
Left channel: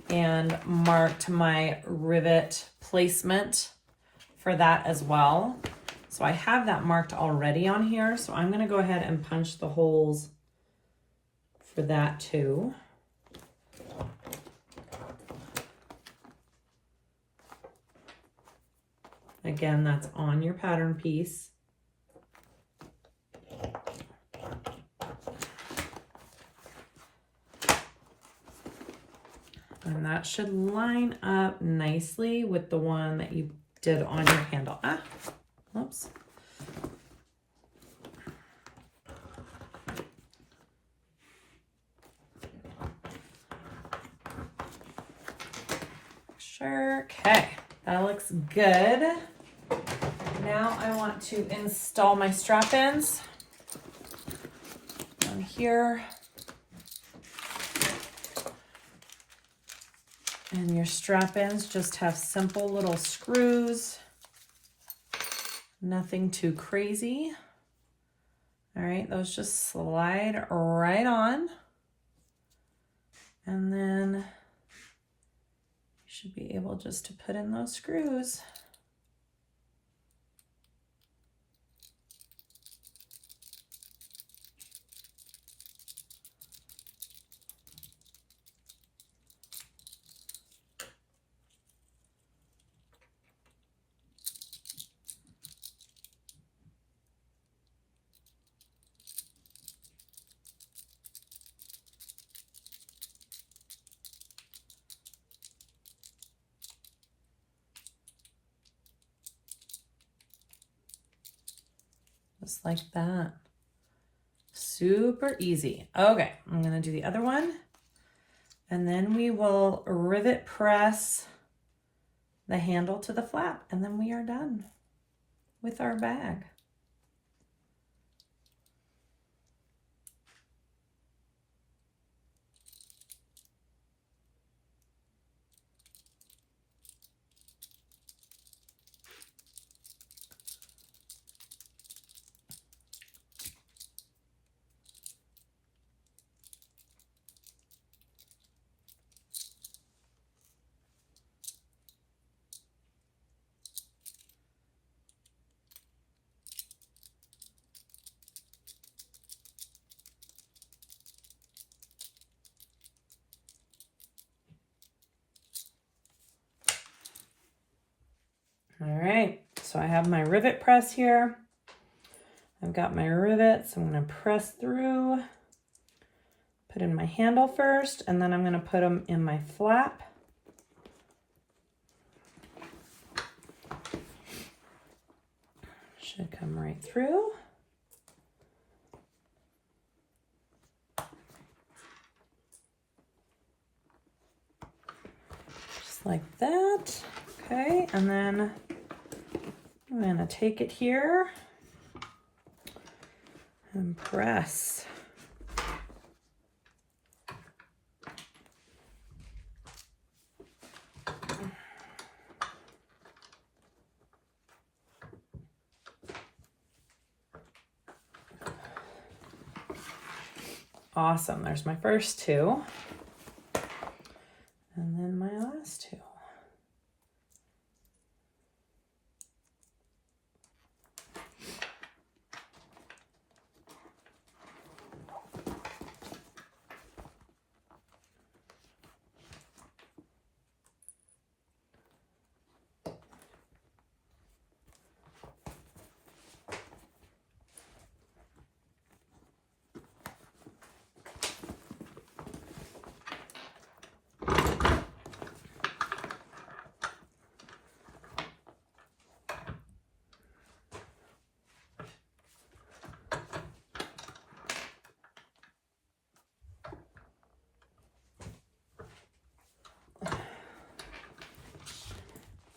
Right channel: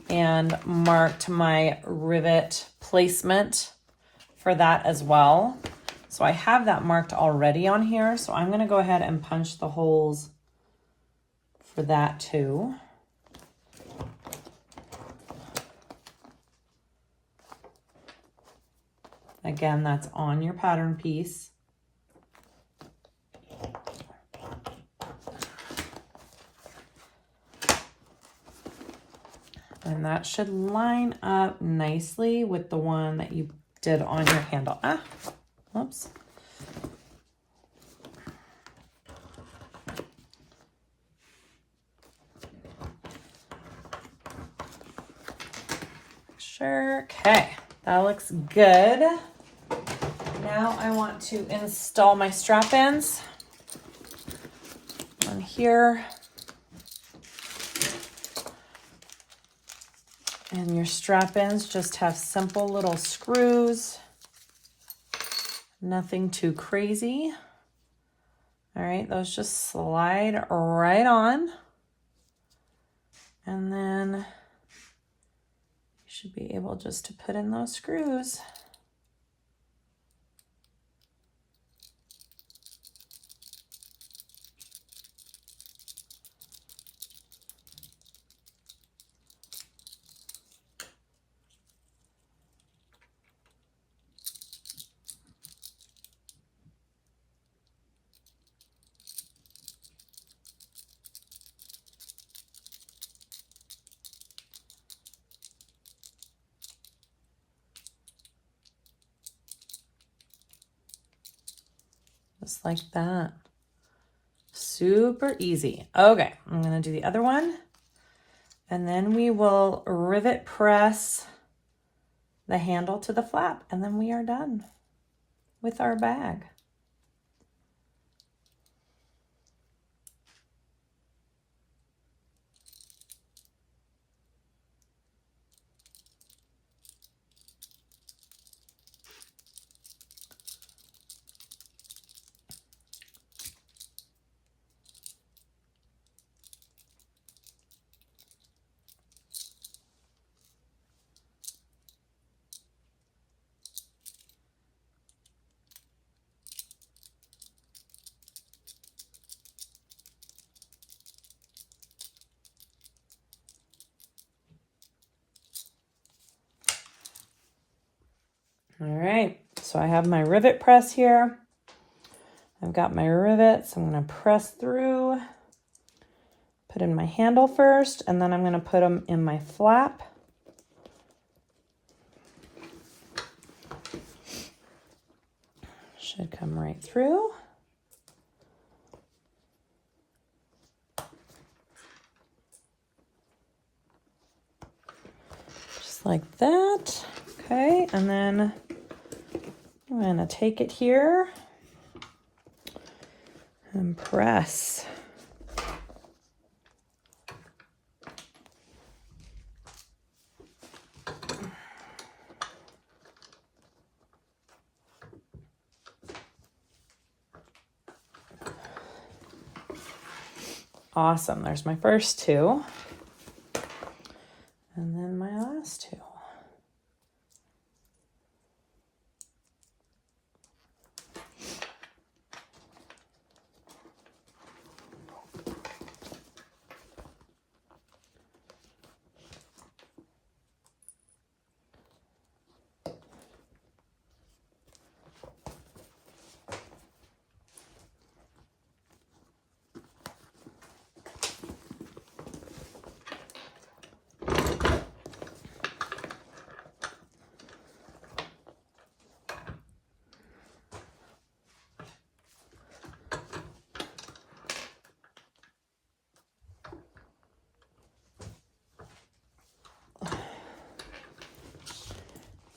and marked my rivet placement for that as well. So I have that marked already on here. So I'm gonna go ahead and punch the holes for that too. Again, that's on your pattern piece. And that should line up nicely with the one that you did on your handle. Whoops. Sure. Okay, that looks good. Now I want to install my strap-ins on here. And your strap-ins just have simple little screws. Nothing too crazy. All right, those just slide right on. And then you should be able just to put in those screws. Just like that. Super easy. Okay, I'm gonna do the other one. And then we will rivet press the handle to the flap, and then we are done with our bag. All right, so I have my rivet press here. I've got my rivets. I'm going to press through, put in my handle first, and then I'm going to put them in my flap. Should come right through. Just like that. Okay, and then I'm going to take it here and press. Awesome, there's my first two. And then my last two.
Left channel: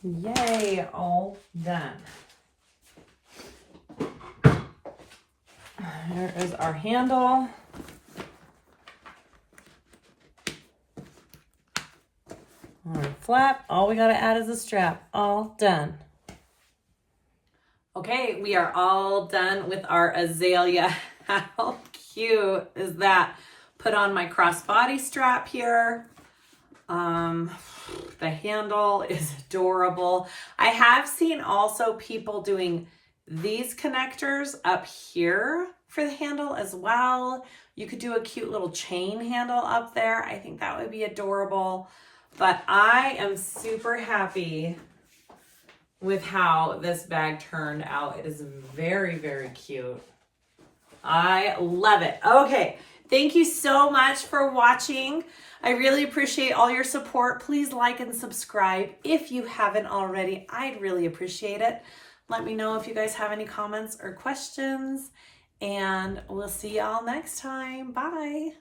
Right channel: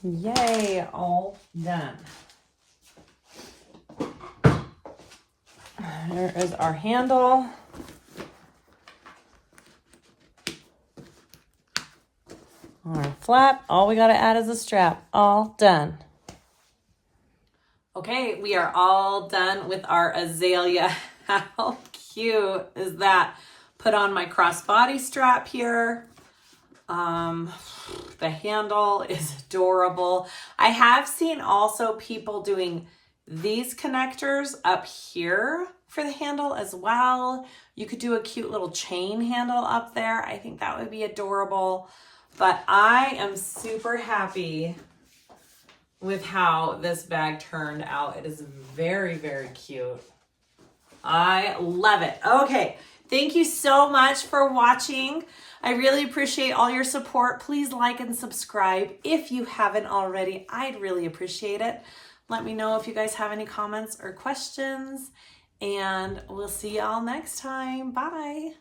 Yay, all done. There is our handle. Our flap, all we gotta add is a strap. All done. Okay, we are all done with our Azalea. How cute is that? Put on my crossbody strap here. The handle is adorable. I have seen also people doing these connectors up here for the handle as well. You could do a cute little chain handle up there. I think that would be adorable. But I am super happy with how this bag turned out. It is very, very cute. I love it. Okay, thank you so much for watching. I really appreciate all your support. Please like and subscribe if you haven't already. I'd really appreciate it. Let me know if you guys have any comments or questions, and we'll see y'all next time. Bye.